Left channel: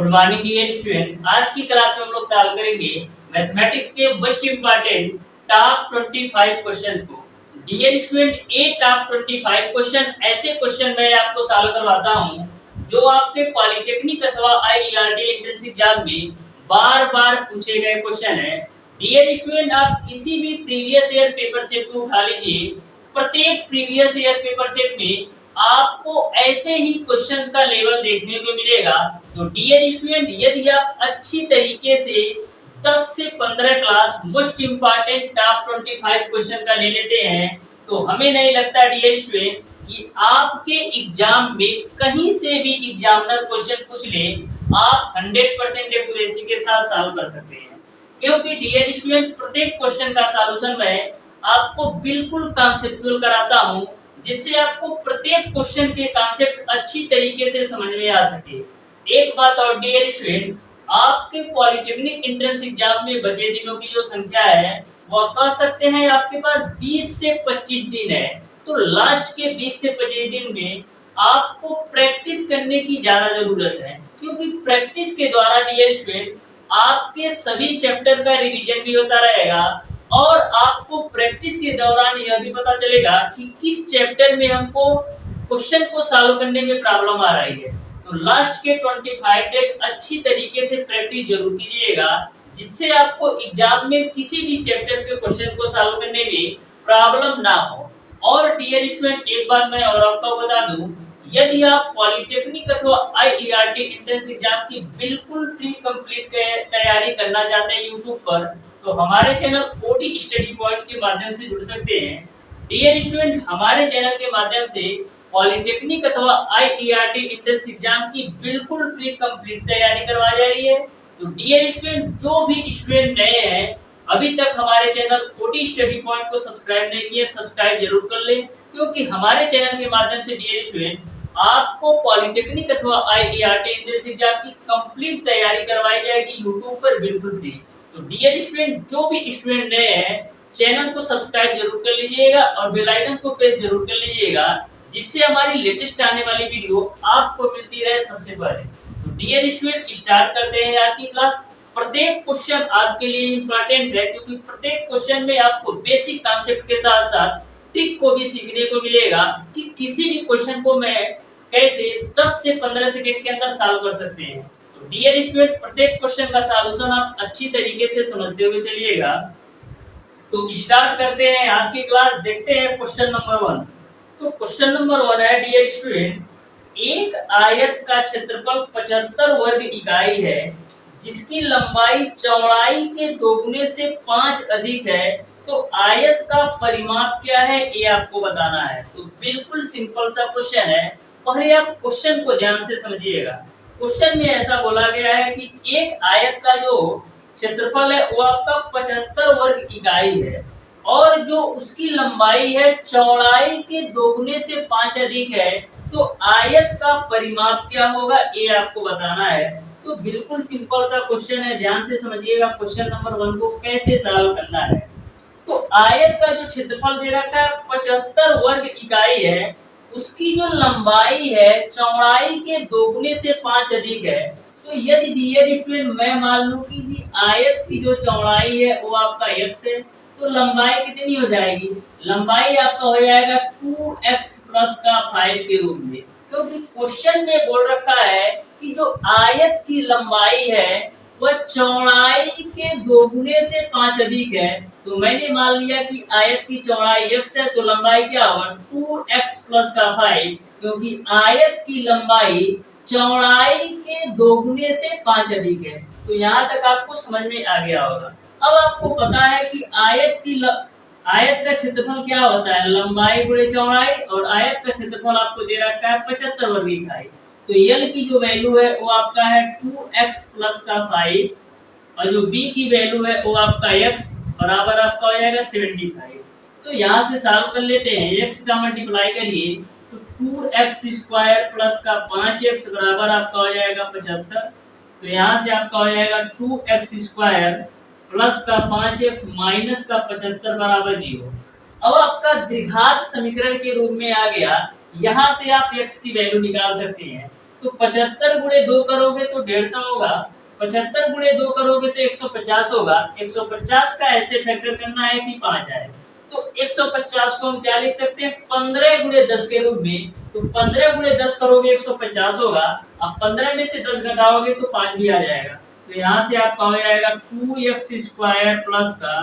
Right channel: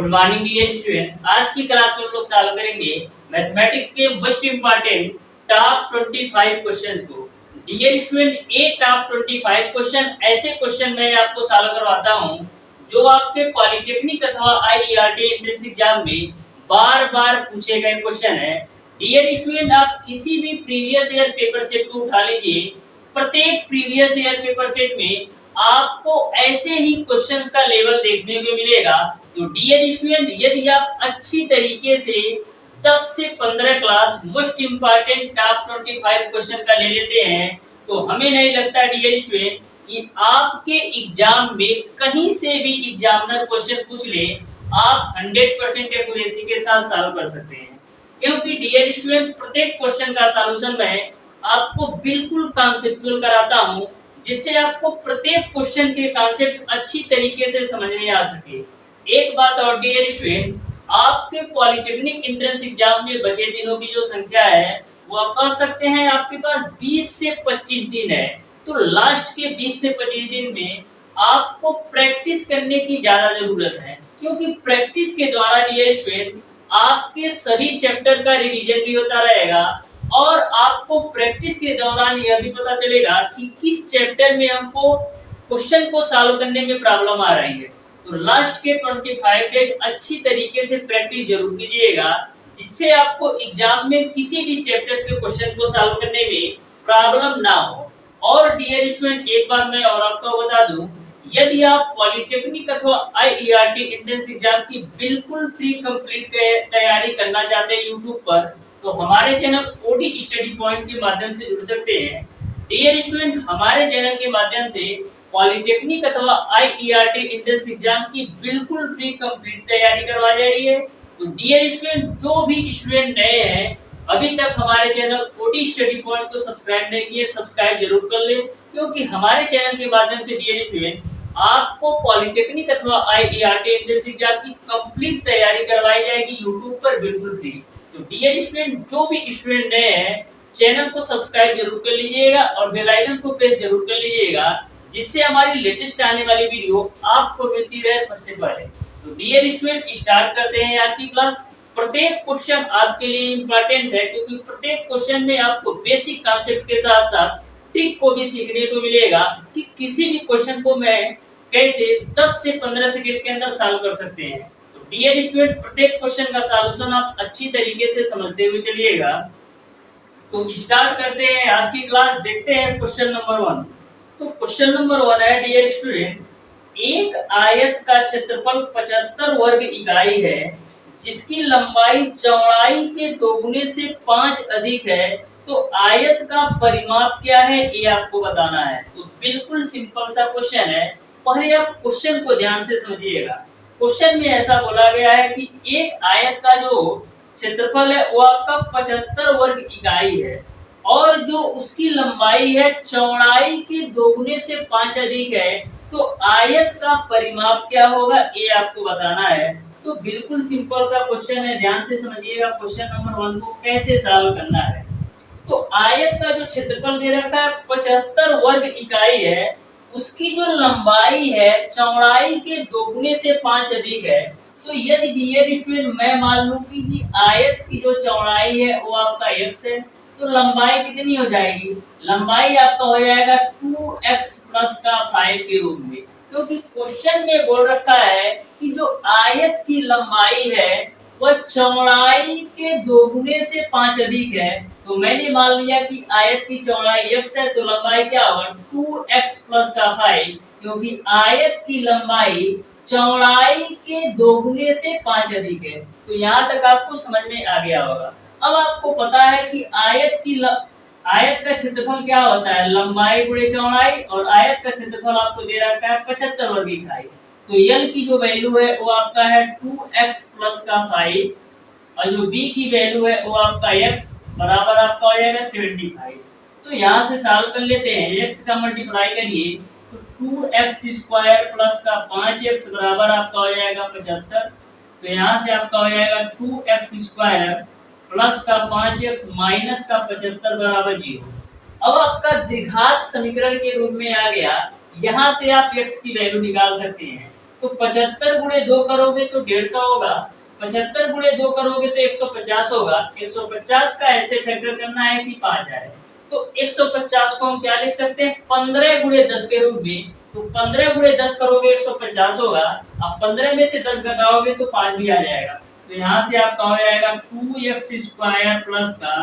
Good morning dear student. आज की class में हम लोग सॉल्व करेंगे मैथमेटिक्स के मोस्ट इंपॉर्टेंट टॉप 25 क्वेश्चन को। डियर स्टूडेंट, ये टॉप 25 क्वेश्चन ऐसे क्वेश्चन मैं आपको सॉल्व करवाता हूं जो आपके पॉलिटेक्निक अथवा आईईआरटी एंट्रेंस एग्जाम में बार-बार पूछे गए क्वेश्चन है। डियर स्टूडेंट, आप किसी भी प्रीवियस ईयर पेपर सेट को उठा लीजिए, प्रत्येक प्रीवियस ईयर पेपर सेट में आपको ऐसे ही क्वेश्चंस का लेवल देखने को मिलेगा। तो डियर स्टूडेंट, यदि आप अच्छी तरीके से 10 से 15 class most important top 25 question का ले लेते हैं तो हमें नहीं लगता डियर स्टूडेंट कि आपके एग्जाम में कहीं से भी एग्जामिनर क्वेश्चन पूछ ले, आप 100% एक्यूरेसी के साथ सॉल्व कर सकते हैं। क्योंकि डियर स्टूडेंट, प्रत्येक क्वेश्चन का सॉल्यूशन मैं आपको बिल्कुल कॉन्सेप्चुअल कराता हूं, जिससे आपको प्रत्येक क्वेश्चन के कॉन्सेप्ट अच्छी तरीके से समझ में आ सके। एक बात और डियर स्टूडेंट, आपके पॉलिटेक्निक एंट्रेंस एग्जाम में बचे दिनों की जो संख्या है वो कह सकते हैं आपके पास 20 से 25 दिन है। तो लास्ट के 20 से 25 दिन में आपको प्रैक्टिस करने की ज्यादा जरूरत है, क्योंकि प्रैक्टिस के द्वारा डियर स्टूडेंट आपके सभी चैप्टर का रिवीजन भी होता रहेगा और आपको प्रैक्टिस के दौरान यह भी पता चलेगा कि किस चैप्टर में हमको क्वेश्चन को सॉल्व करने में प्रॉब्लम आ रही है। तो लास्ट के 25 डेज अच्छी तरीके से प्रैक्टिस जरूर कीजिएगा, जिससे आपको एग्जाम में किसी भी चैप्टर के क्वेश्चन को सॉल्व करने में प्रॉब्लम ना हो। और डियर स्टूडेंट, एक बात मैं और आपको बता दूं, यदि आप पॉलिटेक्निक अथवा आईईआरटी एंट्रेंस एग्जाम की बिल्कुल फ्री कंप्लीट तैयारी करना चाहते हैं यूट्यूब पर, तो हमारे चैनल ओडी स्टडी पॉइंट के माध्यम से जुड़ सकते हैं। डियर स्टूडेंट, हमारे चैनल के माध्यम से पॉलिटेक्निक अथवा आईईआरटी एंट्रेंस एग्जाम की बिल्कुल फ्री कंप्लीट तैयारी करवाई जा रही है। तो डियर स्टूडेंट, जो भी स्टूडेंट नए हैं, अभी तक हमारे चैनल ओडी स्टडी पॉइंट को सब्सक्राइब नहीं किए, सब्सक्राइब जरूर कर लें, क्योंकि हमारे चैनल के माध्यम से डियर स्टूडेंट आपको पॉलिटेक्निक अथवा आईईआरटी एंट्रेंस एग्जाम की कंप्लीट तैयारी करवाई जाएगी यूट्यूब पर बिल्कुल फ्री। तो डियर स्टूडेंट, जो भी स्टूडेंट नए हैं, चैनल को सब्सक्राइब जरूर कर लीजिएगा और बेल आइकन को प्रेस जरूर कर लीजिएगा, जिससे हमारी लेटेस्ट आने वाली वीडियो आपको मिलती रहे सबसे पहले। तो डियर स्टूडेंट, स्टार्ट करते हैं आज की क्लास। प्रत्येक क्वेश्चन आपके लिए इंपॉर्टेंट है, क्योंकि प्रत्येक क्वेश्चन में आपको बेसिक कॉन्सेप्ट के साथ साथ ट्रिक को भी सीखने को मिलेगा कि किसी भी क्वेश्चन को मैं कैसे 10 से 15 सेकंड के अंदर सॉल्व कर सकते हैं। तो डियर स्टूडेंट, प्रत्येक क्वेश्चन का सॉल्यूशन आप अच्छी तरीके से समझते हुए चलिएगा। तो स्टार्ट करते हैं आज की क्लास। देखते हैं क्वेश्चन नंबर 1। तो क्वेश्चन नंबर 1 है डियर स्टूडेंट, एक आयत का क्षेत्रफल 75 वर्ग इकाई है, जिसकी लंबाई चौड़ाई के दोगुने से 5 अधिक है, तो आयत का परिमाप क्या है ये आपको बताना है। तो बिल्कुल सिंपल सा क्वेश्चन है, पहले आप क्वेश्चन को ध्यान से समझिएगा। क्वेश्चन में ऐसा बोला गया है कि एक आयत का जो क्षेत्रफल है वो आपका 75 वर्ग इकाई है और जो उसकी लंबाई है चौड़ाई के दोगुने से 5 अधिक है, तो आयत का परिमाप क्या होगा ये आपको बताना है। तो बिल्कुल सिंपल सा क्वेश्चन है, ध्यान से समझिएगा क्वेश्चन नंबर 1 को कैसे सॉल्व करना है। तो आयत का जो क्षेत्रफल दे रखा है 75 वर्ग इकाई है, उसकी जो लंबाई है चौड़ाई के दोगुने से 5 अधिक है। तो यदि डियर स्टूडेंट मैं मान लूं कि आयत की जो चौड़ाई है वो आपका x है, तो लंबाई कितनी हो जाएगी? लंबाई आपका हो जाएगा 2x प्लस का 5 के रूप में, क्योंकि क्वेश्चन में बोल रखा है कि जो आयत की लंबाई है वह चौड़ाई के दोगुने से 5 अधिक है। तो मैंने मान लिया कि आयत की चौड़ाई x है, तो लंबाई क्या होगा 2x प्लस का 5, क्योंकि आयत की लंबाई चौड़ाई के दोगुने से 5 अधिक है। तो यहाँ तक आपको समझ में आ गया होगा। अब आपको पता है कि आयत का क्षेत्रफल क्या होता है, लंबाई गुणे चौड़ाई, और आयत का क्षेत्रफल आपको दे रखा है 75 वर्ग इकाई। तो L की जो वैल्यू है वो आपका है 2x प्लस का 5 और जो B की वैल्यू है वो आपका x बराबर आपका हो जाएगा 75। तो यहाँ से सॉल्व कर लेते हैं। x का मल्टीप्लाई करिए तो 2x स्क्वायर प्लस का 5x बराबर आपका हो जाएगा 75। तो यहाँ से आपका हो जाएगा 2x स्क्वायर प्लस का 5x माइनस का 75 बराबर 0। अब आपका द्विघात समीकरण के रूप में आ गया। यहाँ से आप x की वैल्यू निकाल सकते हैं। तो 75 गुणे 2 करोगे तो 150 होगा, 75 गुणे 2 करोगे तो 150 होगा। 150 का ऐसे फैक्टर करना है कि 5 आए। तो 150 को हम क्या लिख सकते हैं 15 गुणे 10 के रूप में। तो 15 गुणे 10 करोगे 150 होगा। अब 15 में से 10 घटाओगे तो 5 भी आ जाएगा। तो यहाँ से आपका हो जाएगा 2x स्क्वायर प्लस का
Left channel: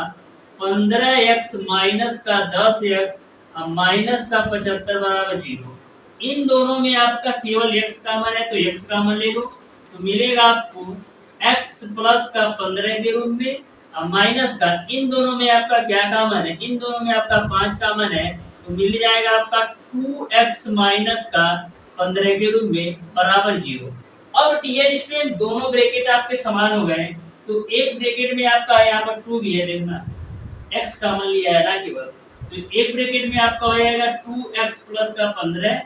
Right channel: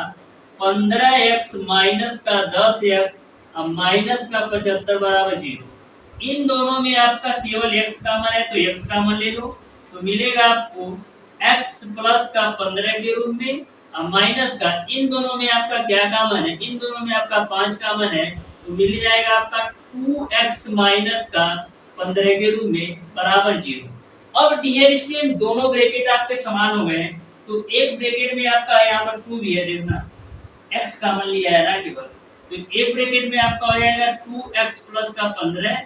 15x माइनस का 10x माइनस का 75 बराबर 0। इन दोनों में आपका केवल x कॉमन है तो x कॉमन ले लो, तो मिलेगा आपको x प्लस का 15 के रूप में माइनस का, इन दोनों में आपका क्या कॉमन है, इन दोनों में आपका 5 कॉमन है, तो मिल जाएगा आपका 2x माइनस का 15 के रूप में बराबर 0। अब डियर स्टूडेंट दोनों ब्रैकेट आपके समान हो गए, तो एक ब्रैकेट में आपका यहाँ पर 2 भी है, देखना x कॉमन लिया है ना केवल, तो एक ब्रैकेट में आपका हो जाएगा 2x प्लस का 15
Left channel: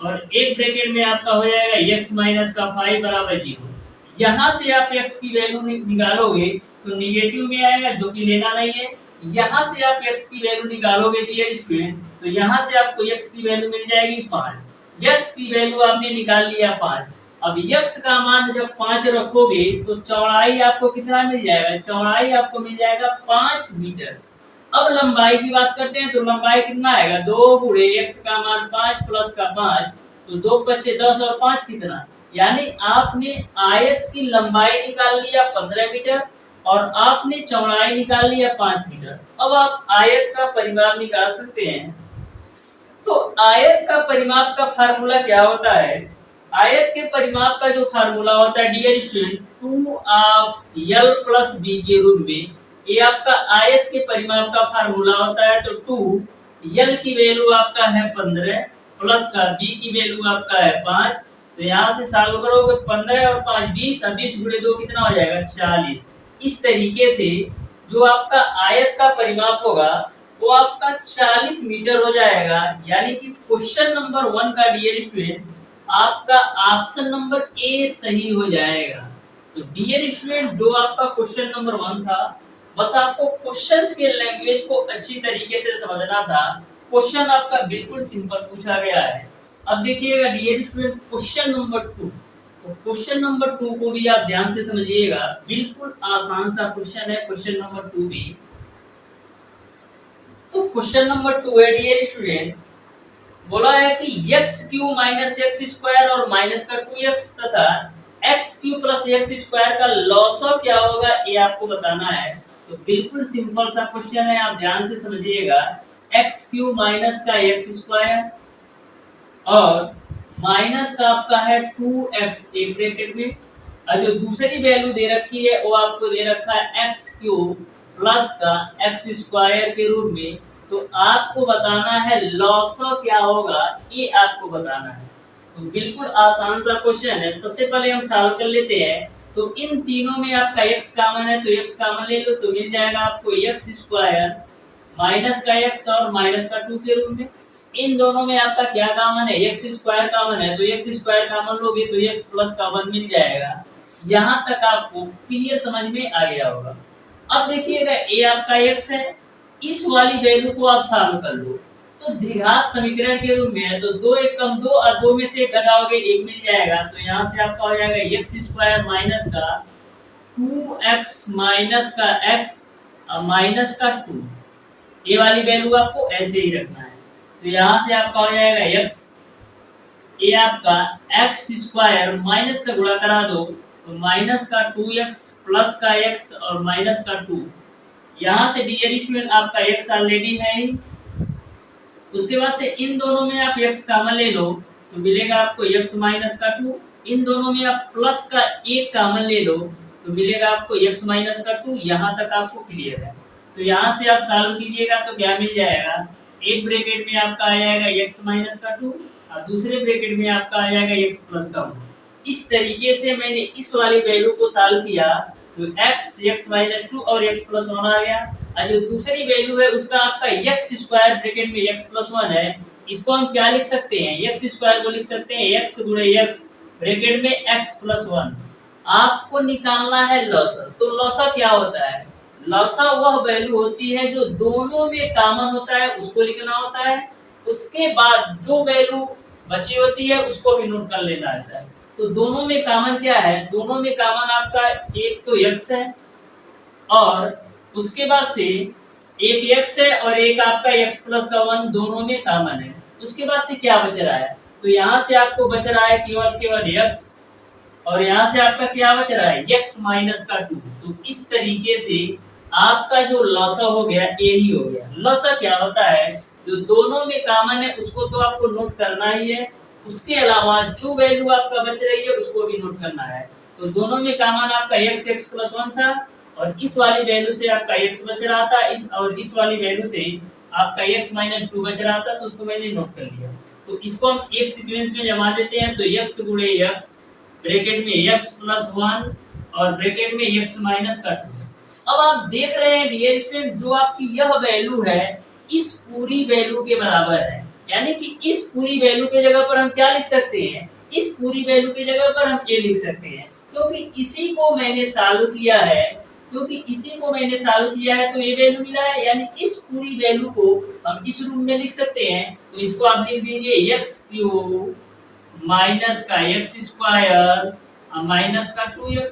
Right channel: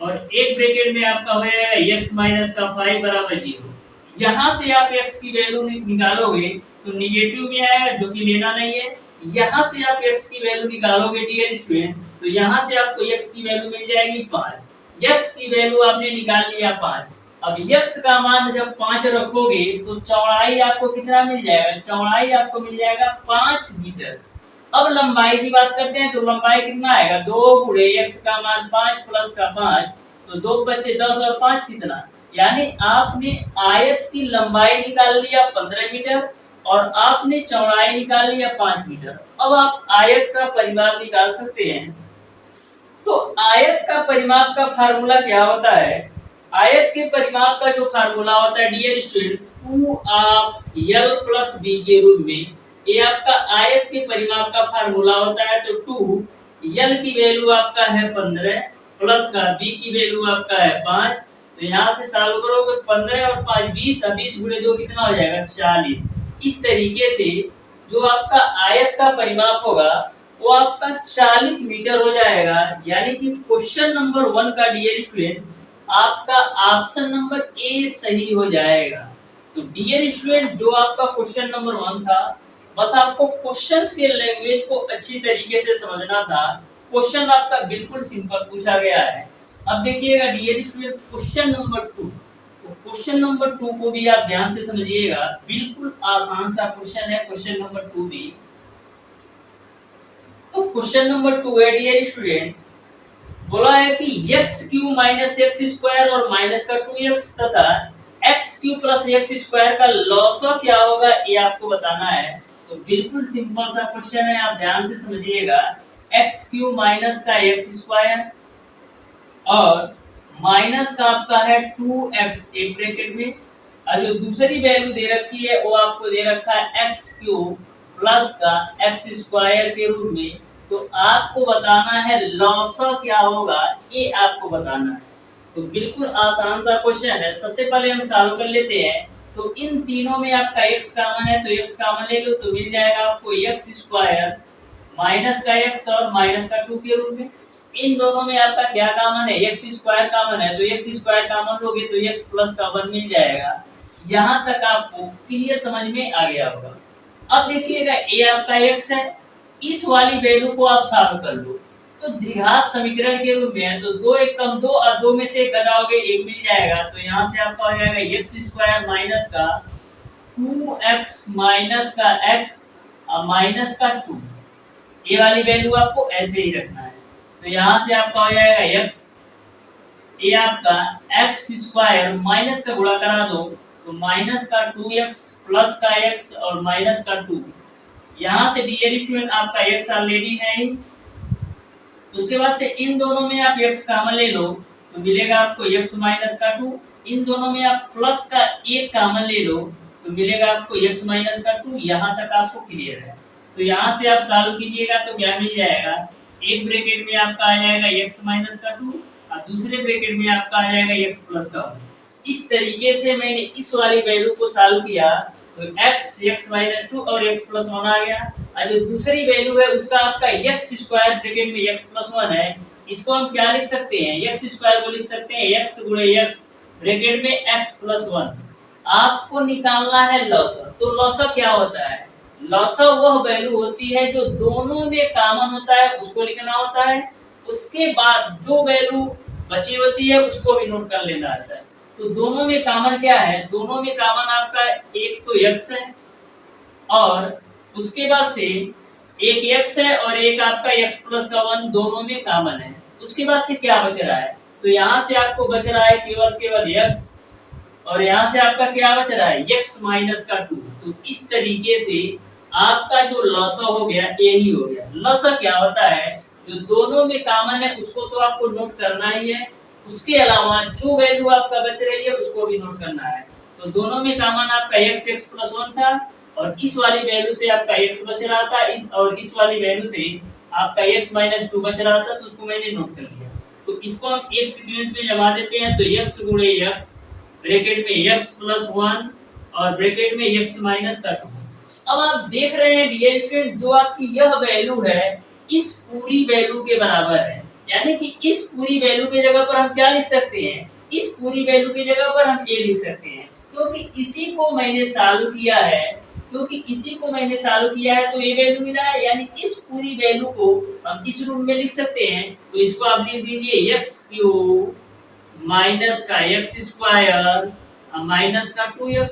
और एक ब्रैकेट में आपका हो जाएगा x माइनस का 5 बराबर 0। यहाँ से आप x की वैल्यू निकालोगे तो निगेटिव में आएगा जो कि लेना नहीं है। यहाँ से आप x की वैल्यू निकालोगे डियर स्टूडेंट, तो यहाँ से आपको x की वैल्यू मिल जाएगी 5। x की वैल्यू आपने निकाल लिया 5। अब x का मान जब 5 रखोगे तो चौड़ाई आपको कितना मिल जाएगा, चौड़ाई आपको मिल जाएगा 5 मीटर। अब लंबाई की बात करते हैं तो लंबाई कितना आएगा, 2 गुणे x का मान 5 प्लस का 5, तो 2 बचे 10 और 5 कितना, यानी आपने आयत की लंबाई निकाल लिया 15 मीटर और आपने चौड़ाई निकाल लिया 5 मीटर। अब आप आयत का परिमाप निकाल सकते हैं। तो आयत का परिमाप का फार्मूला क्या होता है, आयत के परिमाप का जो फार्मूला होता है dear student 2 of l plus b के रूप में, ये आपका आयत के परिमाप का फार्मूला होता है। तो 2 l की वैल्यू आपका है 15 प्लस का b की वैल्यू आपका है 5, तो यहाँ से सॉल्व करोगे 15 और 5 20, 20 गुणे 2 कितना हो जाएगा 40। इस तरीके से जो आपका आयत का परिमाप होगा वो आपका 40 मीटर हो जाएगा। यानी कि क्वेश्चन नंबर 1 का डियर स्टूडेंट आपका ऑप्शन नंबर ए सही हो जाएगा। तो डियर स्टूडेंट जो आपका क्वेश्चन नंबर 1 था, बस आपको क्वेश्चंस के लैंग्वेज को अच्छी तरीके से समझना था। क्वेश्चन आपका बिल्कुल सिंपल पूछा गया है। अब देखिएगा डियर स्टूडेंट क्वेश्चन नंबर 2, तो क्वेश्चन नंबर 2 को भी आप ध्यान से समझिएगा, बिल्कुल आसान सा क्वेश्चन है क्वेश्चन नंबर 2 भी। तो क्वेश्चन नंबर 2 है डियर स्टूडेंट, बोला है कि x Q minus x square और माइनस का 2x तथा x Q plus x square का लॉसो क्या होगा ये आपको बताना है। तो बिल्कुल सिंपल सा क्वेश्चन है, आप ध्यान से समझिएगा। x क्यू माइनस का एक्स स्क्वायर और माइनस का आपका है 2x एक ब्रैकेट में, और जो दूसरी वैल्यू दे रखी है वो आपको दे रखा है x क्यूब प्लस का x स्क्वायर के रूप में। तो आपको बताना है लॉसो क्या होगा, ये आपको बताना है। तो बिल्कुल आसान सा क्वेश्चन है। सबसे पहले हम सॉल्व कर लेते हैं। तो इन तीनों में आपका x कॉमन है तो x कॉमन ले लो, तो मिल जाएगा आपको x स्क्वायर माइनस का x और माइनस का 2 के रूप में। इन दोनों में आपका क्या कॉमन है, x स्क्वायर कॉमन है, तो x स्क्वायर कॉमन लोगे तो x प्लस का 1 मिल जाएगा। यहाँ तक आपको क्लियर समझ में आ गया होगा। अब देखिएगा a आपका x है, इस वाली वैल्यू को आप सॉल्व कर लो तो द्विघात समीकरण के रूप में है। तो 2 एक कम 2 और 2 में से एक घटाओगे 1 मिल जाएगा। तो यहाँ से आपका हो जाएगा x स्क्वायर माइनस का 2x माइनस का x माइनस का 2, ये वाली वैल्यू आपको ऐसे ही रखना है। तो यहाँ से आपका हो जाएगा x, ये आपका x स्क्वायर माइनस का गुणा करा दो तो माइनस का 2x प्लस का x और माइनस का 2। यहाँ से डियर स्टूडेंट आपका x ऑलरेडी है ही। उसके बाद से इन दोनों में आप x कॉमन ले लो तो मिलेगा आपको x माइनस का 2। इन दोनों में आप प्लस का 1 कॉमन ले लो तो मिलेगा आपको x माइनस का 2। यहाँ तक आपको क्लियर है। तो यहाँ से आप सॉल्व कीजिएगा तो क्या मिल जाएगा, एक ब्रैकेट में आपका आ जाएगा x माइनस का 2 और दूसरे ब्रैकेट में आपका आ जाएगा x प्लस का 1। इस तरीके से मैंने इस वाली वैल्यू को सॉल्व किया तो x माइनस 2 और x प्लस 1 आ गया। और जो दूसरी वैल्यू है उसका आपका x स्क्वायर ब्रैकेट में x प्लस 1 है, इसको हम क्या लिख सकते हैं, x स्क्वायर को लिख सकते हैं x गुणे x ब्रैकेट में x प्लस 1। आपको निकालना है लॉसर। तो लॉसर क्या होता है, लॉसर वह वैल्यू होती है जो दोनों में कॉमन होता है उसको लिखना होता है। उसके बाद जो वैल्यू बची होती है उसको भी नोट कर लेना होता है। तो दोनों में कॉमन क्या है, दोनों में कॉमन आपका एक तो x है और उसके बाद से एक x है और एक आपका x प्लस का 1 दोनों में कॉमन है। उसके बाद से क्या बच रहा है, तो यहाँ से आपको बच रहा है केवल x और यहाँ से आपका क्या बच रहा है x माइनस का 2। तो इस तरीके से आपका जो लॉसा हो गया यही हो गया। लॉसा क्या होता है, जो दोनों में कॉमन है उसको तो आपको नोट करना ही है, उसके अलावा जो वैल्यू आपका बच रही है उसको भी नोट करना है। तो दोनों में कॉमन आपका x प्लस 1 था और इस वाली वैल्यू से आपका x बच रहा था, इस वाली वैल्यू से आपका x माइनस 2 बच रहा था, तो उसको मैंने नोट कर लिया। तो इसको हम एक सीक्वेंस में जमा देते हैं, तो x गुणे x ब्रैकेट में x प्लस 1 और ब्रैकेट में x माइनस का 2। अब आप देख रहे हैं डियर स्टूडेंट, जो आपकी यह वैल्यू है इस पूरी वैल्यू के बराबर है, यानी कि इस पूरी वैल्यू के जगह पर हम क्या लिख सकते हैं, इस पूरी वैल्यू के जगह पर हम a लिख सकते हैं, क्योंकि इसी को मैंने सॉल्व किया है, तो ये वैल्यू मिला है, यानी इस पूरी वैल्यू को हम इस रूप में लिख सकते हैं। तो इसको आप लिख दीजिए x क्यूब माइनस का x स्क्वायर माइनस का 2x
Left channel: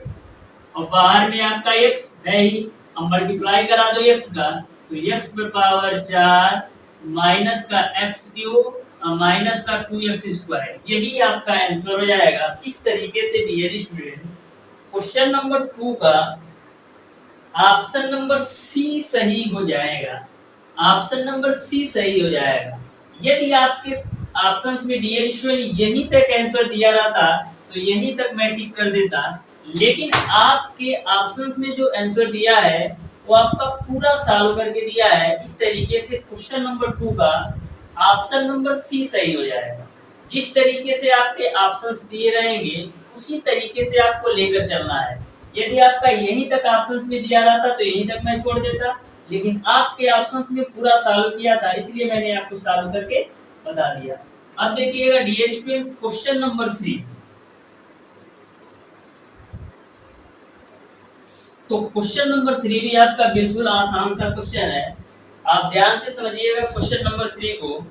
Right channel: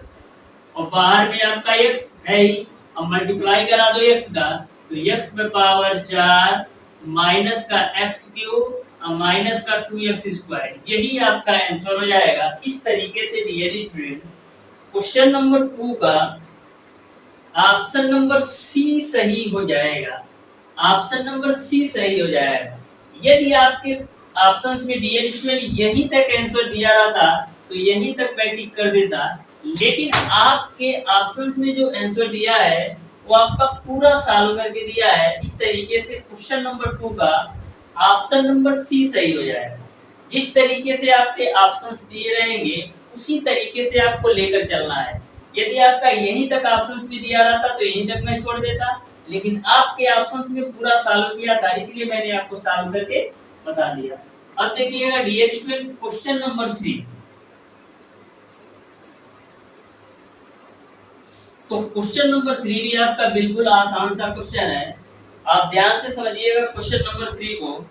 और बाहर में आपका x है ही, अब मल्टीप्लाई करा दो x का, तो x पे पावर 4 माइनस का x क्यूब माइनस का 2x स्क्वायर, यही आपका आंसर हो जाएगा। इस तरीके से डियर स्टूडेंट क्वेश्चन नंबर 2 का ऑप्शन नंबर सी सही हो जाएगा, ऑप्शन नंबर सी सही हो जाएगा। यदि आपके ऑप्शंस में डियर स्टूडेंट यहीं तक आंसर दिया रहता तो यहीं तक मैं टिक कर देता, लेकिन आपके ऑप्शंस में जो आंसर दिया है वो आपका पूरा सॉल्व करके दिया है। इस तरीके से क्वेश्चन नंबर 2 का ऑप्शन नंबर सी सही हो जाएगा। जिस तरीके से आपके ऑप्शंस दिए रहेंगे उसी तरीके से आपको लेकर चलना है। यदि आपका यहीं तक ऑप्शंस में दिया रहता तो यहीं तक मैं छोड़ देता, लेकिन आपके ऑप्शंस में पूरा सॉल्व किया था, इसलिए मैंने आपको सॉल्व करके बता दिया। अब देखिएगा डियर स्टूडेंट क्वेश्चन नंबर 3। तो क्वेश्चन नंबर 3 भी आपका बिल्कुल आसान सा क्वेश्चन है, आप ध्यान से समझिएगा। क्वेश्चन नंबर 3 को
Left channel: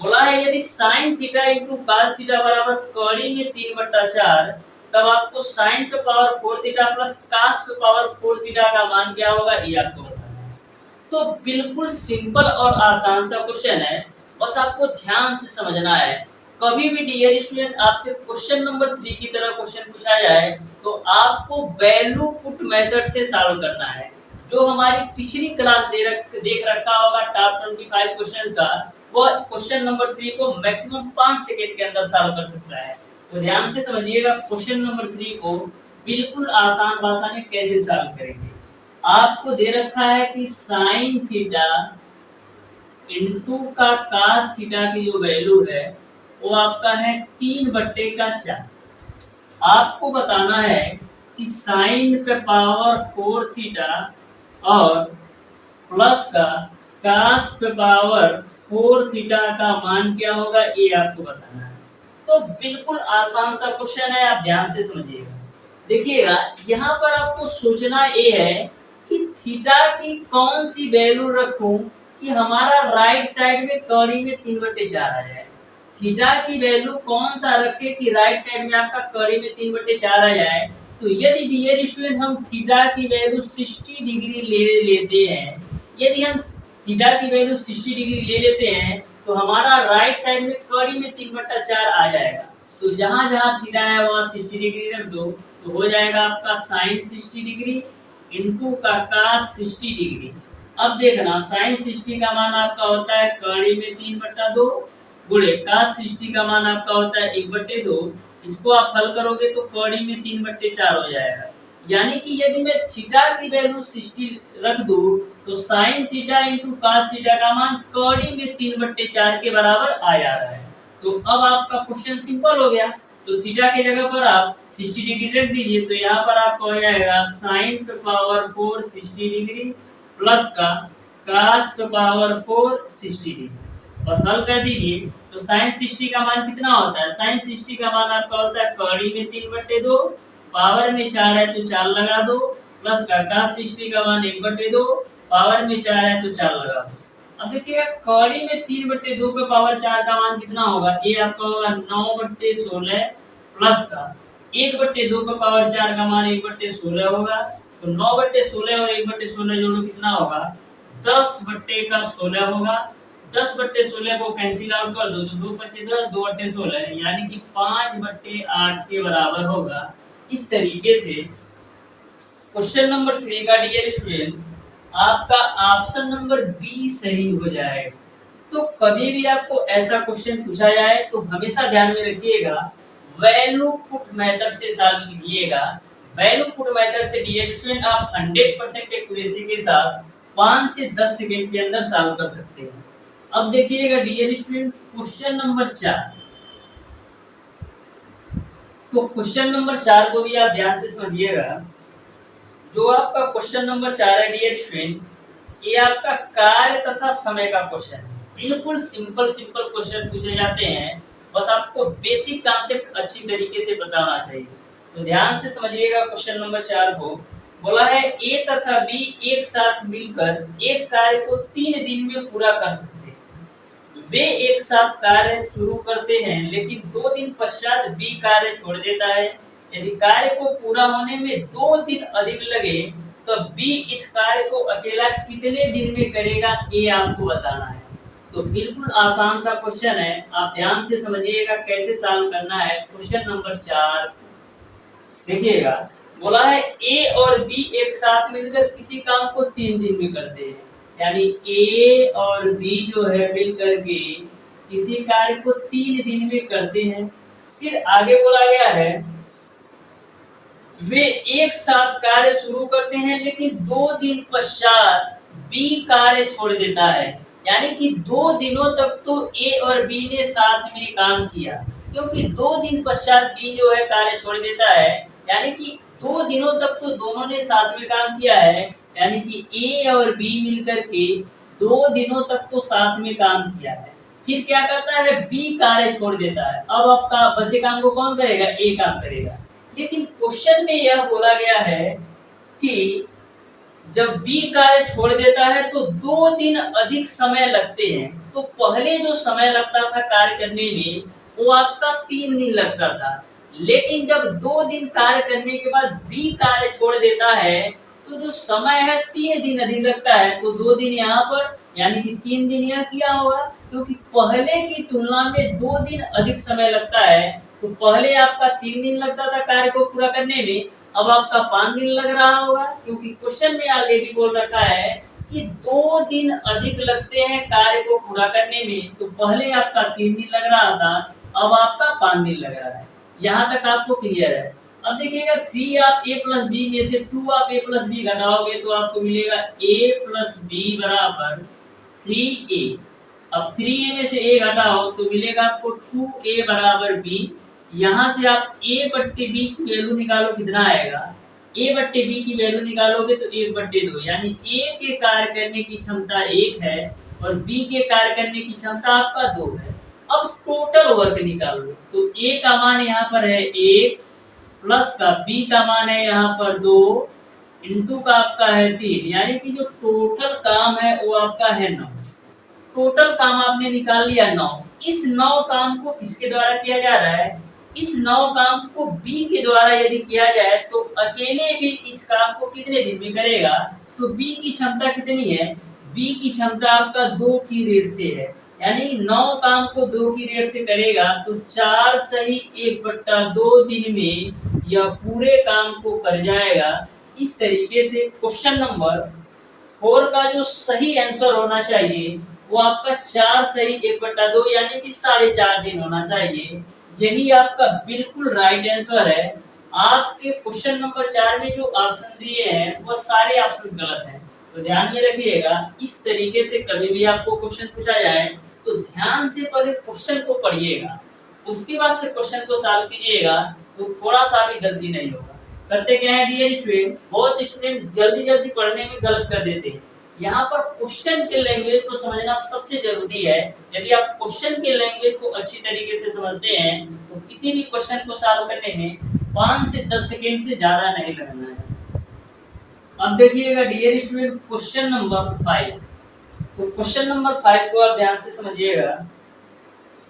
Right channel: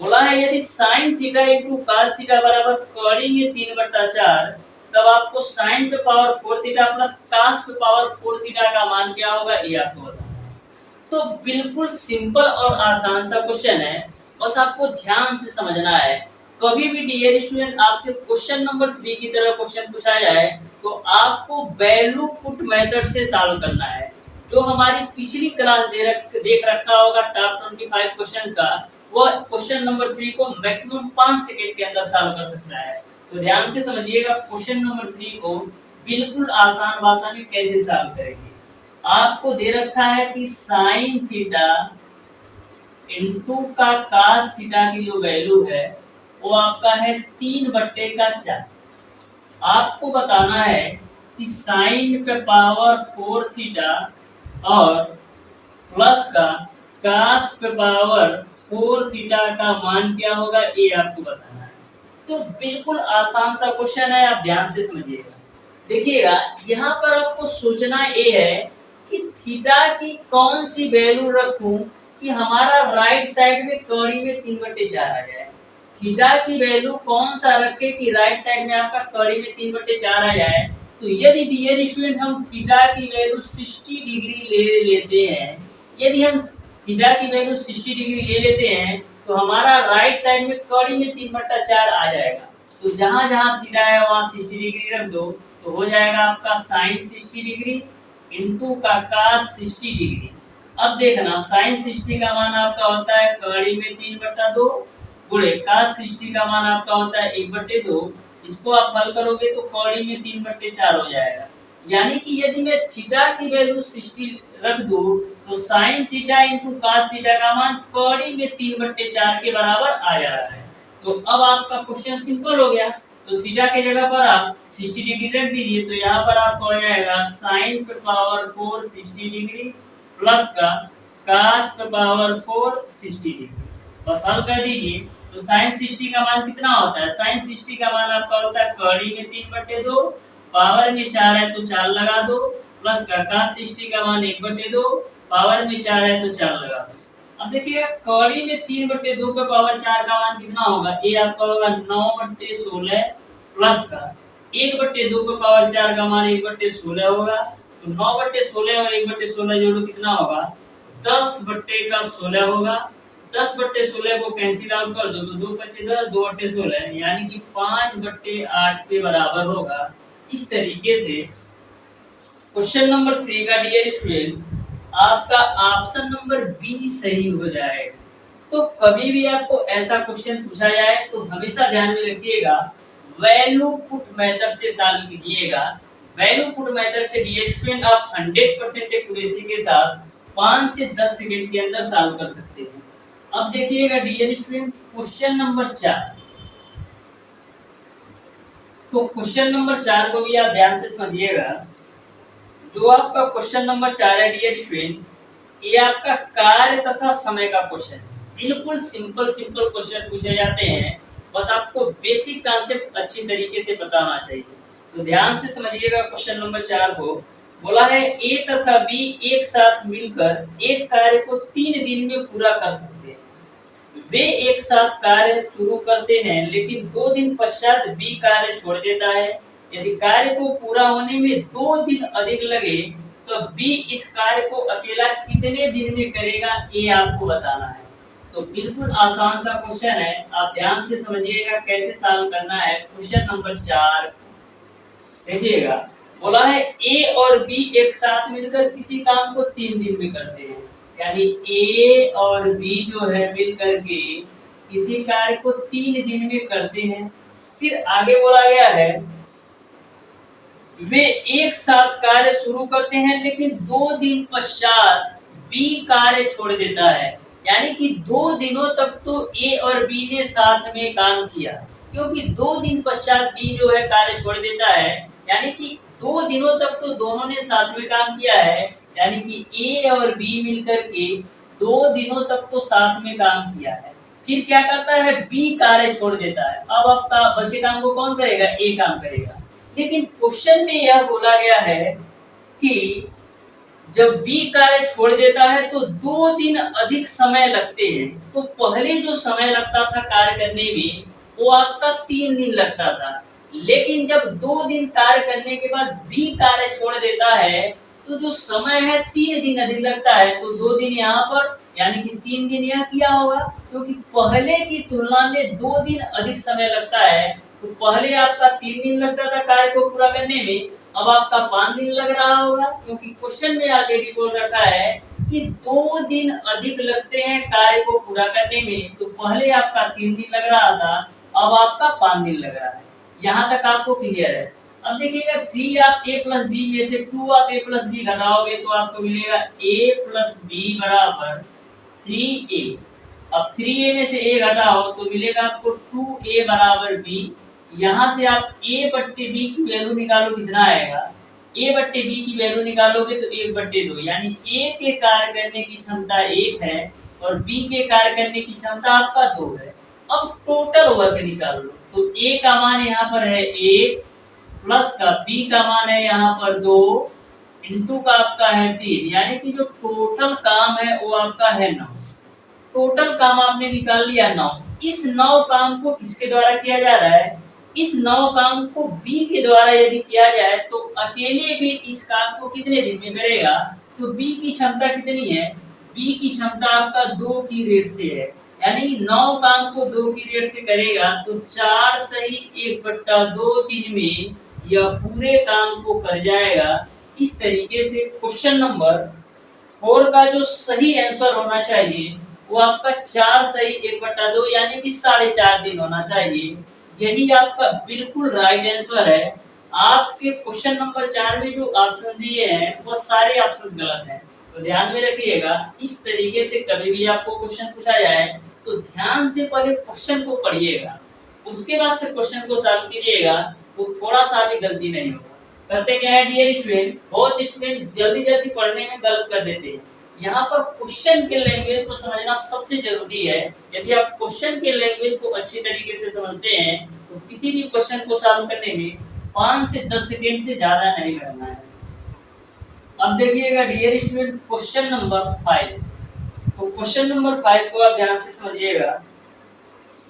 बोला है यदि sin theta into cos theta बराबर कड़ी में 3/4, तब आपको sin पे पावर 4 थीटा प्लस cos पे पावर 4 थीटा का मान क्या होगा, ये आपको बताना है। तो बिल्कुल सिंपल और आसान सा क्वेश्चन है, बस आपको ध्यान से समझना है। कभी भी डियर स्टूडेंट आपसे क्वेश्चन नंबर 3 की तरह क्वेश्चन पूछा जाए तो आपको वैल्यू पुट मेथड से सॉल्व करना है। जो हमारी पिछली क्लास देख रखा होगा टॉप 25 क्वेश्चंस का, वो क्वेश्चन नंबर 3 को मैक्सिमम 5 सेकंड के अंदर सॉल्व कर सकता है। तो ध्यान से समझिएगा क्वेश्चन नंबर 3 को बिल्कुल आसान भाषा में कैसे सॉल्व करेंगे। आपको दे रखा है कि sin थीटा इनटू का cos थीटा की जो वैल्यू है वो आपका है 3/4। आपको बताना है कि sin पे पावर 4 थीटा और प्लस का cos पे पावर 4 थीटा का मान क्या होगा, ये आपको बताना है। तो बिल्कुल आसान सा क्वेश्चन है, आप ध्यान से समझिएगा। देखिएगा यहाँ पर आपको सोचना ये है कि थीटा की कौन सी वैल्यू रखूं कि हमारा राइट साइड में कड़ी में 3/4 आ जाए। थीटा की वैल्यू कौन सा रखे कि राइट साइड में आपका कड़ी में 3/4 आ जाए। तो यदि डियर स्टूडेंट हम थीटा की वैल्यू 60 डिग्री ले लेते हैं, यदि हम थीटा की वैल्यू 60 डिग्री ले लेते हैं तो हमारा राइट साइड में कड़ी में 3/4 आ जाएगा। तो जहां जहां थीटा है वहां 60 डिग्री रख दो, तो हो जाएगा आपका sin 60 डिग्री इनटू का cos 60 डिग्री। अब देखना sin 60 का मान आपका होता है कड़ी में 3/2 गुणे cos 60 का मान आपका होता है 1/2। इसको आप हल करोगे तो कड़ी में 3/4 हो जाएगा। यानी कि यदि मैं थीटा की वैल्यू 60 रख दूं तो sin theta into cos theta का मान कड़ी में 3/4 के बराबर आ जा रहा है। तो अब आपका क्वेश्चन सिंपल हो गया। तो थीटा के जगह पर आप 60 डिग्री रख दीजिए, तो यहाँ पर आपको हो जाएगा sin पे पावर 4 60 डिग्री प्लस का cos पे पावर 4 60 डिग्री, बस हल कर दीजिए। तो sin 60 का मान कितना होता है, sin 60 का मान आपका होता है कड़ी में 3/2, पावर में 4 है तो 4 लगा दो, प्लस का cos 60 का मान 1/2, पावर में 4 है तो 4 लगा दो। अब देखिए कड़ी में 3/2 पे पावर 4 का मान कितना होगा, ये आपका होगा 9/16 प्लस का 1/2 का पावर 4 का मान 1/16 होगा, तो 9/16 और 1/16 जोड़ो कितना होगा, 10/16 होगा। 10/16 को कैंसिल आउट कर दो तो 2 बचे 10, 2/16 यानी कि 5/8 के बराबर होगा। इस तरीके से क्वेश्चन नंबर 3 का डियर स्टूडेंट आपका ऑप्शन नंबर बी सही हो जाएगा। तो कभी भी आपको ऐसा क्वेश्चन पूछा जाए तो हमेशा ध्यान में रखिएगा, वैल्यू पुट मेथड से सॉल्व कीजिएगा। वैल्यू पुट मेथड से डियर स्टूडेंट आप 100% एक्यूरेसी के साथ 5 से 10 सेकंड के अंदर सॉल्व कर सकते हैं। अब देखिएगा डियर स्टूडेंट क्वेश्चन नंबर 4। तो क्वेश्चन नंबर 4 को भी आप ध्यान से समझिएगा। जो आपका क्वेश्चन नंबर 4 है डियर स्टूडेंट, ये आपका कार्य तथा समय का क्वेश्चन है। बिल्कुल सिंपल क्वेश्चन पूछे जाते हैं, बस आपको बेसिक कॉन्सेप्ट अच्छी तरीके से पता होना चाहिए। तो ध्यान से समझिएगा क्वेश्चन नंबर 4 को। बोला है ए तथा बी एक साथ मिलकर एक कार्य को 3 दिन में पूरा कर सकते हैं। वे एक साथ कार्य शुरू करते हैं लेकिन 2 दिन पश्चात बी कार्य छोड़ देता है। यदि कार्य को पूरा होने में 2 दिन अधिक लगे तो बी इस कार्य को अकेला कितने दिन में करेगा, ये आपको बताना है। तो बिल्कुल आसान सा क्वेश्चन है, आप ध्यान से समझिएगा कैसे सॉल्व करना है। क्वेश्चन नंबर 4 देखिएगा, बोला है ए और बी एक साथ मिलकर किसी काम को 3 दिन में करते हैं। यानी ए और बी जो है मिलकर के किसी कार्य को 3 दिन में करते हैं। फिर आगे बोला गया है वे एक साथ कार्य शुरू करते हैं लेकिन 2 दिन पश्चात बी कार्य छोड़ देता है। यानी कि 2 दिनों तक तो ए और बी ने साथ में काम किया, क्योंकि 2 दिन पश्चात बी जो है कार्य छोड़ देता है। यानी कि 2 दिनों तक तो दोनों ने साथ में काम किया है। यानी कि ए और बी मिलकर के 2 दिनों तक तो साथ में काम किया है। फिर क्या करता है, बी कार्य छोड़ देता है। अब आपका बचे काम को कौन करेगा, ए काम करेगा। लेकिन क्वेश्चन में यह बोला गया है कि जब बी कार्य छोड़ देता है तो 2 दिन अधिक समय लगते हैं। तो पहले जो समय लगता था कार्य करने में वो आपका 3 दिन लगता था, लेकिन जब 2 दिन कार्य करने के बाद बी कार्य छोड़ देता है तो जो समय है 3 दिन अधिक लगता है। तो 2 दिन यहाँ पर यानी कि 3 दिन यह किया होगा, क्योंकि पहले की तुलना में 2 दिन अधिक समय लगता है। तो पहले आपका 3 दिन लगता था कार्य को पूरा करने में, अब आपका 5 दिन लग रहा होगा, क्योंकि क्वेश्चन में ऑलरेडी बोल रखा है कि 2 दिन अधिक लगते हैं कार्य को पूरा करने में। तो पहले आपका 3 दिन लग रहा था, अब आपका 5 दिन लग रहा है। यहाँ तक आपको क्लियर है। अब देखिएगा 3 आप a प्लस बी में से 2 आप a प्लस बी घटाओगे तो आपको मिलेगा a प्लस बी बराबर 3a। अब 3a में से a घटाओ तो मिलेगा आपको 2a बराबर b। यहाँ से आप a बट्टे b की वैल्यू निकालो, कितना आएगा, a बट्टे b की वैल्यू निकालोगे तो 1/2, यानी a के कार्य करने की क्षमता 1 है और b के कार्य करने की क्षमता आपका 2 है। अब टोटल वर्क निकाल लो, तो a का मान यहाँ पर है 1 प्लस का b का मान है यहाँ पर 2 इनटू का आपका है 3, यानी कि जो टोटल काम है वो आपका है 9। टोटल काम आपने निकाल लिया 9। इस 9 काम को किसके द्वारा किया जा रहा है, इस 9 काम को बी के द्वारा यदि किया जाए तो अकेले भी इस काम को कितने दिन में करेगा। तो बी की क्षमता कितनी है, बी की क्षमता आपका 2 की रेट से है। यानी 9 काम को 2 की रेट से करेगा तो 4 सही 1/2 दिन में यह पूरे काम को कर जाएगा। इस तरीके से क्वेश्चन नंबर 4 का जो सही आंसर होना चाहिए वो आपका 4 सही 1/2 यानी कि 4.5 दिन होना चाहिए। यही आपका बिल्कुल राइट आंसर है। आपके क्वेश्चन नंबर 4 में जो ऑप्शन दिए हैं वो सारे ऑप्शन गलत हैं, तो ध्यान में रखिएगा। इस तरीके से कभी भी आपको क्वेश्चन पूछा जाए तो ध्यान से पहले क्वेश्चन को पढ़िएगा, उसके बाद से क्वेश्चन को सॉल्व कीजिएगा तो थोड़ा सा भी गलती नहीं होगा। करते क्या है डियर स्टूडेंट, बहुत स्टूडेंट जल्दी जल्दी पढ़ने में गलत कर देते हैं। यहाँ पर क्वेश्चन के लैंग्वेज को समझना सबसे जरूरी है। यदि आप क्वेश्चन के लैंग्वेज को अच्छी तरीके से समझते हैं तो किसी भी क्वेश्चन को सॉल्व करने में 5 से 10 सेकंड से ज्यादा नहीं लगना है। अब देखिएगा डियर स्टूडेंट क्वेश्चन नंबर 5। तो क्वेश्चन नंबर 5 को आप ध्यान से समझिएगा।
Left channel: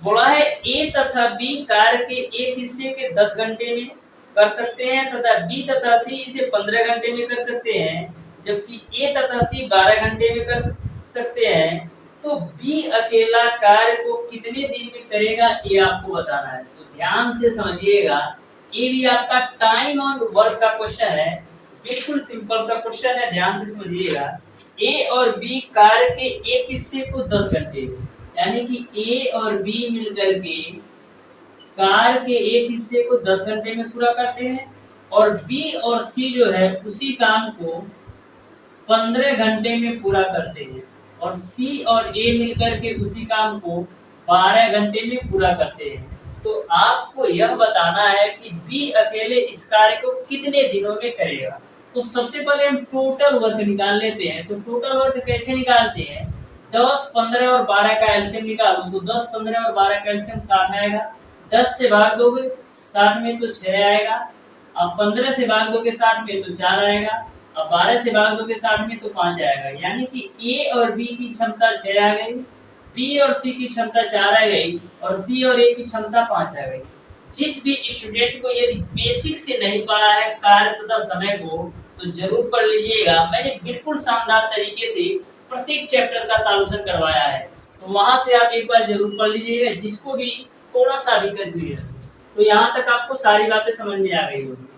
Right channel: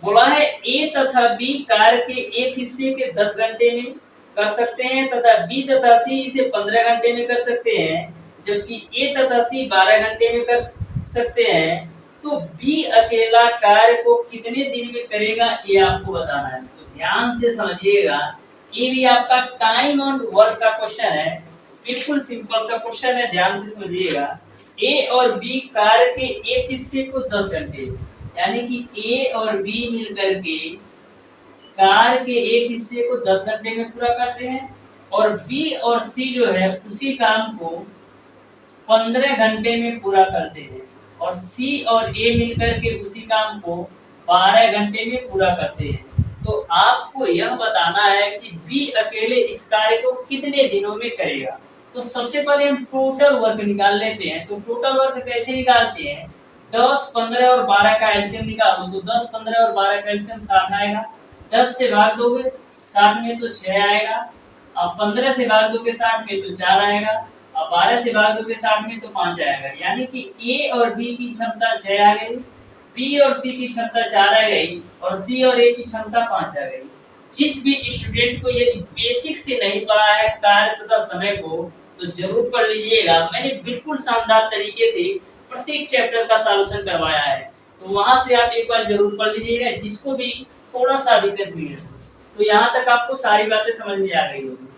बोला है ए तथा बी कार्य के एक हिस्से के 10 घंटे में कर सकते हैं तथा बी तथा सी इसे 15 घंटे में कर सकते हैं, जबकि ए तथा सी 12 घंटे में कर सकते हैं, तो बी अकेला कार्य को कितने दिन में करेगा ये आपको बताना है। तो ध्यान से समझिएगा, ये भी आपका टाइम और वर्क का क्वेश्चन है, बिल्कुल सिंपल सा क्वेश्चन है, ध्यान से समझिएगा। ए और बी कार्य के एक हिस्से को 10 घंटे, यानी कि ए और बी मिलकर के कार्य के एक हिस्से को 10 घंटे में पूरा करते हैं, और बी और सी जो है उसी काम को 15 घंटे में पूरा करते हैं, और सी और ए मिलकर के उसी काम को 12 घंटे में पूरा करते हैं। तो आपको यह बताना है कि बी अकेले इस कार्य को कितने दिनों में करेगा। तो सबसे पहले हम टोटल वर्क निकाल लेते हैं। तो टोटल वर्क कैसे निकालते हैं? 10, 15 और 12 का एलसीएम निकालो। तो 10, 15 और 12 का एलसीएम 60 आएगा। 10 से भाग दोगे 60 में तो 6 आएगा। अब 15 से भाग दोगे 60 में तो 4 आएगा। अब 12 से भाग दोगे 60 में तो 5 आएगा। यानी कि ए और बी की क्षमता 6 आ गई, बी और सी की क्षमता 4 आ गई, और सी और ए की क्षमता 5 आ गई। जिस भी स्टूडेंट को यदि बेसिक से नहीं पढ़ा है कार्य तथा समय को, तो जरूर पढ़ लीजिएगा। मैंने बिल्कुल शानदार तरीके से प्रत्येक चैप्टर का सॉल्यूशन करवाया है, तो वहां से आप एक बार जरूर पढ़ लीजिएगा, जिसको भी थोड़ा सा भी कंफ्यूजन। तो यहाँ तक आपको सारी बातें समझ में आ गई होगी।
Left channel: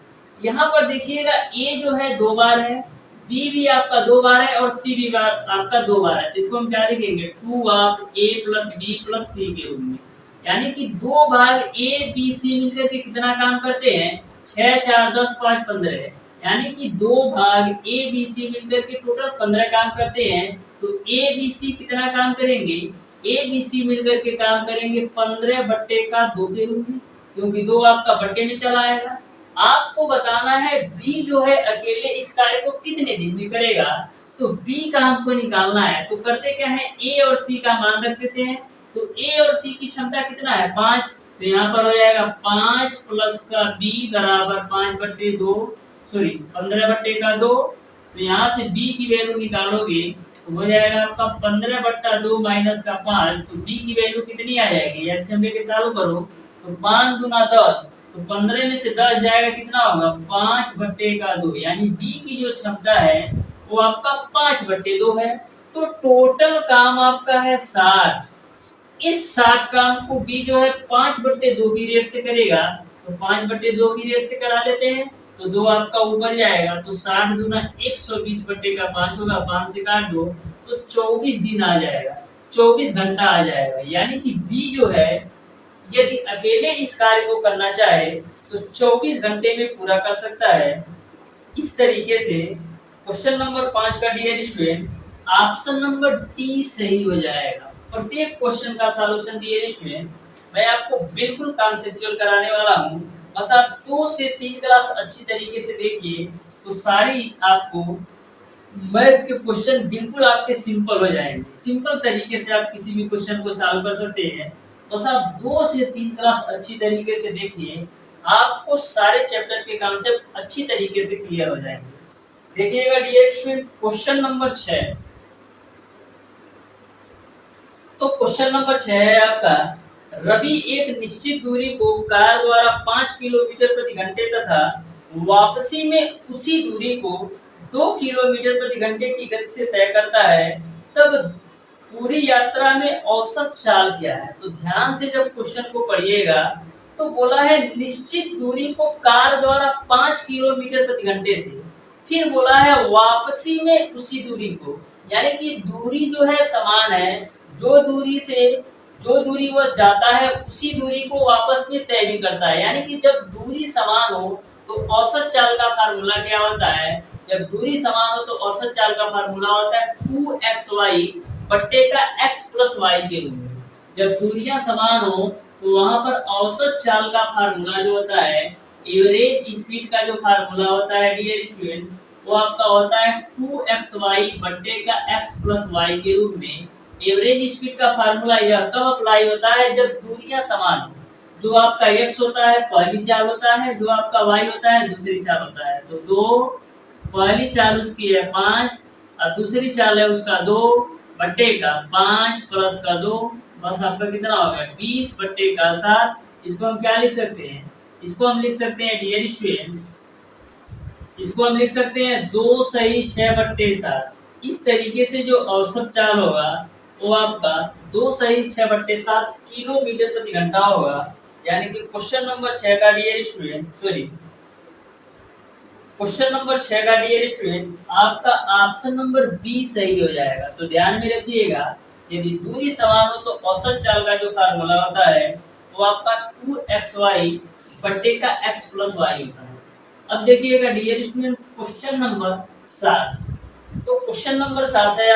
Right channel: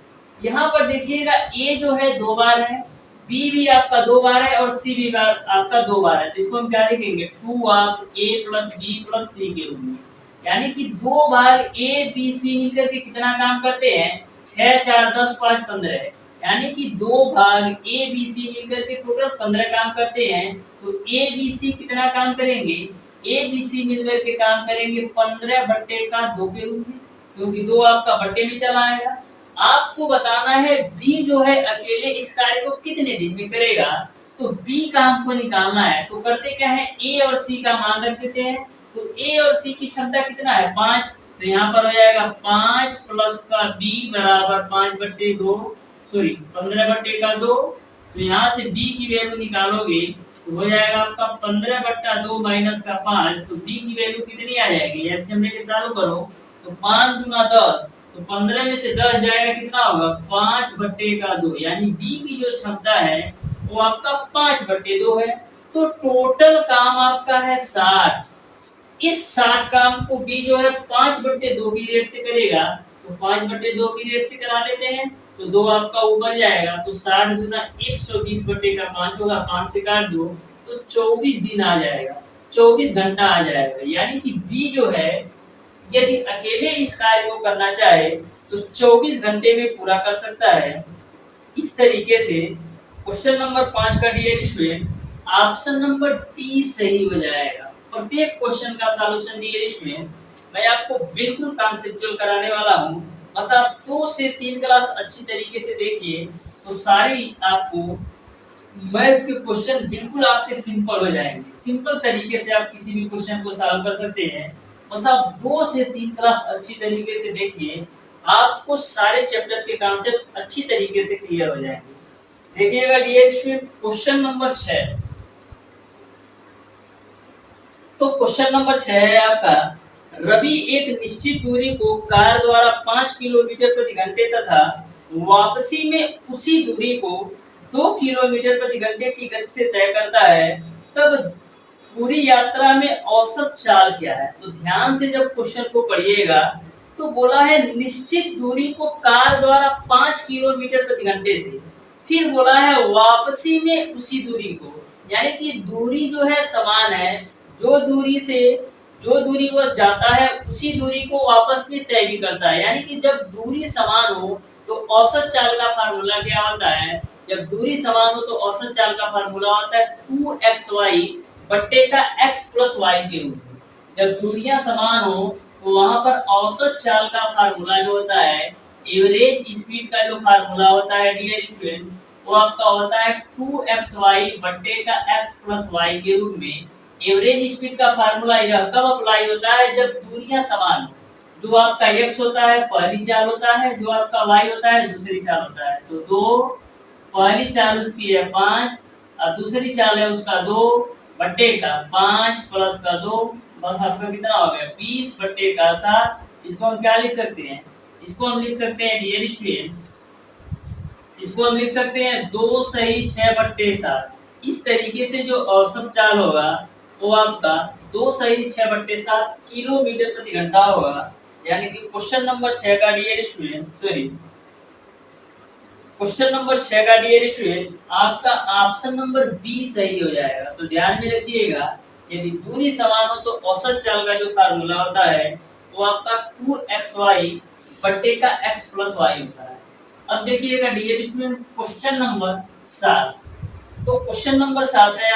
यहाँ पर देखिएगा, ए जो है 2 बार है, बी भी आपका 2 बार है, और सी भी बार आपका 2 बार है। तो इसको हम क्या लिखेंगे? 2 of A plus B plus C के रूप में। यानी कि 2 भाग ए बी सी मिलकर के कितना काम करते हैं? 6, 4, 10, 5, 15। यानी कि 2 भाग ए बी सी मिलकर के टोटल 15 काम करते हैं। तो ए बी सी कितना काम करेंगे? ए बी सी मिलकर के काम करेंगे 15/2 के रूप में, क्योंकि 2 आपका बट्टे में चला आएगा। आपको बताना है बी जो है अकेले इस कार्य को कितने दिन में करेगा। तो बी का हमको निकालना है। तो करते क्या है, ए और सी का मान रख देते हैं। तो ए और सी की क्षमता कितना है? 5। तो यहाँ पर हो जाएगा 5 प्लस का बी बराबर 5/2, सॉरी 15/2। तो यहाँ से बी की वैल्यू निकालोगे तो हो जाएगा आपका 15/2 माइनस का 5। तो बी की वैल्यू कितनी आ जाएगी? एलसीएम लेके सॉल्व करो तो 5 दूना 10। तो 15 में से 10 जाएगा, कितना होगा? 5/2। यानी बी की जो क्षमता है वो आपका 5/2 है। तो टोटल काम आपका है 60। इस 60 काम को बी जो है 5/2 की रेट से करेगा। तो 5/2 की रेट से करा लेते हैं, तो 2 आपका ऊपर जाएगा। तो 60 दूना 120/5 होगा, 5 से काट दो तो 24 दिन आ जाएगा, 24 घंटा आ जाएगा। यानी कि बी जो है यदि अकेले इस कार्य को करना चाहे तो 24 घंटे में पूरा कर सकता है। इस तरीके से क्वेश्चन नंबर 5 का dear student option number D सही हो जाएगा। प्रत्येक क्वेश्चन का सॉल्यूशन डियर स्टूडेंट मैं आपको बिल्कुल कॉन्सेप्चुअल कराने वाला हूं। बस आप 2 से 3 क्लास अच्छी तरीके से देखिए, तो सारी आपको मैथ के क्वेश्चन बिल्कुल आपके सिंपल हो जाएंगे। सिंपल तरीके से आप किसी भी क्वेश्चन को सॉल्व कर सकते हैं। बस आप 2 से 3 क्लास अच्छी तरीके से देखिए, आपको सारे चैप्टर के कॉन्सेप्ट अच्छी तरीके से क्लियर हो जाएंगे। देखिएगा डियर स्टूडेंट क्वेश्चन नंबर 6। तो क्वेश्चन नंबर 6 है आपका, रवि एक निश्चित दूरी को कार द्वारा 5 किलोमीटर प्रति घंटे तथा वापसी में उसी दूरी को 2 किलोमीटर प्रति घंटे की गति से तय करता है, तब पूरी यात्रा में औसत चाल क्या है? तो ध्यान से जब क्वेश्चन को पढ़िएगा, तो बोला है निश्चित दूरी को कार द्वारा 5 किलोमीटर प्रति घंटे से, फिर बोला है वापसी में उसी दूरी को, यानी कि दूरी जो है समान है, जो दूरी वो जाता है उसी दूरी को वापस में तय भी करता है। यानी कि जब दूरी समान हो तो औसत चाल का फार्मूला क्या होता है? जब दूरी समान हो तो औसत चाल का फार्मूला होता है 2xy बट्टे का x प्लस y के रूप में। जब दूरियां समान हो तो वहां पर औसत चाल का फार्मूला जो होता है, एवरेज स्पीड का जो फार्मूला होता है डियर स्टूडेंट, वो आपका होता है 2xy बट्टे का x प्लस y के रूप में। एवरेज स्पीड का फार्मूला यह कब अप्लाई होता है? जब दूरियां समान हो। जो आपका x होता है पहली चाल होता है, जो आपका y होता है दूसरी चाल होता है। तो 2 पहली चाल उसकी है 5 और दूसरी चाल है उसका 2 बट्टे का 5 प्लस का 2, बस आपका कितना होगा 20/7। इसको हम क्या लिख सकते हैं? इसको हम लिख सकते हैं डियर स्टूडेंट, इसको हम लिख सकते हैं 2 सही 6/7। इस तरीके से जो औसत चाल होगा वो आपका 2 सही 6/7 किलोमीटर प्रति घंटा होगा। यानी कि क्वेश्चन नंबर 6 का dear student, sorry, question number 6 का डियर स्टूडेंट आपका ऑप्शन नंबर बी सही हो जाएगा। तो ध्यान में रखिएगा, यदि दूरी समान हो तो औसत चाल का जो फार्मूला होता है वो आपका 2xy बट्टे का x प्लस y होता है। अब देखिएगा डियर स्टूडेंट क्वेश्चन नंबर 7। तो क्वेश्चन नंबर 7 है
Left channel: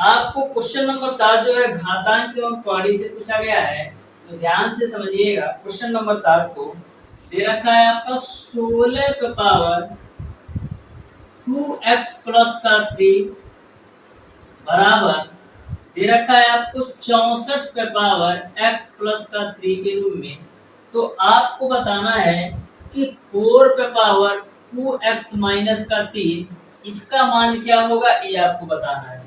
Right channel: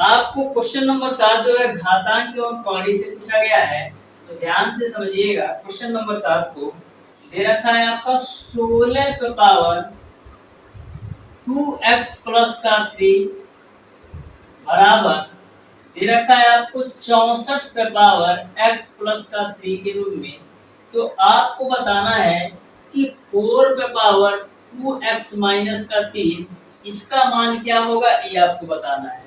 आपको क्वेश्चन नंबर 7 जो है घातांक एवं कौड़ी से पूछा गया है। तो ध्यान से समझिएगा, क्वेश्चन नंबर 7 को दे रखा है आपका 16 पे पावर 2x प्लस का 3 बराबर दे रखा है आपको 64 पे पावर x प्लस का 3 के रूप में। तो आपको बताना है कि 4 पे पावर 2x माइनस का 3 इसका मान क्या होगा, ये आपको बताना है।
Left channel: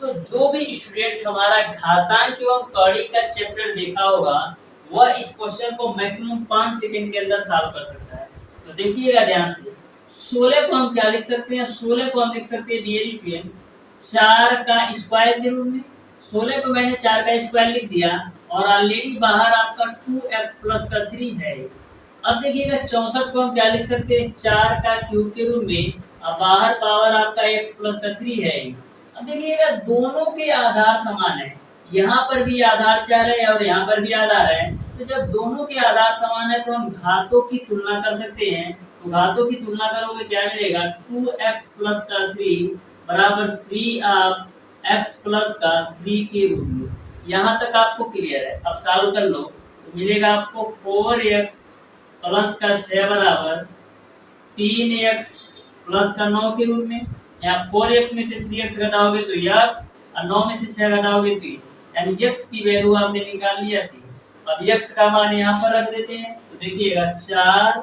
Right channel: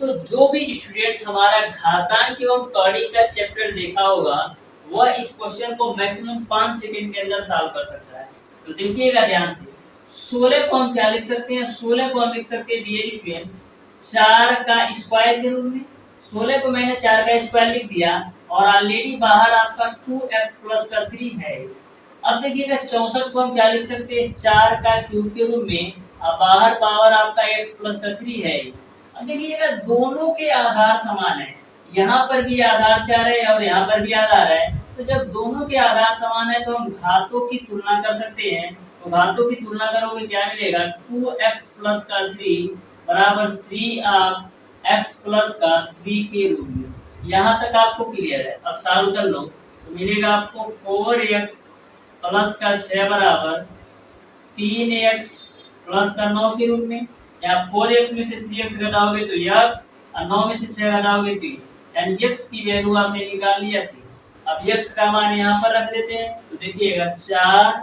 तो जो भी स्टूडेंट हमारा घातांक एवं कौड़ी का चैप्टर देखा होगा वह इस क्वेश्चन को मैक्सिमम 5 सेकंड के अंदर सॉल्व कर सकता है। तो देखिएगा ध्यान से, 16 को हम क्या लिख सकते हैं, 16 को हम लिख सकते हैं डियर स्टूडेंट 4 का स्क्वायर के रूप में। 16 को मैंने 4 का स्क्वायर लिख दिया और ऑलरेडी बाहर आपका 2x प्लस का 3 है। अब देखिएगा 64 को हम क्या लिख सकते हैं, 4 का क्यूब के रूप में, अब बाहर पावर आपका x प्लस का 3 है। अब देखिएगा दोनों के आधार समान है, यहाँ पर भी आधार 4 है और यहाँ पर भी आधार है। तो जब दोनों के आधार समान है तो हम घातों की तुलना कर सकते हैं। तो घातों की तुलना करोगे क्या मिलेगा, 2x प्लस का 3 बराबर 3 x प्लस का 3 के रूप में। यहाँ तक आपको क्लियर है। अब सॉल्व कर लो तो मिलेगा आपको 4x प्लस का 6 बराबर 3x प्लस का 9 के रूप में। यहाँ 4x में से 3x घटाओगे तो x और 9 में से 6 घटाओगे तो यानी x की वैल्यू आपने निकाल लिया थी। अब x का मान यहाँ पर रख देते हैं। तो देखिएगा 4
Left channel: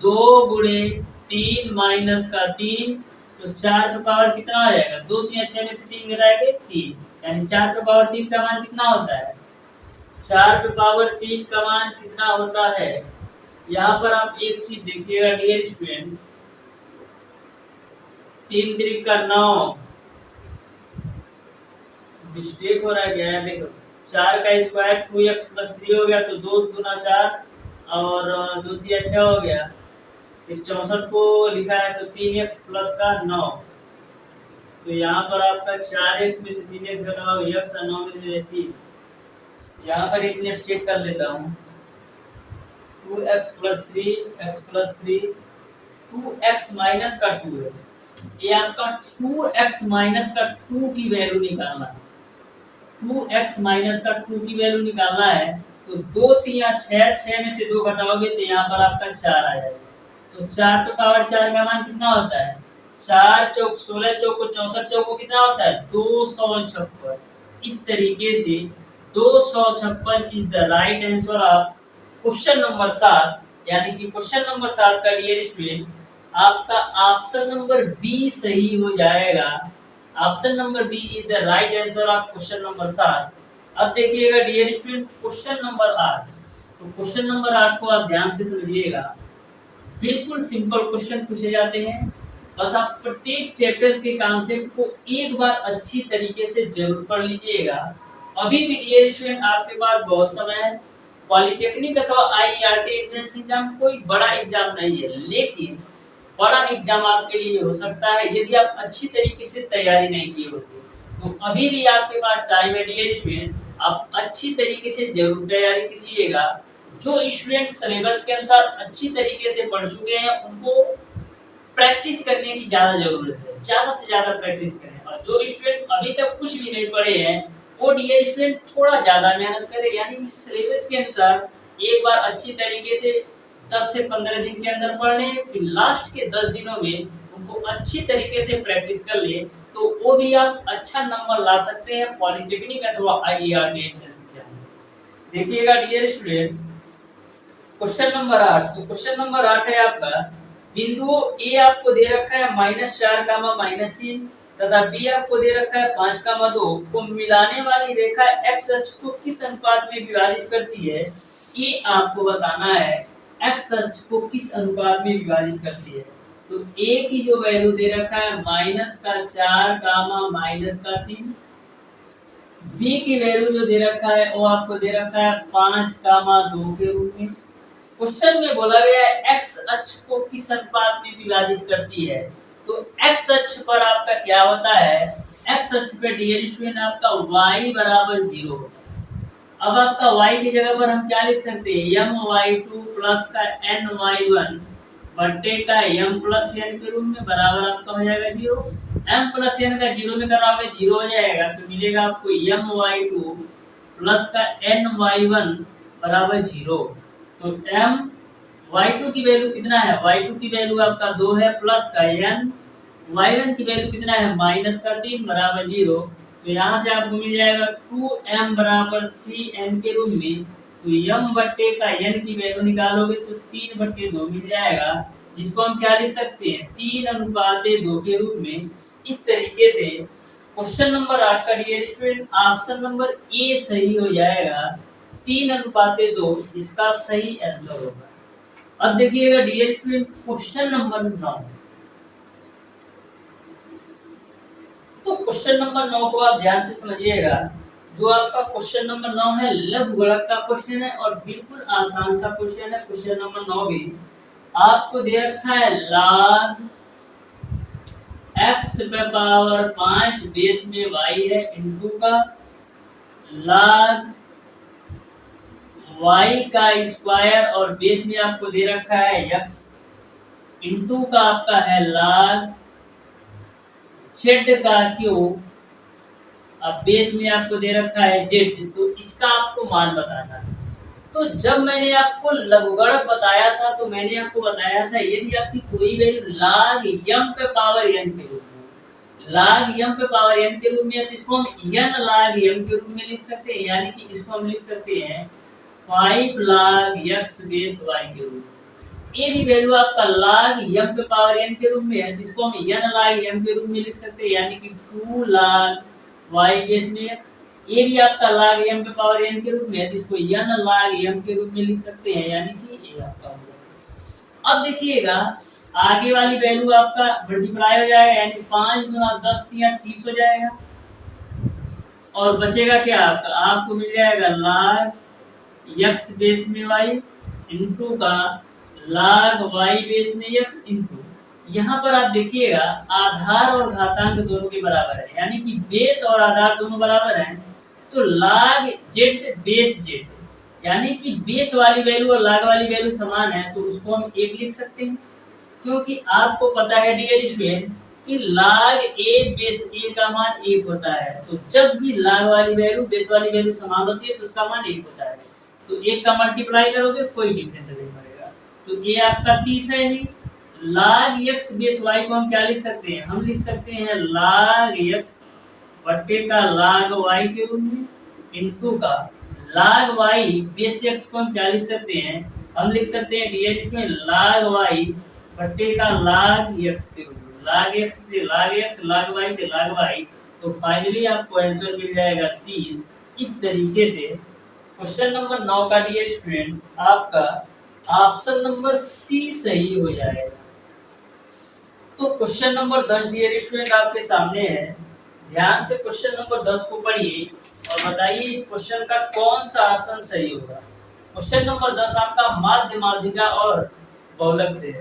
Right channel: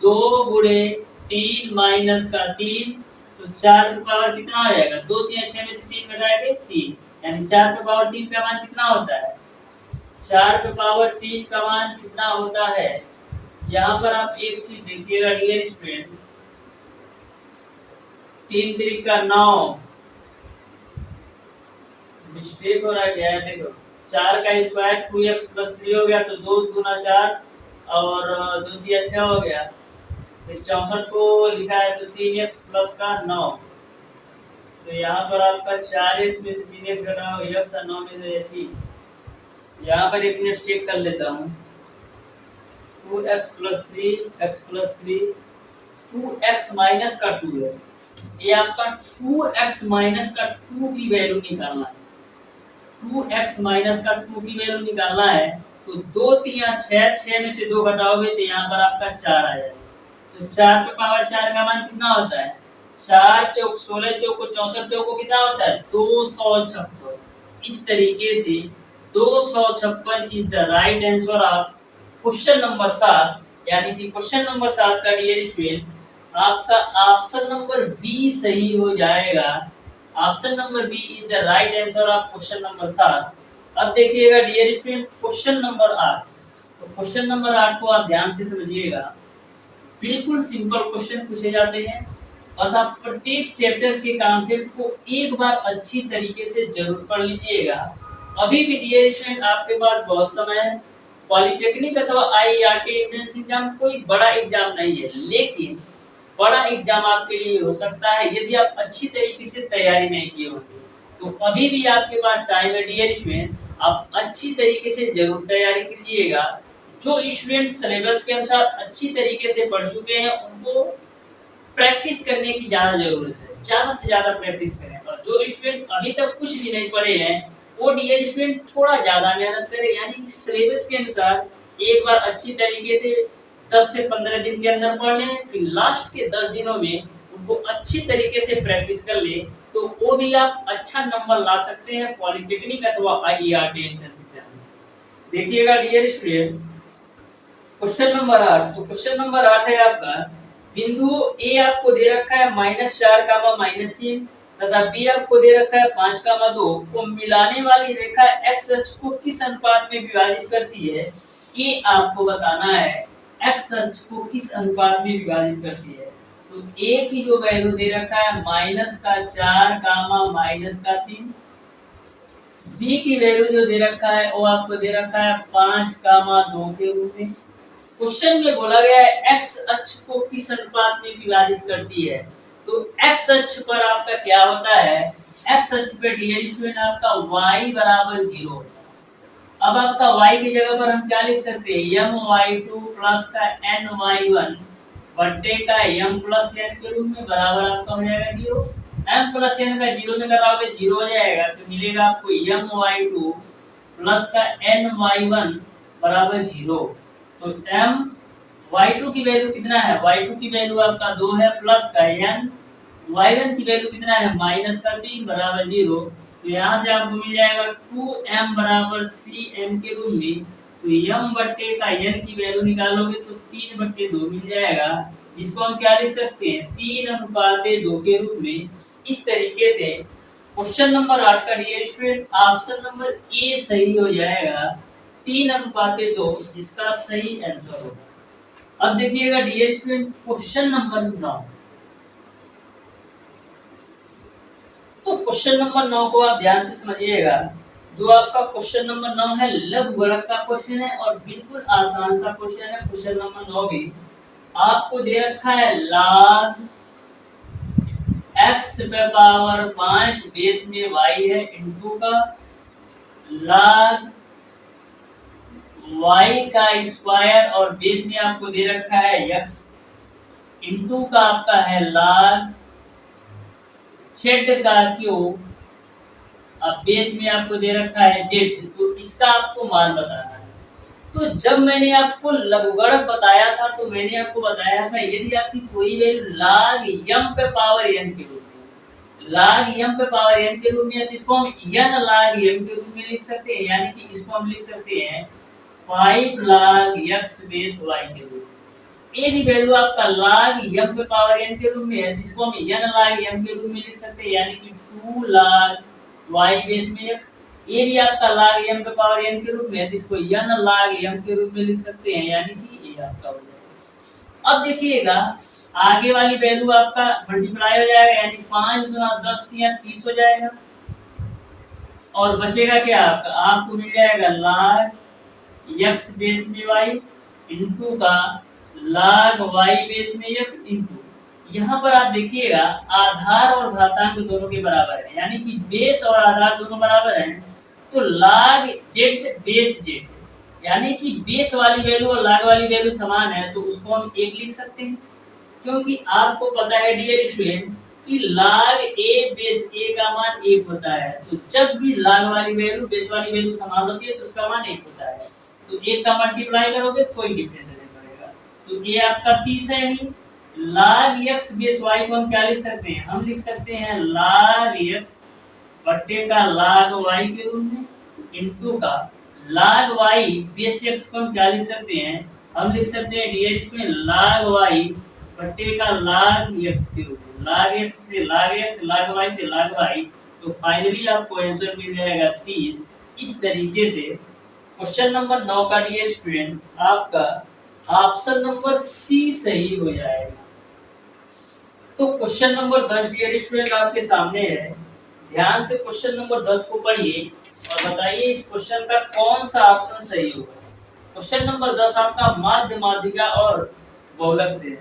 2 गुणे 3 माइनस का 3, तो 4 पे पावर कितना आ जाएगा, 2 3 6 में से 3 घटाएंगे 3, यानी 4 पे पावर 3 का मान कितना होता है, 4 पे पावर 3 का मान कितना होता है। यहाँ पर आप एक चीज देखिएगा डियर स्टूडेंट, 3 3 का 9, मिस्टेक हो रहा है क्या है, देखो 4 का स्क्वायर 2x प्लस 3 हो गया, तो 2 गुना 4 और 2 3 6 हो गया। फिर 64 को लिखा है तो 3x प्लस का 9, तो यहाँ पर आपका 4x में से 3x घटाओगे x और 9 में से 3। यहाँ पर एक मिनट चेक कर लेता हूँ, 2x plus 3 x plus 3 2x minus का 2 है, ये आपका 2x माइनस का 2 की वैल्यू निकालना है। 2x माइनस का 2 की वैल्यू निकालना है तो 2 3 6, 6 में से 2 घटाओगे तो यहाँ पर आपका 4 आ जाएगा। तो 4 पे पावर 4 का मान कितना होता है, 4 चौक 16 चौक 64 चौक कितना होता है, 256। इस तरीके से 256 is the right answer of question number 7। यानी कि क्वेश्चन नंबर 7 का डियर स्टूडेंट आपका ऑप्शन नंबर बी सही हो जाएगा। Option number B is the right answer of question number 7। अब देखिएगा डियर स्टूडेंट क्वेश्चन नंबर 8। तो क्वेश्चन नंबर 8 को आप ध्यान से समझिएगा, बिल्कुल सिंपल क्वेश्चन पूछे जाते हैं। बस आप प्रत्येक चैप्टर के कॉन्सेप्ट को एक बार अच्छी तरीके से जरूर पढ़ लीजिएगा। अभी भी डियर स्टूडेंट आपके पास बहुत समय है। पॉलिटेक्निक अथवा आईईआरटी एंट्रेंस एग्जाम कोई बड़ा एग्जाम नहीं है, लेकिन बड़ा एग्जाम आपके लिए हो सकता है यदि आप अच्छी तरीके से तैयारी नहीं किए होते। तो अभी भी आपके पास टाइम है डियर स्टूडेंट, आप अच्छी तरीके से जरूर तैयारी कीजिएगा। जो स्टूडेंट सिलेबस के अनुसार अच्छी तरीके से पढ़ चुके हैं उनको प्रैक्टिस करने की ज्यादा जरूरत है, ज्यादा से ज्यादा प्रैक्टिस करें। और जो स्टूडेंट अभी तक कुछ भी नहीं पढ़े हैं वो डियर स्टूडेंट थोड़ा ज्यादा मेहनत करें, यानी कि सिलेबस के अनुसार एक बार अच्छी तरीके से 10 से 15 दिन के अंदर पढ़ लें, फिर लास्ट के 10 दिनों में उनको अच्छी तरीके से प्रैक्टिस कर ले, तो वो भी आप अच्छा नंबर ला सकते हैं पॉलिटेक्निक अथवा आईईआरटी एंट्रेंस एग्जाम में। देखिएगा डियर स्टूडेंट क्वेश्चन नंबर 8। तो क्वेश्चन नंबर 8 है आपका, बिंदु ए आपको दे रखा है -4 -3 तथा बी आपको दे रखा है 5 2 को मिलाने वाली रेखा x अक्ष को किस अनुपात में विभाजित करती है, ये आपको बताना है एक्स अक्ष को किस अनुपात में विभाजित करती है। तो ए की जो वैल्यू दे रखा है -4 गामा -3, बी की वैल्यू जो दे रखा है वो आपको दे रखा है 5 गामा 2 के रूप में। क्वेश्चन में बोला गया है एक्स अक्ष को किस अनुपात में विभाजित करती है। तो एक्स अक्ष पर आपका क्या होता है, एक्स अक्ष पे डियर स्टूडेंट आपका y बराबर 0। अब आपका y की जगह पर हम क्या लिख सकते हैं, my2 प्लस का ny1 बट्टे का m प्लस n के रूप में बराबर आपका हो जाएगा 0। m प्लस n का 0 में कराओगे 0 हो जाएगा, तो मिलेगा आपको my2 प्लस का ny1 बराबर 0। तो m y2 की वैल्यू कितना है, y2 की वैल्यू आपका 2 है, प्लस का n y1 की वैल्यू कितना है -3 बराबर 0। तो यहाँ से आपको मिल जाएगा 2m बराबर 3n के रूप में। तो m बट्टे का n की वैल्यू निकालोगे तो 3/2 मिल जाएगा, जिसको हम क्या लिख सकते हैं 3:2 के रूप में। इस तरीके से क्वेश्चन नंबर 8 का dear student option number A सही हो जाएगा, 3:2 इसका सही आंसर होगा। अब देखिएगा डियर स्टूडेंट क्वेश्चन नंबर 9। तो क्वेश्चन नंबर 9 को आप ध्यान से समझिएगा। जो आपका क्वेश्चन नंबर 9 है लघु गुणक का क्वेश्चन है और बिल्कुल आसान सा क्वेश्चन है। क्वेश्चन नंबर 9 भी आपको दे रखा है log x पे पावर 5 बेस में y है इनटू का log y का स्क्वायर और बेस में आपको दे रखा है x इनटू का आपका है log z का क्यूब, अब बेस में आपको दे रखा है z। तो इसका आपको मान बताना है। तो जब मैंने आपको लघुगणक बताया था तो मैंने आपको बताया था यदि आपकी कोई वैल्यू log m पे पावर n के रूप में, log m पे पावर n के रूप में, तो इसको हम n log m के रूप में लिख सकते हैं, यानी कि इसको हम लिख सकते हैं 5 log x बेस y के रूप में। ए की वैल्यू आपका log m पे पावर n के रूप में है, जिसको हम n log m के रूप में लिख सकते हैं, यानी कि 2 log y बेस में x। ये भी आपका log m पे पावर n के रूप में है, जिसको n log m के रूप में लिख सकते हैं, यानी कि ये आपका हो जाएगा। अब देखिएगा आगे वाली वैल्यू आपका मल्टीप्लाई हो जाएगा, यानी 5 गुना 10 या 30 हो जाएगा, और बचेगा क्या आपका, आपको मिल जाएगा log x बेस में y इनटू का log y बेस में x इनटू, यहाँ पर आप देखिएगा आधार और घातांक दोनों के बराबर है, यानी कि बेस और आधार दोनों बराबर हैं। तो log z बेस z, यानी कि बेस वाली वैल्यू और log वाली वैल्यू समान है, तो उसको हम 1 लिख सकते हैं, क्योंकि आपको पता है डियर स्टूडेंट कि log a बेस a का मान 1 होता है। तो जब भी log वाली वैल्यू बेस वाली वैल्यू समान होती है तो उसका मान 1 होता है। तो 1 का मल्टीप्लाई करोगे कोई डिफरेंस नहीं पड़ेगा। तो ये आपका 30 है ही। log x बेस y को हम क्या लिख सकते हैं, हम लिख सकते हैं log x बट्टे का log y के रूप में इनटू का log y बेस x को हम क्या लिख सकते हैं, हम लिख सकते हैं dh में log y बट्टे का log x के रूप में, log x से log x, log y से log y। तो फाइनली आपको आंसर मिल जाएगा 30। इस तरीके से क्वेश्चन नंबर 9 का डियर स्टूडेंट आपका ऑप्शन नंबर सी सही हो जाएगा। तो क्वेश्चन नंबर 10 डियर स्टूडेंट आपके सामने है, ध्यान से क्वेश्चन नंबर 10 को पढ़िए और बताइए इस क्वेश्चन का कौन सा ऑप्शन सही होगा। क्वेश्चन नंबर 10 आपका माध्य माध्यिका और बहुलक से है।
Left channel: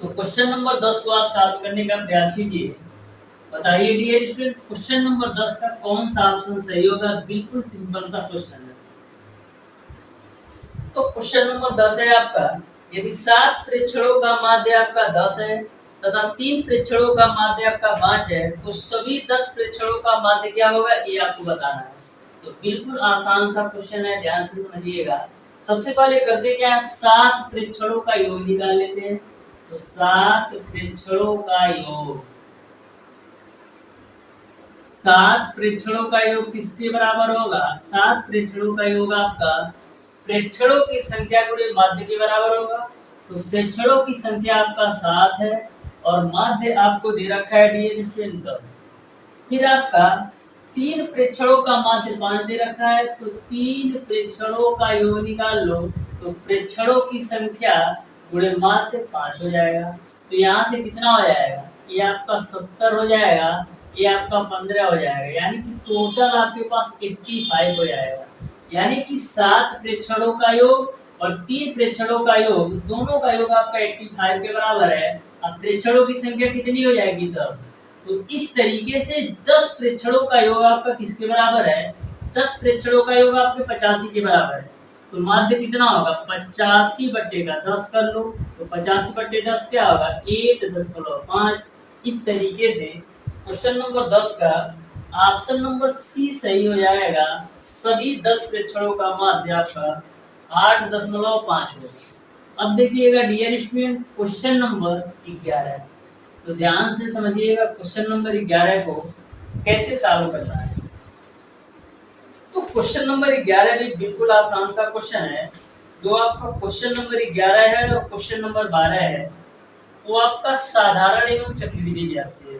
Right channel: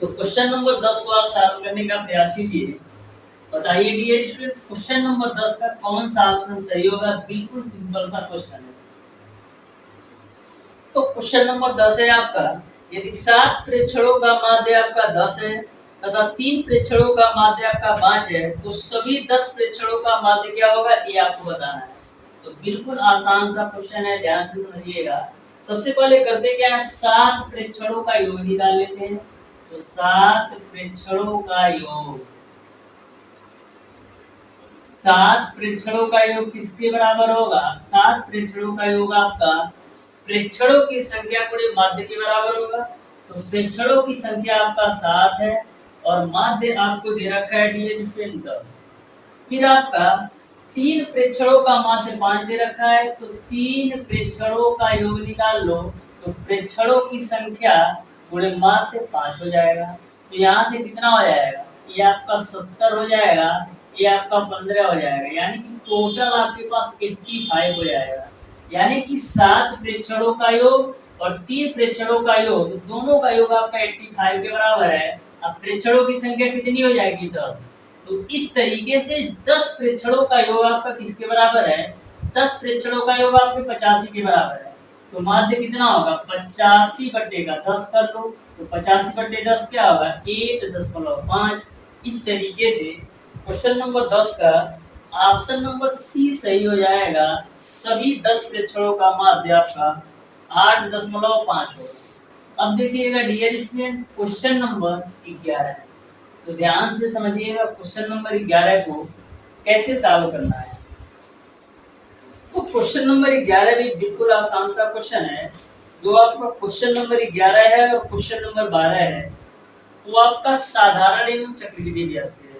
तो क्वेश्चन नंबर 10 को आप सॉल्व करने का प्रयास कीजिए। बताइए डियर स्टूडेंट क्वेश्चन नंबर 10 का कौन सा ऑप्शन सही होगा। बिल्कुल सिंपल सा क्वेश्चन है। तो क्वेश्चन नंबर 10 है आपका, यदि 7 प्रेक्षणों का माध्य आपका 10 है तथा 3 प्रेक्षणों का माध्य आपका 5 है, तो सभी 10 प्रेक्षणों का माध्य क्या होगा ये आपको बताना है। तो बिल्कुल आसान सा क्वेश्चन है, ध्यान से समझिएगा। सबसे पहले करते क्या है, 7 प्रेक्षणों का योग निकाल लेते हैं। तो 7 प्रेक्षणों का योग, 7 प्रेक्षणों का योग किसके बराबर होगा, 7 प्रेक्षणों का योग आपका प्रेक्षणों की संख्या गुणे माध्य के बराबर होगा। तो प्रेक्षणों की संख्या आपका 7 है और माध्य आपको दे रखा है डियर स्टूडेंट 10। फिर आपका तीन प्रेक्षणों का माध्य 5 दे रखा है, तो तीन प्रेक्षणों का योग निकाल लो, तो प्रेक्षणों की संख्या गुणे माध्य 5 हो जाएगा। तो यहाँ से कितना हो जाएगा, ये आपका 70 हो जाएगा, ये आपका 15 हो जाएगा, यानी कि टोटल आपके पास 85 हो जाएगा। यानी कि 7 प्रेक्षणों का योग और 3 प्रेक्षणों का योग, दोनों का योग आपका 85 के बराबर है। अब प्रेक्षणों की संख्या कितनी हो जाएगी, 10। तो इस तरीके से 10 प्रेक्षणों का योग आपका किसके बराबर है, 10 प्रेक्षणों का योग आपके 85 के बराबर है। तो माध्य कितना होगा, 85/10 कर लो, तो 85/10 क्या होगा, 8.5। इस तरीके से क्वेश्चन नंबर 10 का ऑप्शन नंबर सी सही हो जाएगा। सभी 10 प्रेक्षणों का माध्य आपका 8.5 होगा। अब देखिएगा डियर स्टूडेंट, क्वेश्चन नंबर 11, तो ध्यान से समझिएगा क्वेश्चन नंबर 11 को कैसे सॉल्व करना है। तो क्वेश्चन नंबर 11 भी बिल्कुल आसान सा क्वेश्चन है। जो आपका क्वेश्चन नंबर 11 है और क्वेश्चन नंबर 12 है, वो आपका साधारण एवं चक्रवृद्धि ब्याज से है।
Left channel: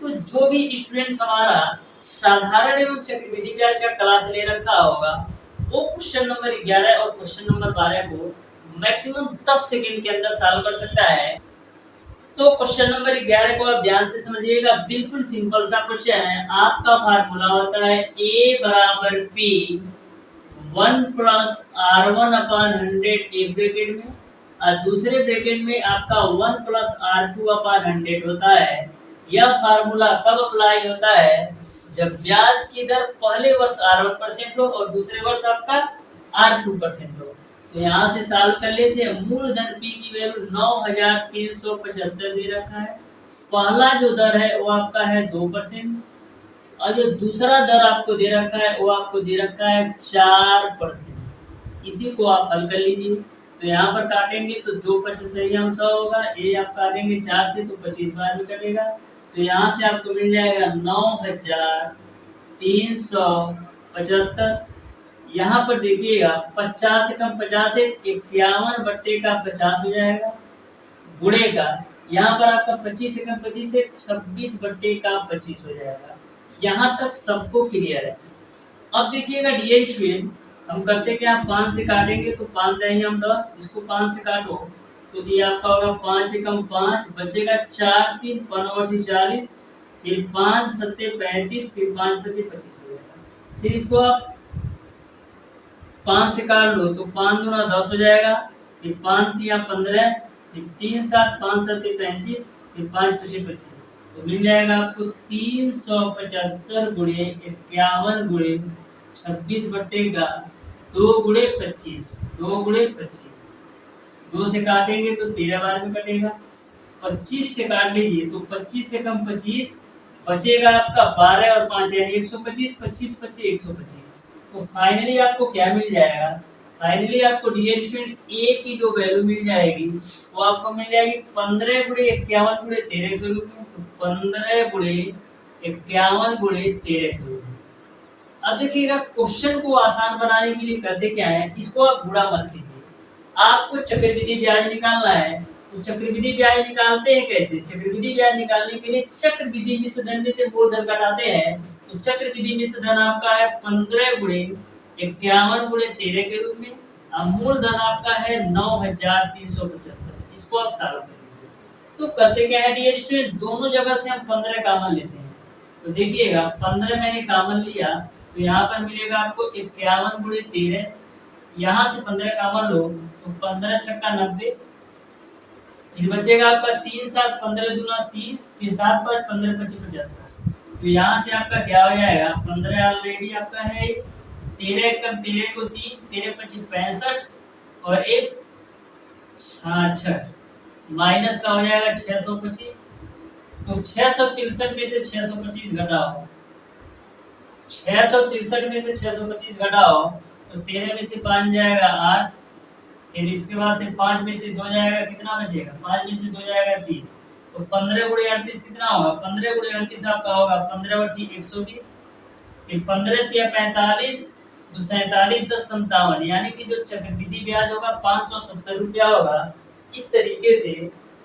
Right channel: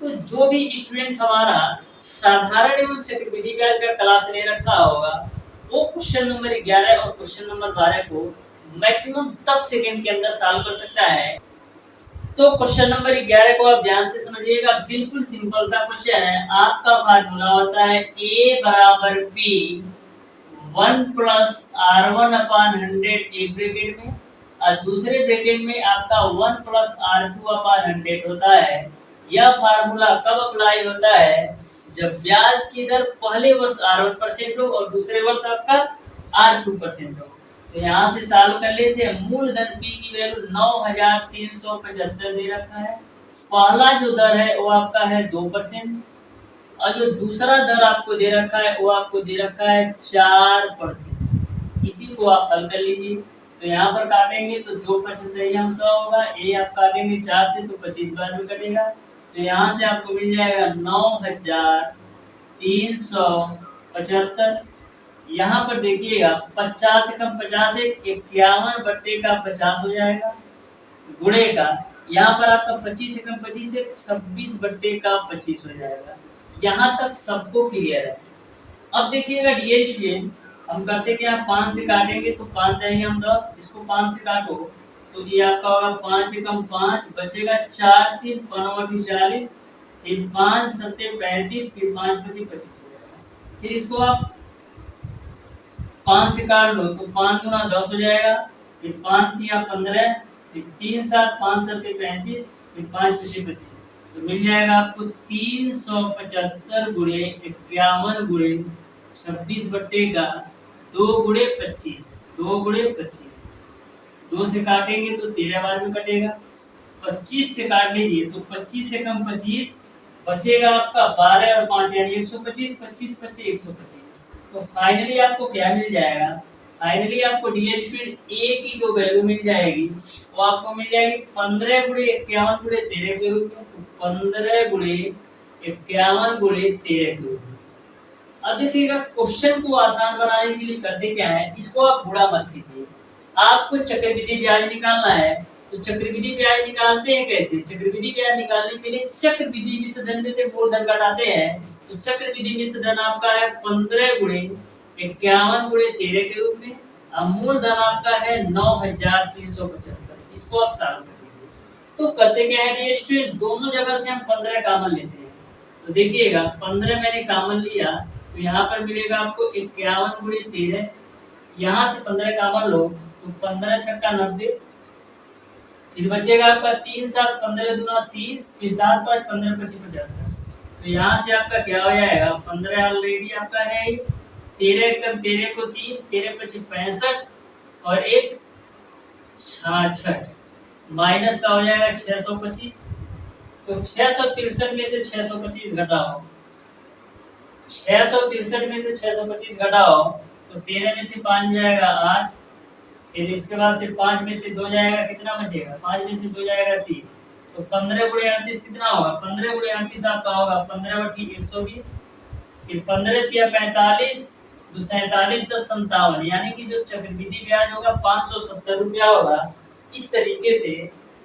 तो जो भी स्टूडेंट हमारा साधारण एवं चक्रवृद्धि ब्याज का क्लास ले रखा होगा, वो क्वेश्चन नंबर 11 और क्वेश्चन नंबर 12 को मैक्सिमम 10 सेकंड के अंदर सॉल्व कर सकता है। तो क्वेश्चन नंबर 11 को आप ध्यान से समझिएगा, बिल्कुल सिंपल सा क्वेश्चन है। आपका फार्मूला होता है A बराबर P 1 प्लस R1/100 एक ब्रैकेट में, और दूसरे ब्रैकेट में आपका 1 प्लस R2/100 होता है। यह फार्मूला कब अप्लाई होता है, जब ब्याज की दर पहले वर्ष R1% हो और दूसरे वर्ष आपका R2% हो। तो यहाँ से सॉल्व कर लेते हैं। मूलधन P की वैल्यू 9375 दे रखा है। पहला जो दर है वो आपका है 2%, और जो दूसरा दर आपको दे रखा है वो आपको दे रखा है 4%। इसी को आप हल कर लीजिए। तो यहाँ पर काटेंगे तो जो 25 सही हम 100 होगा, ये आप काटेंगे 4 से तो 25 बार में कटेगा। तो यहाँ से आपको मिल जाएगा 9375। यहाँ पर देखिएगा 50 से कम 50 है, 51/50 हो जाएगा, गुणे का यहाँ पर आपका 25 से कम 25 है, 26/25 हो जाएगा। यहाँ तक सबको क्लियर है। अब देखिएगा डियर स्टूडेंट, हम करते क्या, 5 से काटेंगे तो 5 देंगे हम 10, इसको 5 से काटो तो ये आपका होगा 5 से कम 5, बचेगा 4 3 5 40, फिर 5 7 35, फिर 5 25 25 हो जाएगा। फिर इसको आप 5 से काट लो तो 5 दूना 10 हो जाएगा, फिर 5 तिया 15, फिर 3 7 5 7 35, फिर 5 25 25, तो मिल जाएगा आपको 375 गुणे 51 गुणे 26/2 गुणे 25, 2 गुणे 25, 2 से काटेंगे तो 13 बार में कटेगा। 25 से काट लीजिए तो 25 से कम 25, बचेगा आपका 12 और 5 यानी 125, 25 25 125। तो फाइनली आपको क्या मिल जाएगा, फाइनली आपको डियर स्टूडेंट ए की जो वैल्यू मिल जाएगी वो आपको मिल जाएगी 15 गुणे 51 गुणे 13 के रूप में। तो 15 गुणे 51 गुणे 13 के रूप में। अब देखिएगा क्वेश्चन को आसान बनाने के लिए करते क्या है, इसको आप गुणा मत कीजिए, आपको चक्रवृद्धि ब्याज निकालना है। तो चक्रवृद्धि ब्याज निकालते हैं कैसे, चक्रवृद्धि ब्याज निकालने के लिए चक्रवृद्धि मिश्र धन में से मूलधन घटाते हैं। तो चक्रवृद्धि मिश्र धन आपका है 15 गुणे 51 गुणे 13 के रूप में, और मूलधन आपका है 9375। इसको आप सॉल्व कर लीजिए। तो करते क्या है डियर स्टूडेंट, दोनों जगह से हम 15 कॉमन लेते हैं। तो देखिएगा 15 मैंने कॉमन लिया, तो यहाँ पर मिलेगा आपको 51 गुणे 13, यहाँ से 15 कॉमन लो तो 15 छक्का 90, फिर बचेगा आपका 3 7 15 दूना 30, फिर 7 5 15 25 75। तो यहाँ से आपका क्या हो जाएगा, 15 ऑलरेडी आपका है, 13 एकम 13 को 3, 13 25 65 और 1 66, माइनस का हो जाएगा 625। तो 663 में से 625 घटाओ, 663 में से 625 घटाओ तो 13 में से 5 जाएगा 8, फिर इसके बाद से 5 में से 2 जाएगा, कितना बचेगा, 5 में से 2 जाएगा 3, तो 15 गुणे 38 कितना होगा, 15 गुणे 38 आपका होगा 15/120, फिर 15 तिया 45, 2 47 10 57, यानी कि जो चक्रवृद्धि ब्याज होगा 570 रुपया होगा। इस तरीके से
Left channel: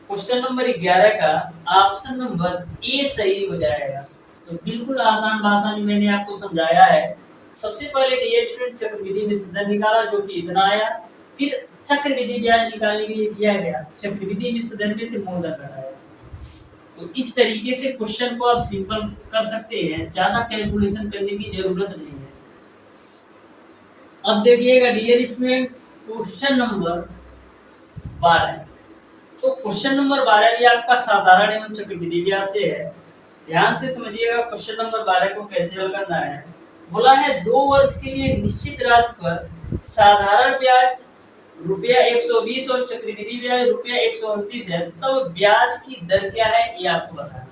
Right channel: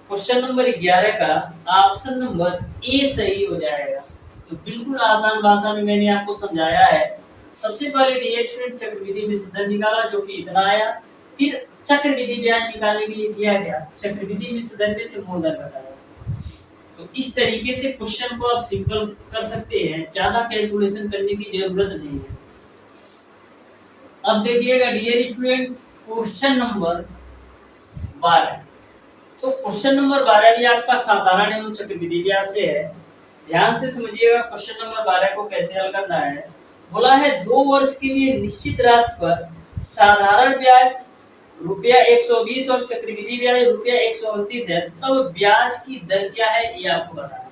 क्वेश्चन नंबर 11 का ऑप्शन नंबर ए सही हो जाएगा। तो बिल्कुल आसान भाषा में मैंने आपको समझाया है। सबसे पहले डियर स्टूडेंट चक्रवृद्धि विसर्जन निकाला जो कि इतना आया, फिर चक्रवृद्धि ब्याज निकालने के लिए किया गया चक्रवृद्धि विसर्जन में से मूलधन घटाया। तो इस तरीके से क्वेश्चन को आप सिंपल कर सकते हैं, ज्यादा कैलकुलेशन करने की जरूरत नहीं है। अब देखिएगा डियर स्टूडेंट क्वेश्चन नंबर 12। तो क्वेश्चन नंबर 12 भी आपका साधारण एवं चक्रवृद्धि ब्याज से है। ध्यान से समझिएगा क्वेश्चन नंबर 12 को कैसे हल करना है। बोला है 2 वर्ष के लिए निश्चित राशि पर साधारण ब्याज रुपया 120 और चक्रवृद्धि ब्याज रुपया 129 है, तब ब्याज की दर क्या है ये आपको बताना।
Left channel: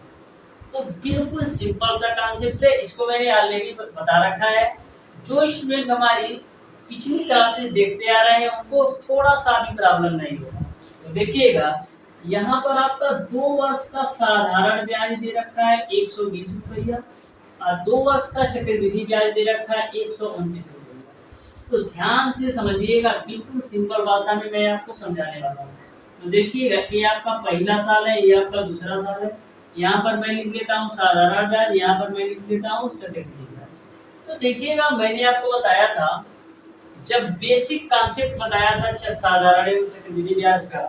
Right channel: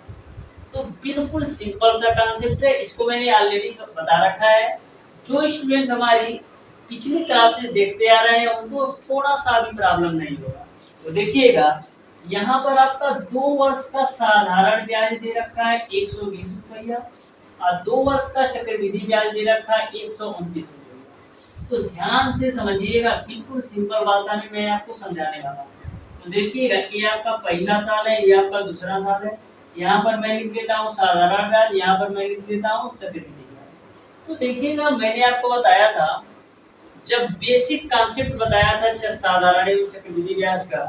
तो बिल्कुल सिंपल सा कॉन्सेप्ट है, इसको मैंने ऑलरेडी बता रखा है। जो स्टूडेंट हमारी पिछली क्लासेस देखते आ रहे हैं उनको थोड़ा सा भी प्रॉब्लम नहीं होगा। तो देखिएगा यहाँ पर आपका 2 वर्ष का साधारण ब्याज दे रखा है 120 रुपया और 2 वर्ष का चक्रवृद्धि ब्याज दे रखा है 129 रुपया। तो ध्यान से समझिएगा, बिल्कुल सिंपल भाषा में मैं आपको समझाने वाला हूँ। तो देखिएगा ये आपका पहला साल है, ये आपका दूसरा साल है। यहाँ पर मैं लिख लेता हूँ साधारण ब्याज, यहाँ पर मैं लिख लेता हूँ चक्रवृद्धि ब्याज। तो देखिएगा मैंने आपको बताया था, जब बेसिक कॉन्सेप्ट बताया था साधारण एवं चक्रवृद्धि ब्याज का,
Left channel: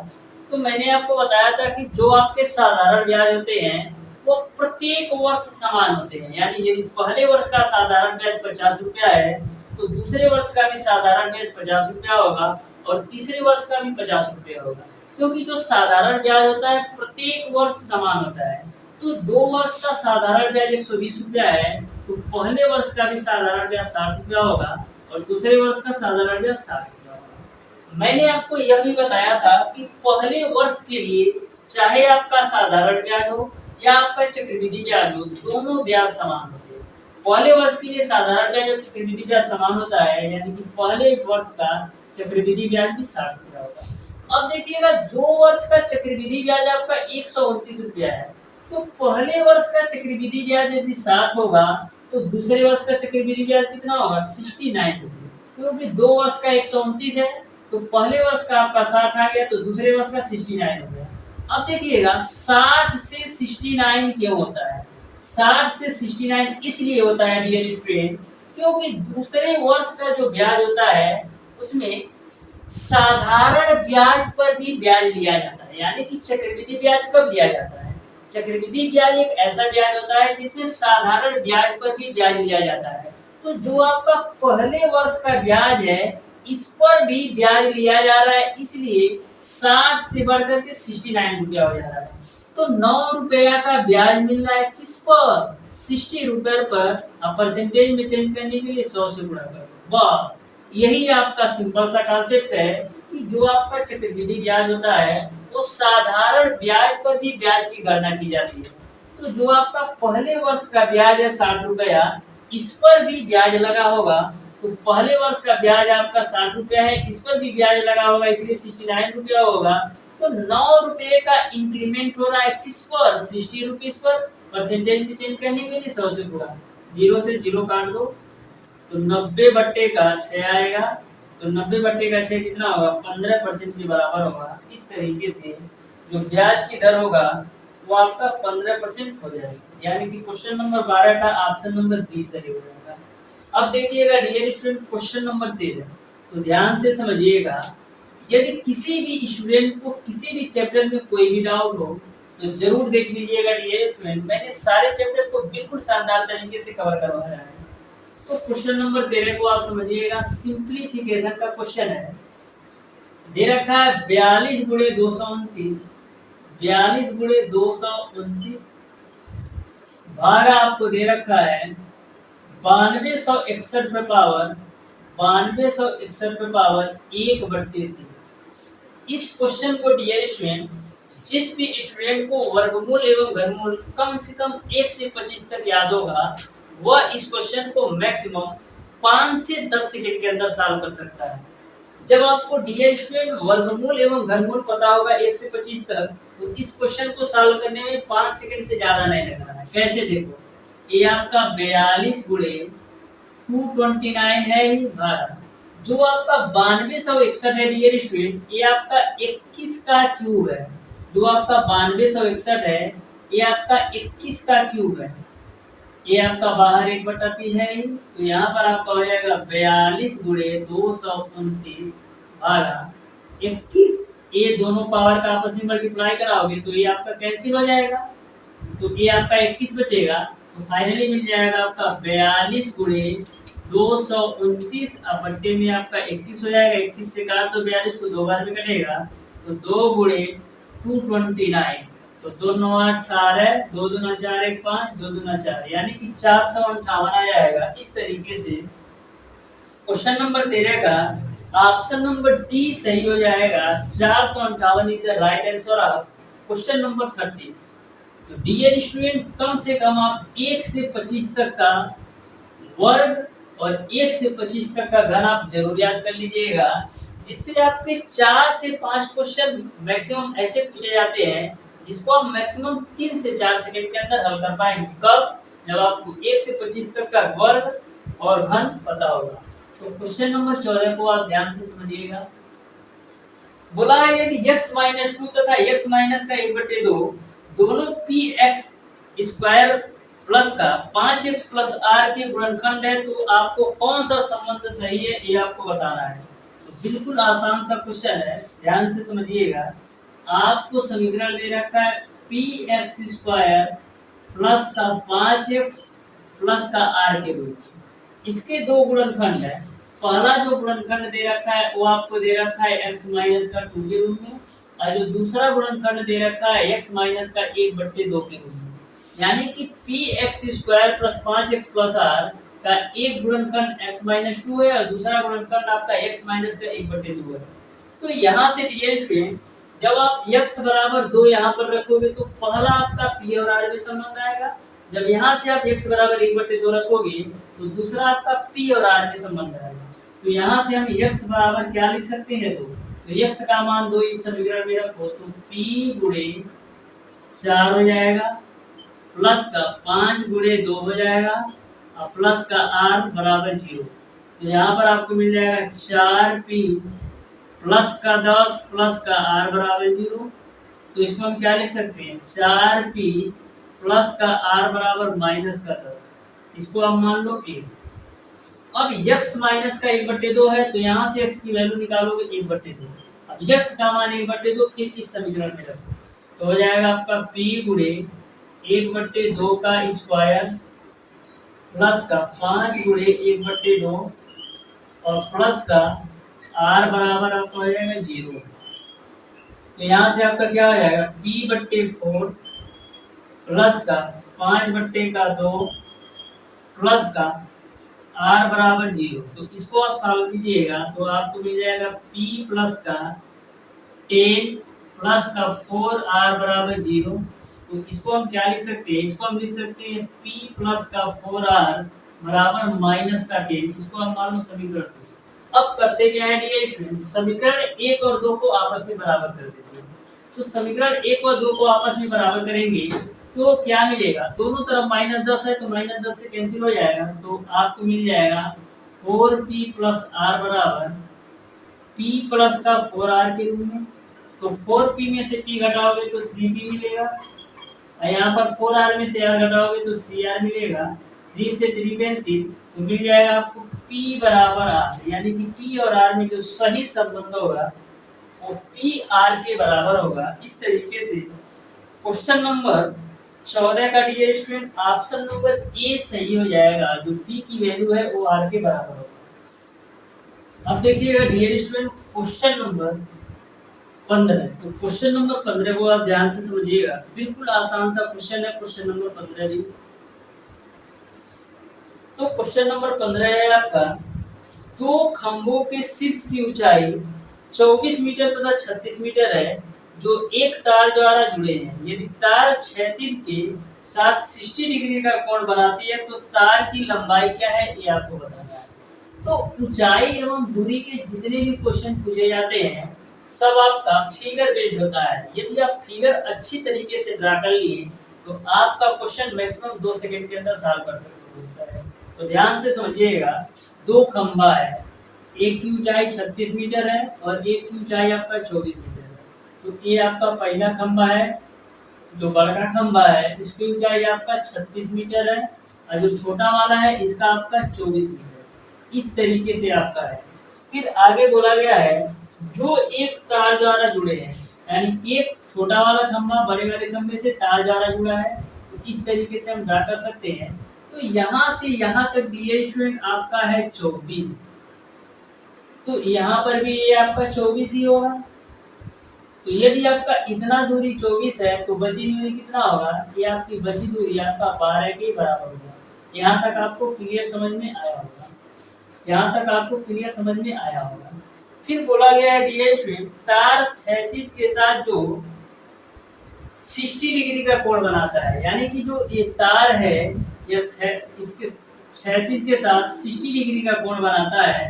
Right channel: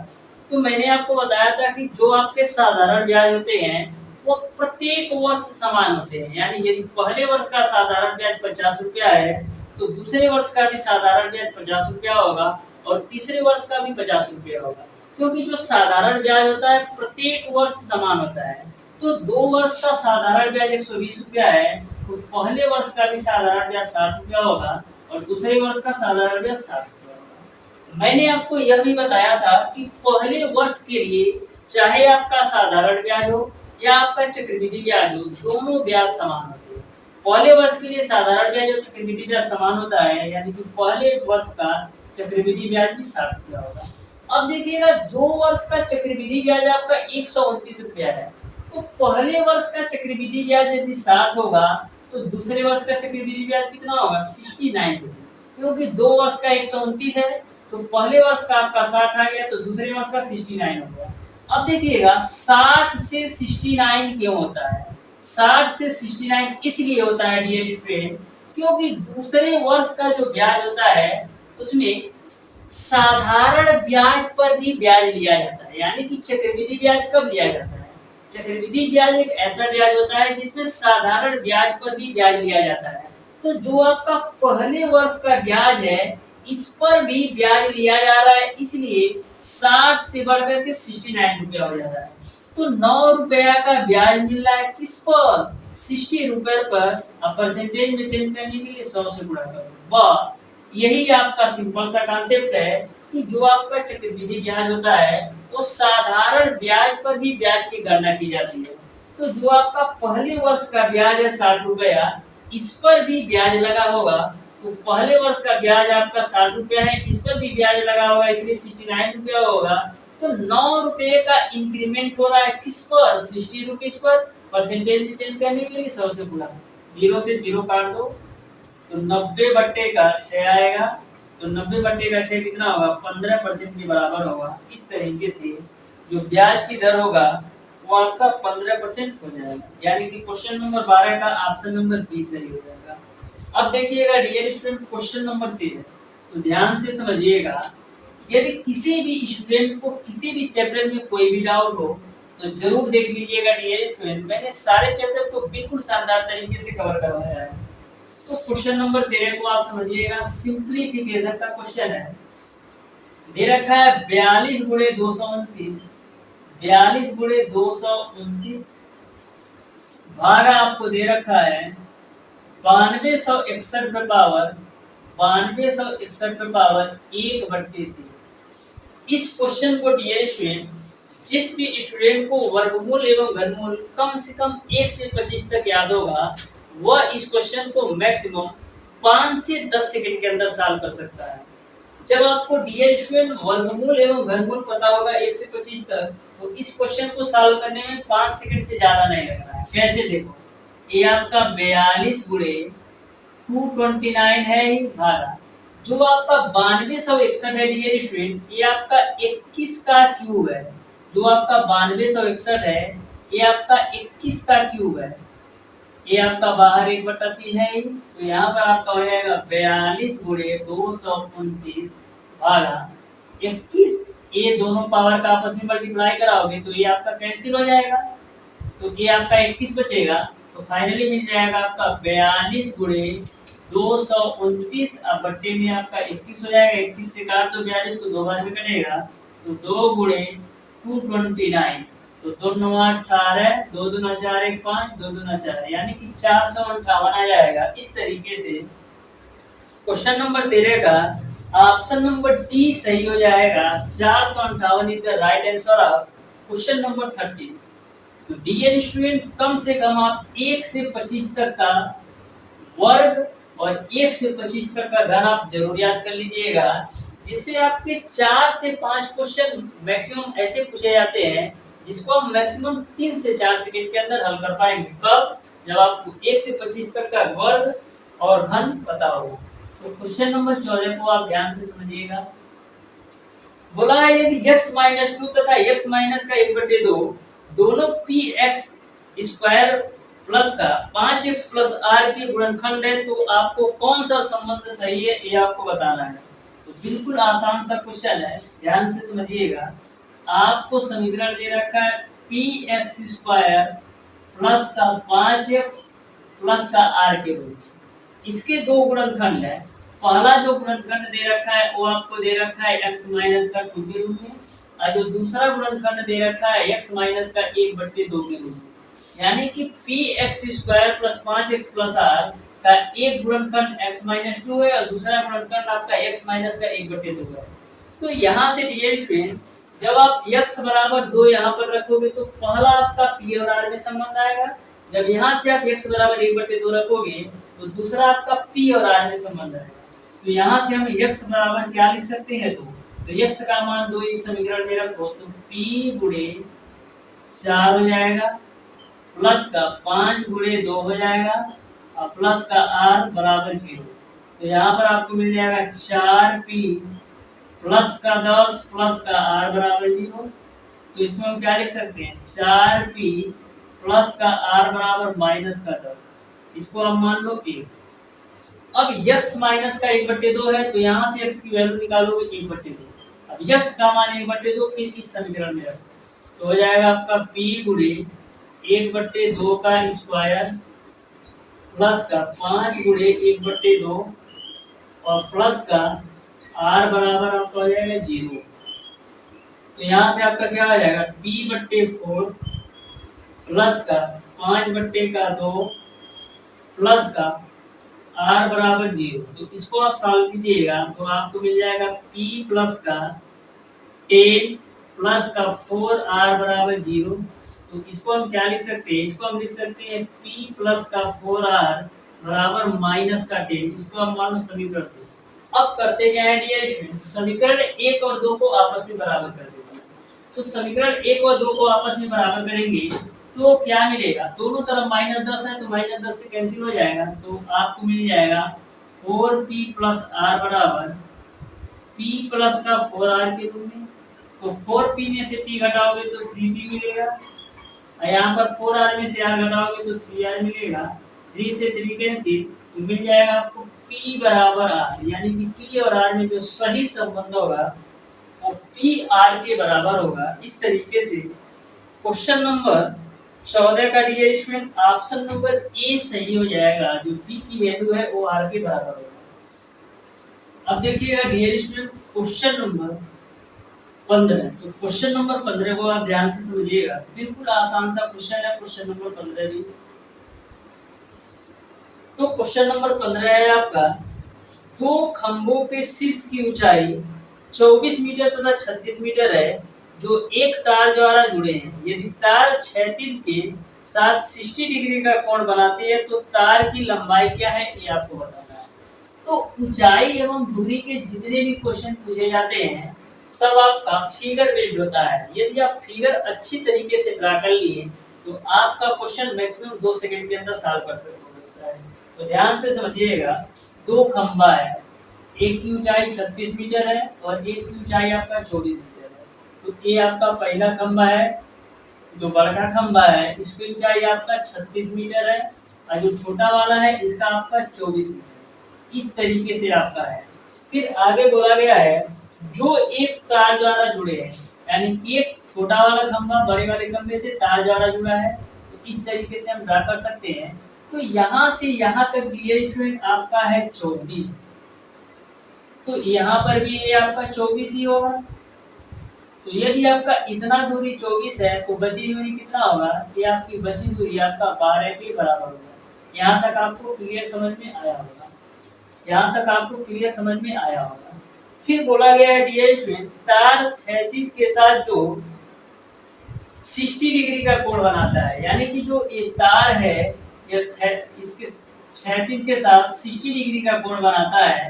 तो मैंने आपको बताया था कि जो आपके साधारण ब्याज होते हैं वो प्रत्येक वर्ष समान होते हैं। यानी यदि पहले वर्ष का साधारण ब्याज 50 रुपया है तो दूसरे वर्ष का भी साधारण ब्याज 50 रुपया होगा और तीसरे वर्ष का भी 50 रुपया होगा, क्योंकि जो साधारण ब्याज होता है प्रत्येक वर्ष समान होता है। तो 2 वर्ष का साधारण ब्याज 120 रुपया है तो पहले वर्ष का भी साधारण ब्याज 60 रुपया होगा और दूसरे वर्ष का साधारण ब्याज 60 रुपया होगा। मैंने आपको यह भी बताया था कि पहले वर्ष के लिए चाहे आपका साधारण ब्याज हो या आपका चक्रवृद्धि ब्याज हो, दोनों ब्याज समान होते हैं। पहले वर्ष के लिए साधारण ब्याज और चक्रवृद्धि ब्याज समान होता है, यानी कि पहले वर्ष का चक्रवृद्धि ब्याज भी 60 रुपया होगा। अब देखिएगा 2 वर्ष का चक्रवृद्धि ब्याज आपका 129 रुपया है, तो पहले वर्ष का चक्रवृद्धि ब्याज यदि 60 होगा तो दूसरे वर्ष का चक्रवृद्धि ब्याज कितना होगा 69 रुपये, क्योंकि 2 वर्ष का 129 है तो पहले वर्ष का आपका 60 आ गया तो दूसरे वर्ष का 69 हो गया। अब देखिएगा 60 से 69 क्यों होता है? 60 से 69 इसलिए होता है डियर स्टूडेंट, क्योंकि दूसरे वर्ष का जो ब्याज होता है उसमें साधारण ब्याज पर भी ब्याज लिया जाता है। यानी कि चक्रवृद्धि ब्याज कब लिया जाता है? चक्रवृद्धि ब्याज एक ऐसा ब्याज होता है जिसमें साधारण ब्याज पर भी ब्याज लिया जाता है। तो जो आपका पहले वर्ष का ब्याज है इस पर भी ब्याज लिया जा रहा है, इसलिए 60 से बढ़कर के 69 रुपया हो जा रहा है। तो 9 रुपया का ब्याज मिल रहा है किस पर? 60 रुपये पर। अब परसेंटेज में चेंज करने के लिए 100 से गुणा करो। वाह, यही आपका सिंपल सा कॉन्सेप्ट है कि जो आपका चक्रवृद्धि ब्याज होता है वो साधारण ब्याज पर भी ब्याज की गणना की जाती है। तो जो आपका पहले वर्ष का ब्याज है 60 रुपया, इस पर भी ब्याज लगा होगा। तो पहले वर्ष का ब्याज आपका 60 रुपया है, इस पर भी ब्याज लगा होगा, इसलिए 69 रुपया होगा। तो 9 रुपये का इंक्रीमेंट हो रहा है किस पर? 60 रुपीज पर। परसेंटेज में चेंज करने के लिए 100 से गुणा, 0 से 0 काट दो तो 90 बट्टे का 6 आएगा। तो 90 बट्टे का 6 कितना होगा? 15% के बराबर होगा। इस तरीके से जो ब्याज की दर होगा वो आपका 15% हो जाएगा। यानी कि क्वेश्चन नंबर 12 का ऑप्शन नंबर बी सही हो जाएगा। अब देखिएगा डियर स्टूडेंट क्वेश्चन नंबर 13, तो ध्यान से समझिएगा। यदि किसी भी स्टूडेंट को किसी भी चैप्टर में कोई भी डाउट हो तो जरूर देख लीजिएगा डियर स्टूडेंट। मैंने सारे चैप्टर को बिल्कुल शानदार तरीके से कवर करवाया है। तो क्वेश्चन नंबर 13 को आप समझिएगा, सिंप्लीफिकेशन का क्वेश्चन है। दे रखा है 42 गुणे 229, 42 गुणे 229 भागा आपको दे रखा है 9261 पे पावर 9261 पे पावर 1/3। इस क्वेश्चन को डियर स्टूडेंट जिस भी स्टूडेंट को वर्गमूल एवं घनमूल कम से कम 1 से 25 तक याद होगा वह इस क्वेश्चन को मैक्सिमम 5 से 10 सेकंड के अंदर सॉल्व कर सकता है। जब आपको डियर स्टूडेंट वर्गमूल एवं घनमूल पता होगा 1 से 25 तक, तो इस क्वेश्चन को सॉल्व करने में 5 सेकंड से ज्यादा नहीं लगना है। कैसे? देखो, ये आपका 42 गुणे 229 है ही भागा जो आपका 9261 है डियर स्टूडेंट, ये आपका 21 का क्यूब है। जो आपका 9261 है ये आपका 21 का क्यूब है। ये आपका बाहर 1/3 है ही, तो यहाँ पर आपका हो जाएगा 42 गुणे 229 भागा 21। ये दोनों पावर का आपस में मल्टीप्लाई कराओगे तो ये आपका कैंसिल हो जाएगा, तो ये आपका 21 बचेगा। तो फाइनली मिल जाएगा आपका 42 गुणे 229 अब बट्टे में आपका 21 हो जाएगा। 21 से काट दो 42 को, 2 बार में कटेगा, तो 2 गुणे 229, तो 2 9 18, 2 दूना 4 1 5, 2 दूना 4, यानी कि 458 आ जाएगा। इस तरीके से क्वेश्चन नंबर 13 का ऑप्शन नंबर डी सही हो जाएगा। 458 is the right answer of question number 13। तो डियर स्टूडेंट, कम से कम आप 1 से 25 तक का वर्ग और 1 से 25 तक का घन आप जरूर याद कर लीजिएगा, जिससे आपके 4 से 5 क्वेश्चन मैक्सिमम ऐसे पूछे जाते हैं जिसको आप मैक्सिमम 3 से 4 सेकंड के अंदर हल कर पाएंगे। कब? जब आपको 1 से 25 तक का वर्ग और घन पता होगा। तो क्वेश्चन नंबर 14 को आप ध्यान से समझिएगा। बोला है यदि x - 2 तथा x - का 1/2 दोनों px स्क्वायर प्लस का 5x प्लस r के गुणनखंड है, तो आपको कौन सा संबंध सही है ये आपको बताना है। तो बिल्कुल आसान सा क्वेश्चन है, ध्यान से समझिएगा। आपको समीकरण दे रखा है px स्क्वायर प्लस का 5x प्लस का r के रूप। इसके दो गुणनखंड है। पहला जो गुणनखंड दे रखा है वो आपको दे रखा है x माइनस का 2 के रूप में, और जो दूसरा गुणनखंड दे रखा है x माइनस का 1/2 के रूप में। यानी कि px square plus 5x plus r का एक गुणनखंड x माइनस 2 है और दूसरा गुणनखंड आपका x माइनस का 1/2 है। तो यहाँ से डियर स्टूडेंट, जब आप x बराबर 2 यहाँ पर रखोगे तो पहला आपका p और r में संबंध आएगा। जब यहाँ से आप x बराबर 1/2 रखोगे तो दूसरा आपका p और r में संबंध आएगा। तो यहाँ से हम x बराबर क्या लिख सकते हैं, तो x का मान 2 इस समीकरण में रखो तो p गुणे 4 हो जाएगा, प्लस का 5 गुणे 2 हो जाएगा, और प्लस का r बराबर 0। तो यहाँ पर आपको मिल जाएगा 4p प्लस का 10 प्लस का r बराबर 0। तो इसमें हम क्या लिख सकते हैं, 4p प्लस का r बराबर माइनस का 10। इसको आप मान लो 1। अब x माइनस का 1/2 है, तो यहाँ से x की वैल्यू निकालोगे 1/2। अब x का मान 1/2 फिर इस समीकरण में रखो, तो हो जाएगा आपका p गुणे 1/2 का स्क्वायर प्लस का 5 गुणे 1/2 और प्लस का r बराबर आपका हो जाएगा 0। तो यहाँ से आपका क्या हो जाएगा, p/4 प्लस का 5/2 प्लस का r बराबर 0। तो इसको आप सॉल्व कीजिएगा तो आपको मिल जाएगा p प्लस का 10 प्लस का 4r बराबर 0। तो इसको हम क्या लिख सकते हैं, इसको हम लिख सकते हैं p प्लस का 4r बराबर माइनस का 10। इसको हम मान लो समीकरण 2। अब करते क्या है डियर स्टूडेंट्स, समीकरण 1 और 2 को आपस में बराबर कर देते हैं। तो समीकरण 1 और 2 को आपस में बराबर करेंगे तो क्या मिलेगा, दोनों तरफ -10 है तो -10 से कैंसिल हो जाएगा। तो आपको मिल जाएगा 4p प्लस r बराबर p प्लस का 4r के रूप में। तो 4p में से p घटाओगे तो 3p मिलेगा, और यहाँ पर 4r में से r घटाओगे तो 3r मिलेगा। 3 से 3 कैंसिल, तो मिल जाएगा आपको p बराबर r, यानी कि p और r में जो सही संबंध होगा वो p r के बराबर होगा। इस तरीके से क्वेश्चन नंबर 14 का dear student option number A सही हो जाएगा, जो p की वैल्यू है वो r के बराबर होगा। अब देखिएगा डियर स्टूडेंट क्वेश्चन नंबर 15। तो क्वेश्चन नंबर 15 को आप ध्यान से समझिएगा, बिल्कुल आसान सा क्वेश्चन है क्वेश्चन नंबर 15 भी। तो क्वेश्चन नंबर 15 है आपका, दो खंभों के शीर्ष की ऊंचाई 24 मीटर तथा 36 मीटर है, जो एक तार द्वारा जुड़े हैं। यदि तार क्षैतिज के साथ 60 डिग्री का कोण बनाती है तो तार की लंबाई क्या है ये आपको बताना है। तो ऊंचाई एवं दूरी के जितने भी क्वेश्चन पूछे जाते हैं सब आपका फिगर बेस्ड होता है। यदि आप फिगर अच्छी तरीके से ड्रा कर लिए तो आपका क्वेश्चन मैक्सिमम 2 सेकंड के अंदर सॉल्व कर सकते हैं। तो ध्यान से समझिएगा, दो खंभा है, एक की ऊंचाई 36 मीटर है और एक की ऊंचाई आपका 24 मीटर है। तो ये आपका पहला खंभा है, जो बड़ा खंभा है इसकी ऊंचाई आपका 36 मीटर है और जो छोटा वाला है इसका आपका 24 मीटर। इस तरीके से आपका है। फिर आगे बोला गया है जो एक तार द्वारा जुड़े हैं, यानी एक छोटा वाला खंभा बड़े वाले खंभे से तार द्वारा जुड़ा है, तो इस तरीके से हम ड्रा कर सकते हैं। तो यहाँ से यहाँ तक दिए स्टूडेंट आपका है 24, तो यहाँ पर भी ये आपका 24 ही होगा। तो यदि आपका इतना दूरी 24 है तो बची दूरी कितना होगा? ये आपकी बची दूरी आपका 12 के बराबर होगा। यहाँ तक आपको क्लियर समझ में आया होगा। यहाँ तक आपको क्लियर समझ में आया होगा। फिर बोला गया है डियर स्टूडेंट, तार थैचिस के साथ जो 60 डिग्री का कोण बनाता है, यानी कि जो ये तार है ये इसके क्षैतिज के साथ 60 डिग्री का कोण बनाता है,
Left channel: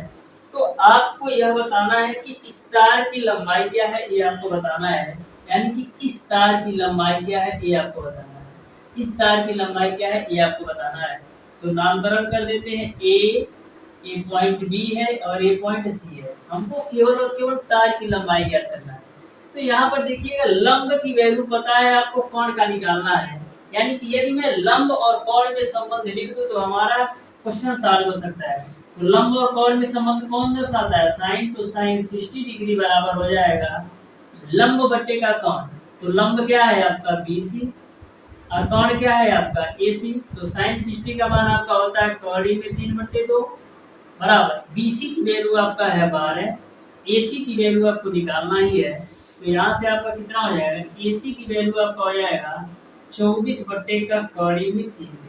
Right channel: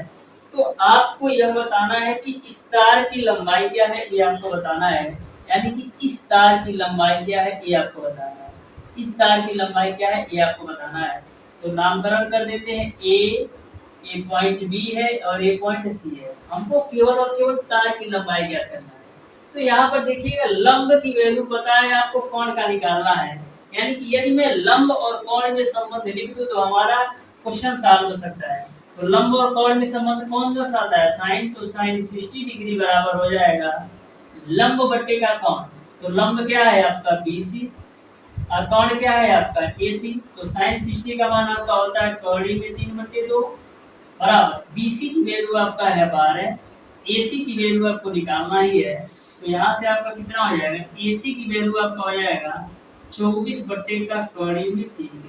तो आपको यह बताना है कि इस तार की लंबाई क्या है, ये आपको बताना है। यानी कि इस तार की लंबाई क्या है, ये आपको बताना है। इस तार की लंबाई क्या है, ये आपको बताना है। तो नामकरण कर देते हैं। ए पॉइंट बी है और ए पॉइंट सी है। हमको केवल और केवल तार की लंबाई ज्ञात करना है। तो यहाँ पर देखिएगा लंब की वैल्यू पता है आपको, कोण का निकालना है। यानी कि यदि मैं लंब और कोण में संबंध लिख दूं तो हमारा क्वेश्चन सॉल्व हो सकता है। तो लंब और कोण में संबंध कौन दर्शाता है? साइन, तो साइन 60 डिग्री बराबर हो जाएगा लंब बट्टे का कोण। तो लंब क्या है आपका BC और कोण क्या है आपका AC। तो साइन 60 का मान आपका होता है कौड़ी में 3/2 बराबर BC की वैल्यू आपका है 12, AC की वैल्यू आपको निकालना ही है। तो यहाँ से आपका कितना हो जाएगा? AC की वैल्यू आपका हो जाएगा 24 बट्टे का कौड़ी में 3।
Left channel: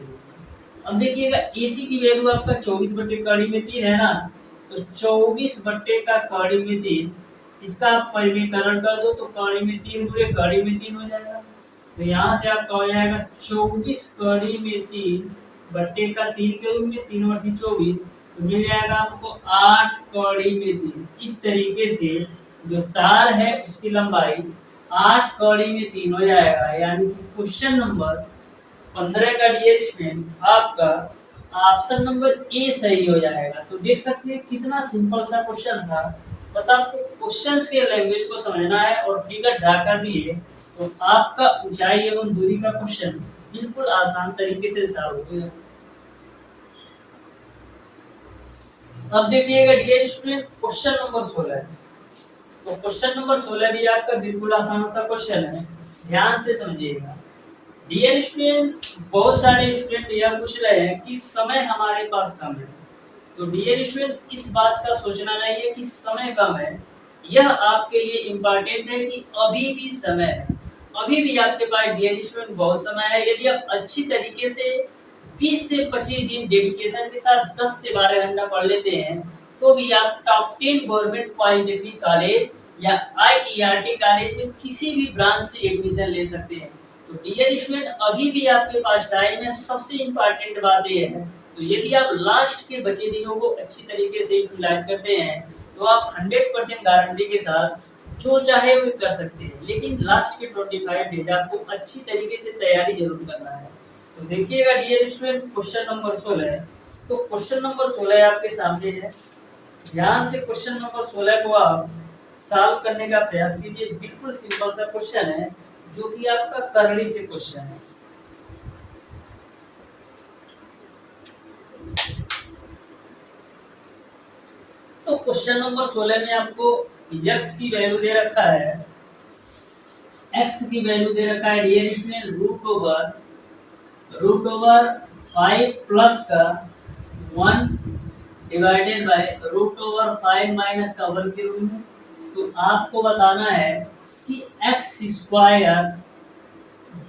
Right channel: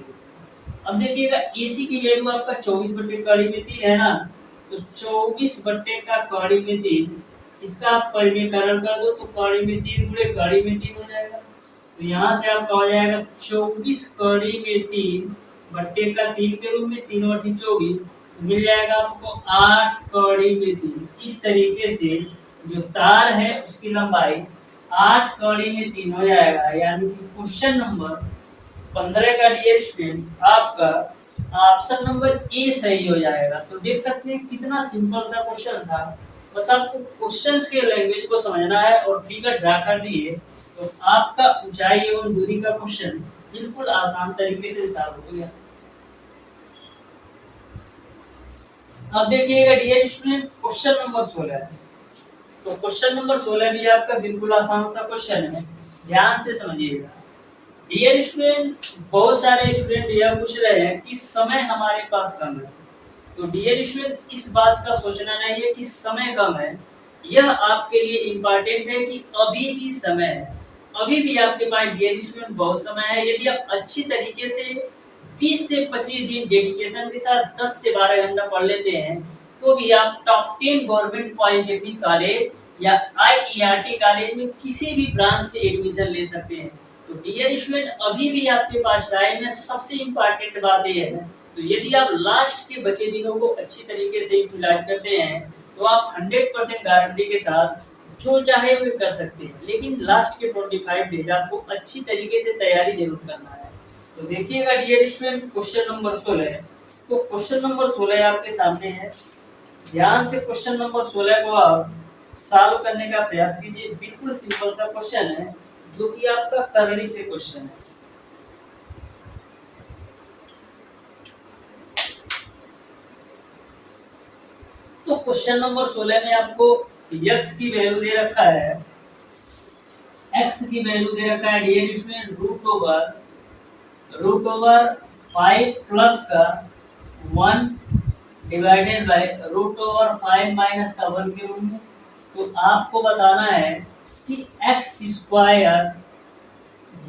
अब देखिएगा AC की वैल्यू आपका 24 बट्टे कौड़ी में 3 है ना, तो 24 बट्टे का कौड़ी में 3, इसका आप परिमेयकरण कर दो तो कौड़ी में 3 गुणे कौड़ी में 3 हो जाएगा। तो यहाँ से आपका हो जाएगा 24 कौड़ी में 3 बट्टे का 3 के रूप में 3/24, तो मिल जाएगा आपको 8 कौड़ी में 3। इस तरीके से जो तार है उसकी लंबाई 8 कौड़ी में 3 हो जाएगा। यानी कि क्वेश्चन नंबर 15 का डियर स्टूडेंट आपका ऑप्शन नंबर ए सही हो जाएगा। तो देख सकते हैं कितना सिंपल सा क्वेश्चन था। बस आपको क्वेश्चंस के लैंग्वेज को समझना है और फिगर ड्रा कर दिए तो आपका ऊंचाई एवं दूरी का क्वेश्चन बिल्कुल आसान तरीके से सॉल्व हो गया। अब देखिएगा डियर स्टूडेंट क्वेश्चन नंबर 16। तो क्वेश्चन नंबर 16 भी आपका बिल्कुल आसान सा क्वेश्चन है, ध्यान से समझिएगा। डियर स्टूडेंट बहुत सारे स्टूडेंट यह पूछ रहे हैं कि समय हमारे पास कम है। तो डियर स्टूडेंट इस बात का सोचना नहीं है कि समय कम है, यह आपके लिए इम्पोर्टेंट है कि अभी भी समय है। अभी भी आपके पास डियर स्टूडेंट बहुत समय है। यदि आप अच्छी तरीके से 20 से 25 दिन डेडिकेशन के साथ 10 से 12 घंटा पढ़ लेते हैं तो भी आप टॉप 10 गवर्नमेंट पॉलिटेक्निक कॉलेज या IERT कॉलेज में किसी भी ब्रांच से एडमिशन ले सकते हैं। तो डियर स्टूडेंट अभी भी आपके पास टाइम है। सबसे इम्पोर्टेंट बात यह है, तो यदि आप लास्ट के बचे दिनों को अच्छी तरीके से यूटिलाइज करते हैं तो आप 100% गारंटी के साथ जो चाहे वो कर सकते हैं। लेकिन लास्ट के 25 डेज आपको अच्छी तरीके से तैयारी जरूर करना है। तो देखिएगा डियर स्टूडेंट क्वेश्चन नंबर 16। तो क्वेश्चन नंबर 16 आपके सामने है। ध्यान से क्वेश्चन नंबर 16 को आप सॉल्व करने का प्रयास कीजिए। बिल्कुल सिंपल सा क्वेश्चन है जो कि आपका करनी से क्वेश्चन है। तो क्वेश्चन नंबर 16 में आपको x की वैल्यू दे रखा है, x की वैल्यू दे रखा है dear student root over 5 plus का 1 divided by root over 5 minus का 1 के रूप में। तो आपको बताना है कि x स्क्वायर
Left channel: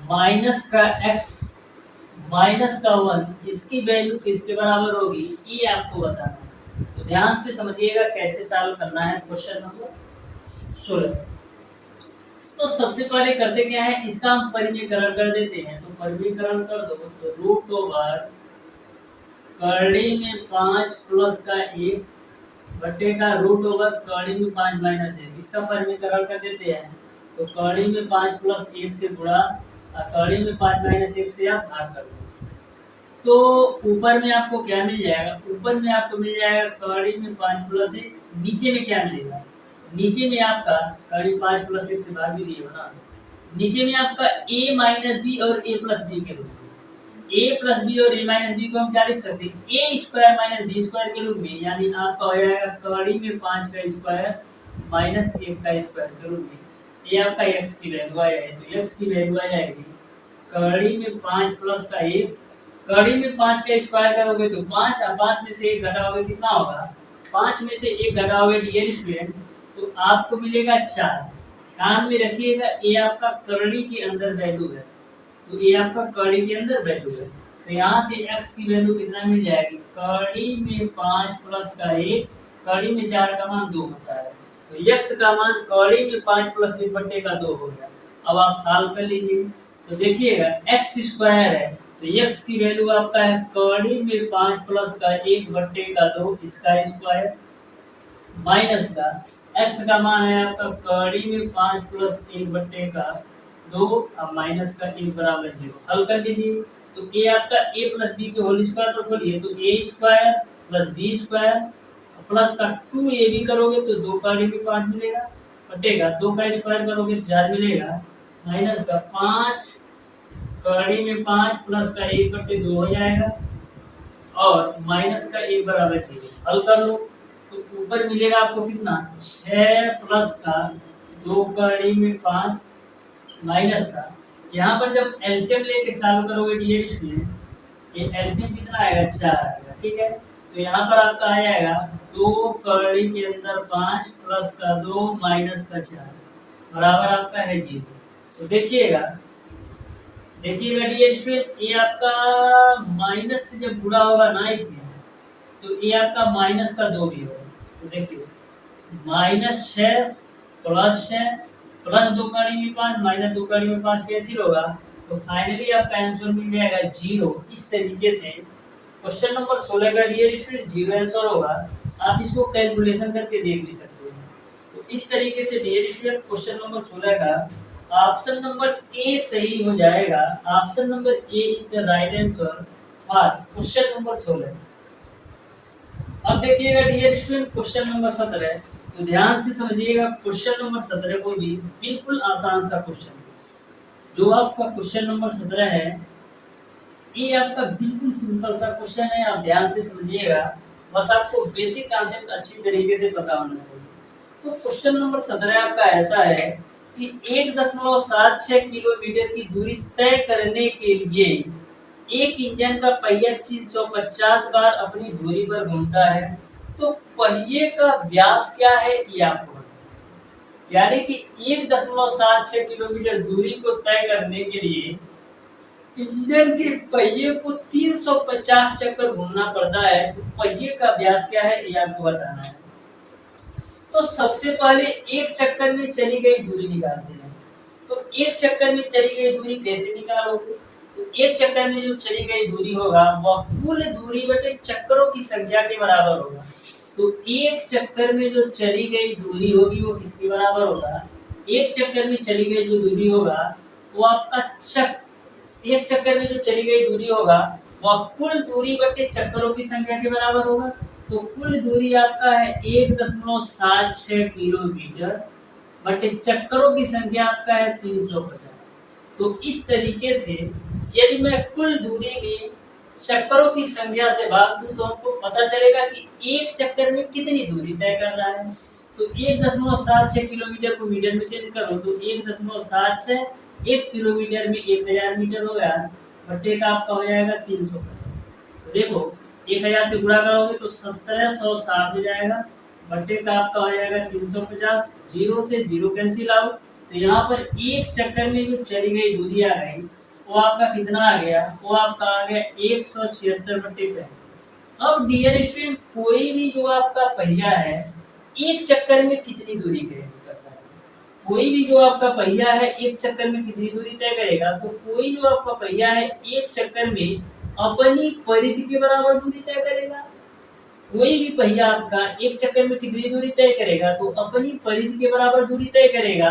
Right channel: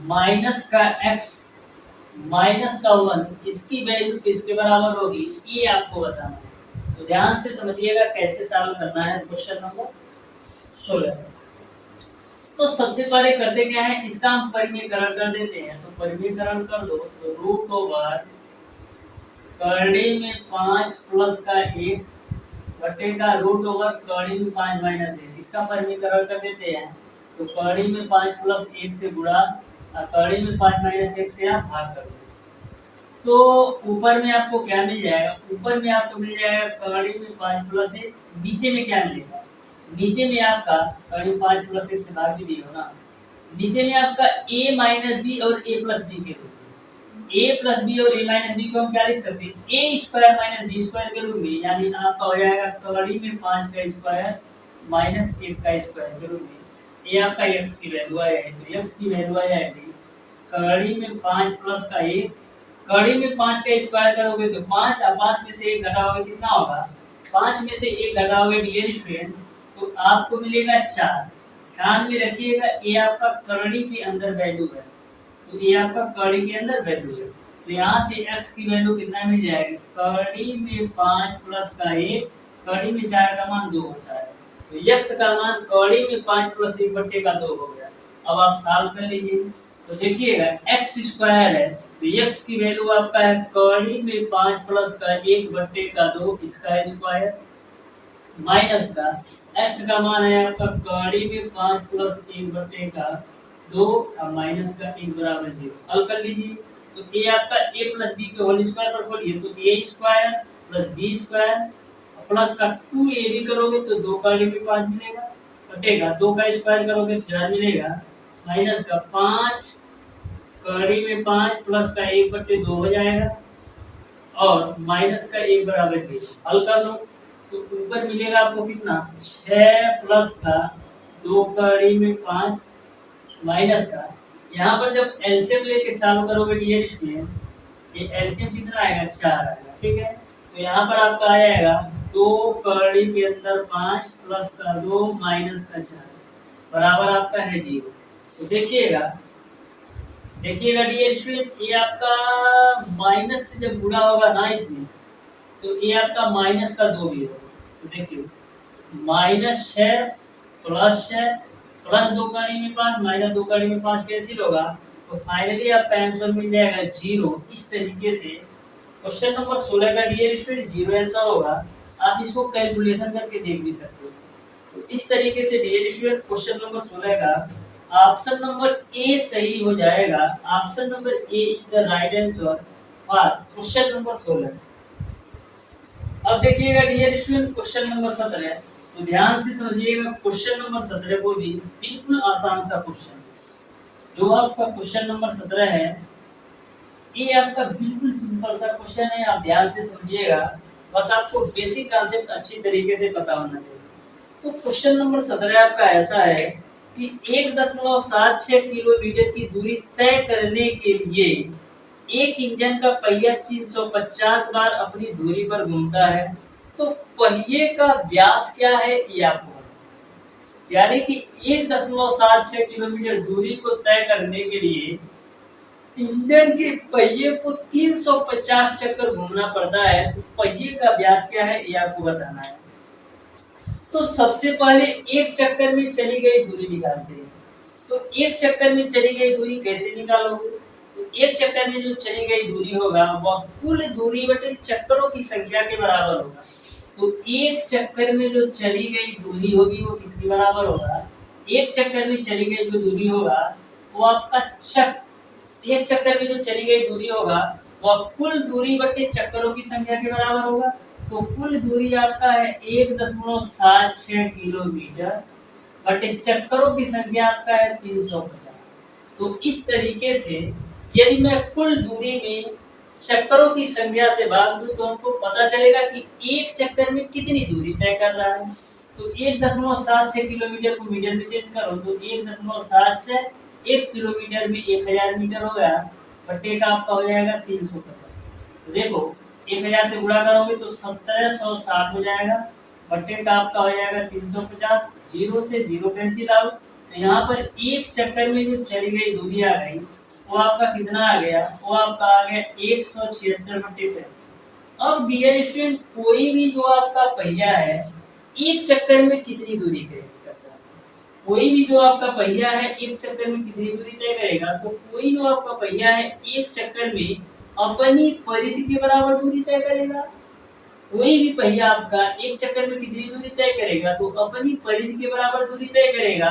माइनस का x माइनस का 1 इसकी वैल्यू किसके बराबर होगी, ये आपको बताना है। तो ध्यान से समझिएगा कैसे सॉल्व करना है क्वेश्चन नंबर 16। तो सबसे पहले करते क्या है, इसका हम परिमेयकरण कर देते हैं। तो परिमेयकरण कर दो तो रूट ओवर करड़ी में 5 प्लस का 1 बटे का रूट ओवर करड़ी में 5 माइनस 1, इसका परिमेयकरण कर देते हैं। तो करड़ी में 5 प्लस 1 से गुणा और करड़ी में 5 माइनस 1 से आप भाग कर दो। तो ऊपर में आपको क्या मिल जाएगा, ऊपर में आपको मिल जाएगा करड़ी में 5 प्लस 1, नीचे में क्या मिलेगा, नीचे में आपका करड़ी 5 प्लस 1 से भाग भी दिए हो ना, नीचे में आपका a माइनस बी और a प्लस बी के रूप में। ए प्लस बी और ए माइनस बी को हम क्या लिख सकते हैं, ए स्क्वायर माइनस बी स्क्वायर के रूप में, यानी आपका हो जाएगा कड़ी में 5 का स्क्वायर माइनस 1 का स्क्वायर के रूप में। ये आपका x की वैल्यू आ जाएगी, तो x की वैल्यू आ जाएगी कड़ी में 5 प्लस का 1, कड़ी में 5 का स्क्वायर करोगे तो 5 और 5 में से 1 घटाओगे कितना होगा, 5 में से 1 घटाओगे डियर स्टूडेंट तो आपको मिलेगा 4। ध्यान में रखिएगा ये आपका कड़ी के अंदर वैल्यू है, तो ये आपका कड़ी के अंदर वैल्यू है, तो यहाँ से x की वैल्यू कितना मिल जाएगी, कड़ी में 5 प्लस का 1, कड़ी में 4 का मान 2 होता है, तो x का मान कड़ी में 5 प्लस 1 बट्टे का 2 हो गया। अब आप सॉल्व कर लीजिए, तो देखिएगा x स्क्वायर है तो x की वैल्यू आपका है कड़ी में 5 प्लस का 1 बट्टे का 2 इसका स्क्वायर, माइनस का x का मान है आपका कड़ी में 5 प्लस 1 बट्टे का 2 और माइनस का 1 बराबर 0। हल कर लीजिए, तो a आपका a प्लस बी के होल स्क्वायर पर खोलिए तो a square plus B square plus का 2ab करोगे तो 2 कड़ी में 5 मिलेगा बटेगा 2 का स्क्वायर करोगे तो 4 मिलेगा, माइनस का 5 कड़ी में 5 प्लस का 1 बट्टे 2 हो जाएगा और माइनस का 1 बराबर 0। हल कर लो तो ऊपर मिलेगा आपको कितना, 6 प्लस का 2 कड़ी में 5 माइनस का, यहाँ पर जब एलसीएम लेके सॉल्व करोगे डियर स्टूडेंट ये एलसीएम कितना आएगा, 4 आएगा, ठीक है। तो यहाँ पर आपका आ जाएगा 2 कड़ी के अंदर 5 प्लस का 2 माइनस का 4 बराबर आपका है 0। तो देखिएगा डियर स्टूडेंट ये आपका माइनस से जब गुणा होगा ना इसमें तो ये आपका माइनस का 2 भी होगा, तो देखिए -6 प्लस 6 प्लस 2 कड़ी में 5 माइनस 2 कड़ी में 5 कैंसिल होगा तो फाइनली आपका आंसर मिल जाएगा 0। इस तरीके से क्वेश्चन नंबर 16 का डियर स्टूडेंट 0 आंसर होगा। आप इसको कैलकुलेशन करके देख भी सकते हो। तो इस तरीके से डियर स्टूडेंट क्वेश्चन नंबर 16 का ऑप्शन नंबर ए सही हो जाएगा। Option number A is the right answer for question number 16। अब देखिएगा डियर स्टूडेंट क्वेश्चन नंबर 17, तो ध्यान से समझिएगा क्वेश्चन नंबर 17 को भी बिल्कुल आसान सा क्वेश्चन, जो आपका क्वेश्चन नंबर 17 है ये आपका बिल्कुल सिंपल सा क्वेश्चन है, आप ध्यान से समझिएगा, बस आपको बेसिक कॉन्सेप्ट अच्छी तरीके से पता होना चाहिए। तो क्वेश्चन नंबर 17 आपका ऐसा है कि 1.76 किलोमीटर की दूरी तय करने के लिए एक इंजन का पहिया 350 बार अपनी दूरी पर घूमता है, तो पहिए का व्यास क्या है ये आपको बताना। यानी कि 1.76 किलोमीटर दूरी को तय करने के लिए इंजन के पहिए को 350 चक्कर घूमना पड़ता है, तो पहिए का व्यास क्या है ये आपको बताना है। तो सबसे पहले एक चक्कर में चली गई दूरी निकालते हैं। तो एक चक्कर में चली गई दूरी कैसे निकालोगे, तो एक चक्कर में जो चली गई दूरी होगा वह कुल दूरी बटे चक्करों की संख्या के बराबर होगा। तो एक चक्कर में जो चली गई दूरी होगी वो किसके बराबर होगा, एक चक्कर में चली गई जो दूरी होगा वो आपका एक चक्कर में जो चली गई दूरी होगा वह कुल दूरी बटे चक्करों की संख्या के बराबर होगा। तो कुल दूरी आपका है 1.76 किलोमीटर बटे चक्करों की संख्या आपका है 350। तो इस तरीके से यदि मैं कुल दूरी में चक्करों की संख्या से भाग दूं तो हमको पता चलेगा कि एक चक्कर में कितनी दूरी तय कर रहा है। तो 1.76 किलोमीटर को मीटर में चेंज करो तो 1.76 1 किलोमीटर में 1000 मीटर हो गया, बट्टे का आपका हो जाएगा 350। तो देखो 1000 से गुणा करोगे तो 1760 हो जाएगा, बट्टे का आपका हो जाएगा 350, 0 से 0 कैंसिल आउट। तो यहाँ पर एक चक्कर में जो चली गई दूरी आ गई वो आपका कितना आ गया, वो आपका आ गया 176 बट्टे पे। अब डियर स्टूडेंट कोई भी जो आपका पहिया है एक चक्कर में कितनी दूरी करता है, कोई भी जो आपका पहिया है एक चक्कर में कितनी दूरी तय करेगा, तो कोई जो आपका पहिया है एक चक्कर में अपनी परिधि के बराबर दूरी तय करेगा। कोई भी पहिया आपका एक चक्कर में कितनी दूरी तय करेगा, तो अपनी परिधि के बराबर दूरी तय करेगा।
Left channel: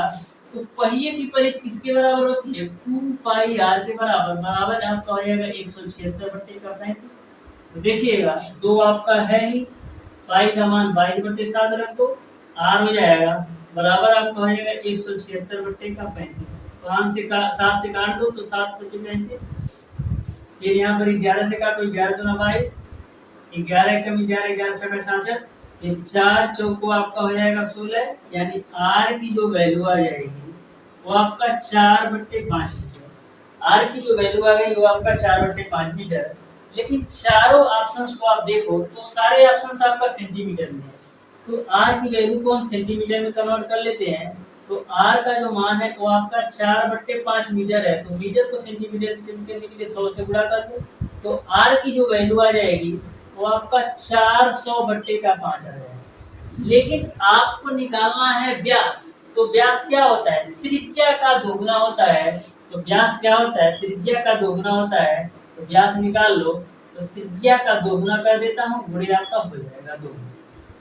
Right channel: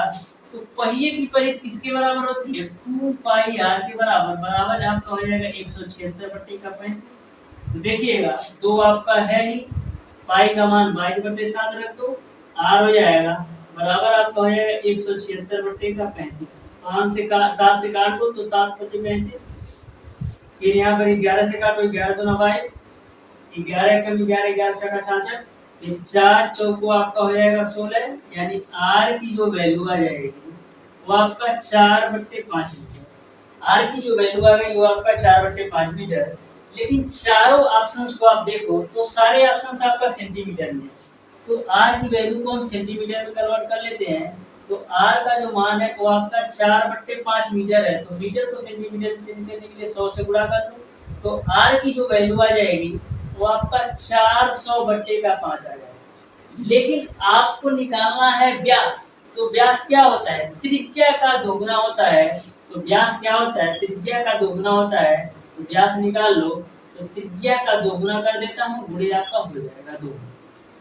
तो पहिए की परिधि किसके बराबर होती है, 2 पाई आर के बराबर, बराबर आपका हो जाएगा 176 बट्टे का 35। तो देखिएगा 2 आपका है ही, पाई का मान 22/7 रख दो, आर हो जाएगा बराबर आपका हो जाएगा 176 बट्टे का 35। 5 से 7 से काट दो तो 7 × 35, फिर यहाँ पर 11 से काटो, 11 दूना 22, 11 एकम 11, 11 छक्का 66, फिर 4 चौको आपका हो जाएगा 16, यानी आर की जो वैल्यू आ जाएगी वो आपका 4/5 मीटर। आर की जो वैल्यू आ गई वो आपका 4/5 मीटर। लेकिन चारों ऑप्शंस को आप देखो तो सारे ऑप्शंस आपका सेंटीमीटर में है, तो आर की वैल्यू को हम सेंटीमीटर में कन्वर्ट कर लेते हैं। तो आर का जो मान है वो आपका 4/5 मीटर है, तो मीटर को सेंटीमीटर में चेंज करने के लिए 100 से गुणा कर दो, तो आर की जो वैल्यू आ जाएगी वो आपका 400/5 आ जाएगा। लेकिन आपको निकालना है व्यास, तो व्यास क्या होता है? त्रिज्या का दोगुना होता है। तो व्यास क्या होता है? त्रिज्या का दोगुना होता है। तो व्यास निकाल लो, तो त्रिज्या का दोगुना कर देता हूँ, गुणे आपका हो जाएगा 2।